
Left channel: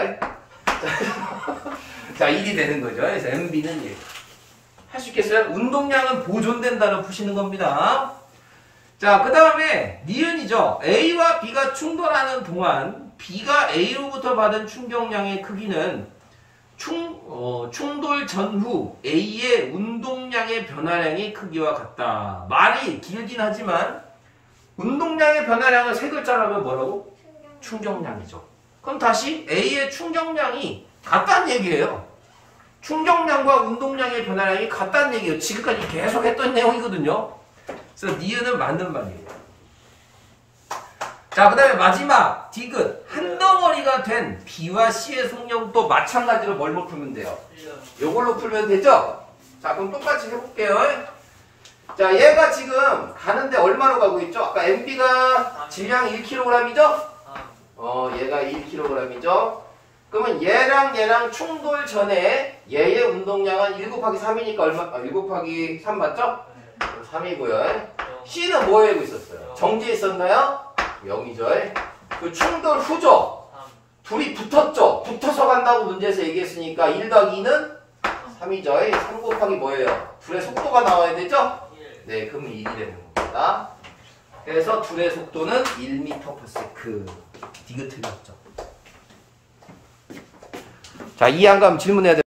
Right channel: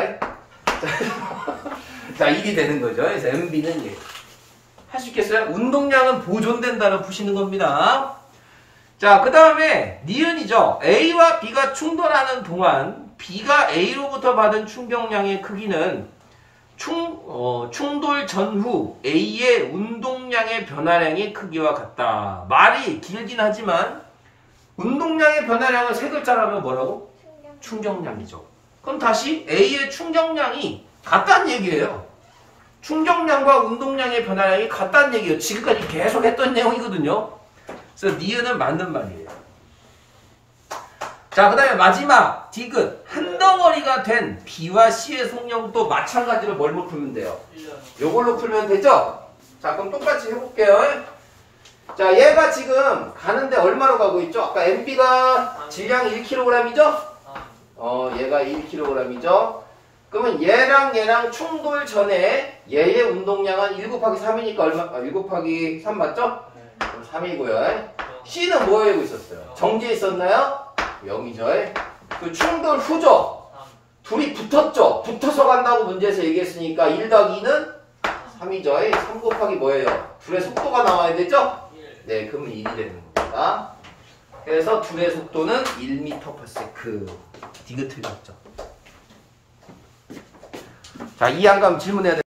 자, 1이 되는 거죠. 그래서 MB는 1. 할 수 있겠어요? 운동량은 보존된다로 푸시는 겁니다. 자, 그 다음에 니은이죠. A와 B가 충돌하는 동안 B가 A로부터 받은 충격량의 크기는 충돌 전후 A의 운동량의 변화량의 크기와 같다. 말이 길긴 하지만 운동량의 변화량을 세 글자로 하면 뭐라고? 충격량이죠. 그럼 다시 A의 충격량이 같다는 얘기예요. 충격량과 운동량의 변화량이 같다는 얘기예요. 지금까지 계속 했던 내용이거든요. 그래서 니은은 맞는 말이에요. 자, 그 다음에 마지막 디귿. 한 덩어리가 된 B와 C의 속력도 마찬가지로 뭘로 풀면 돼요? 1년. 요걸로 풀면 되죠? 자, 그럼 똑같이 해볼게요. 자, 얘가 지금 가는데 얼마로 가고 있죠? 아까 MB가 질량이 1kg이죠? 얘가 1kg이죠? 그러면 얘랑 충돌 전에 얘의 운동량은 1 곱하기 3이니까 얼마? 1 곱하기 3 맞죠? 네. 그럼 3이고요. C는 뭐 하고 있었어요? 정지해 있었나요? 0이죠. 그 충돌 후죠? 3. 둘이 붙었죠? 붙어서 간다고 문제에서 얘기했으니까 1 더하기 2는 3이죠. 3 곱하기 뭐예요? 둘의 속도가 나와야 되죠? 1. 네, 그럼 1이 되는 겁니다. 그래서 둘의 속도는 1m/s. 디귿 틀렸죠. 자, 이해한 거 질문해야 돼.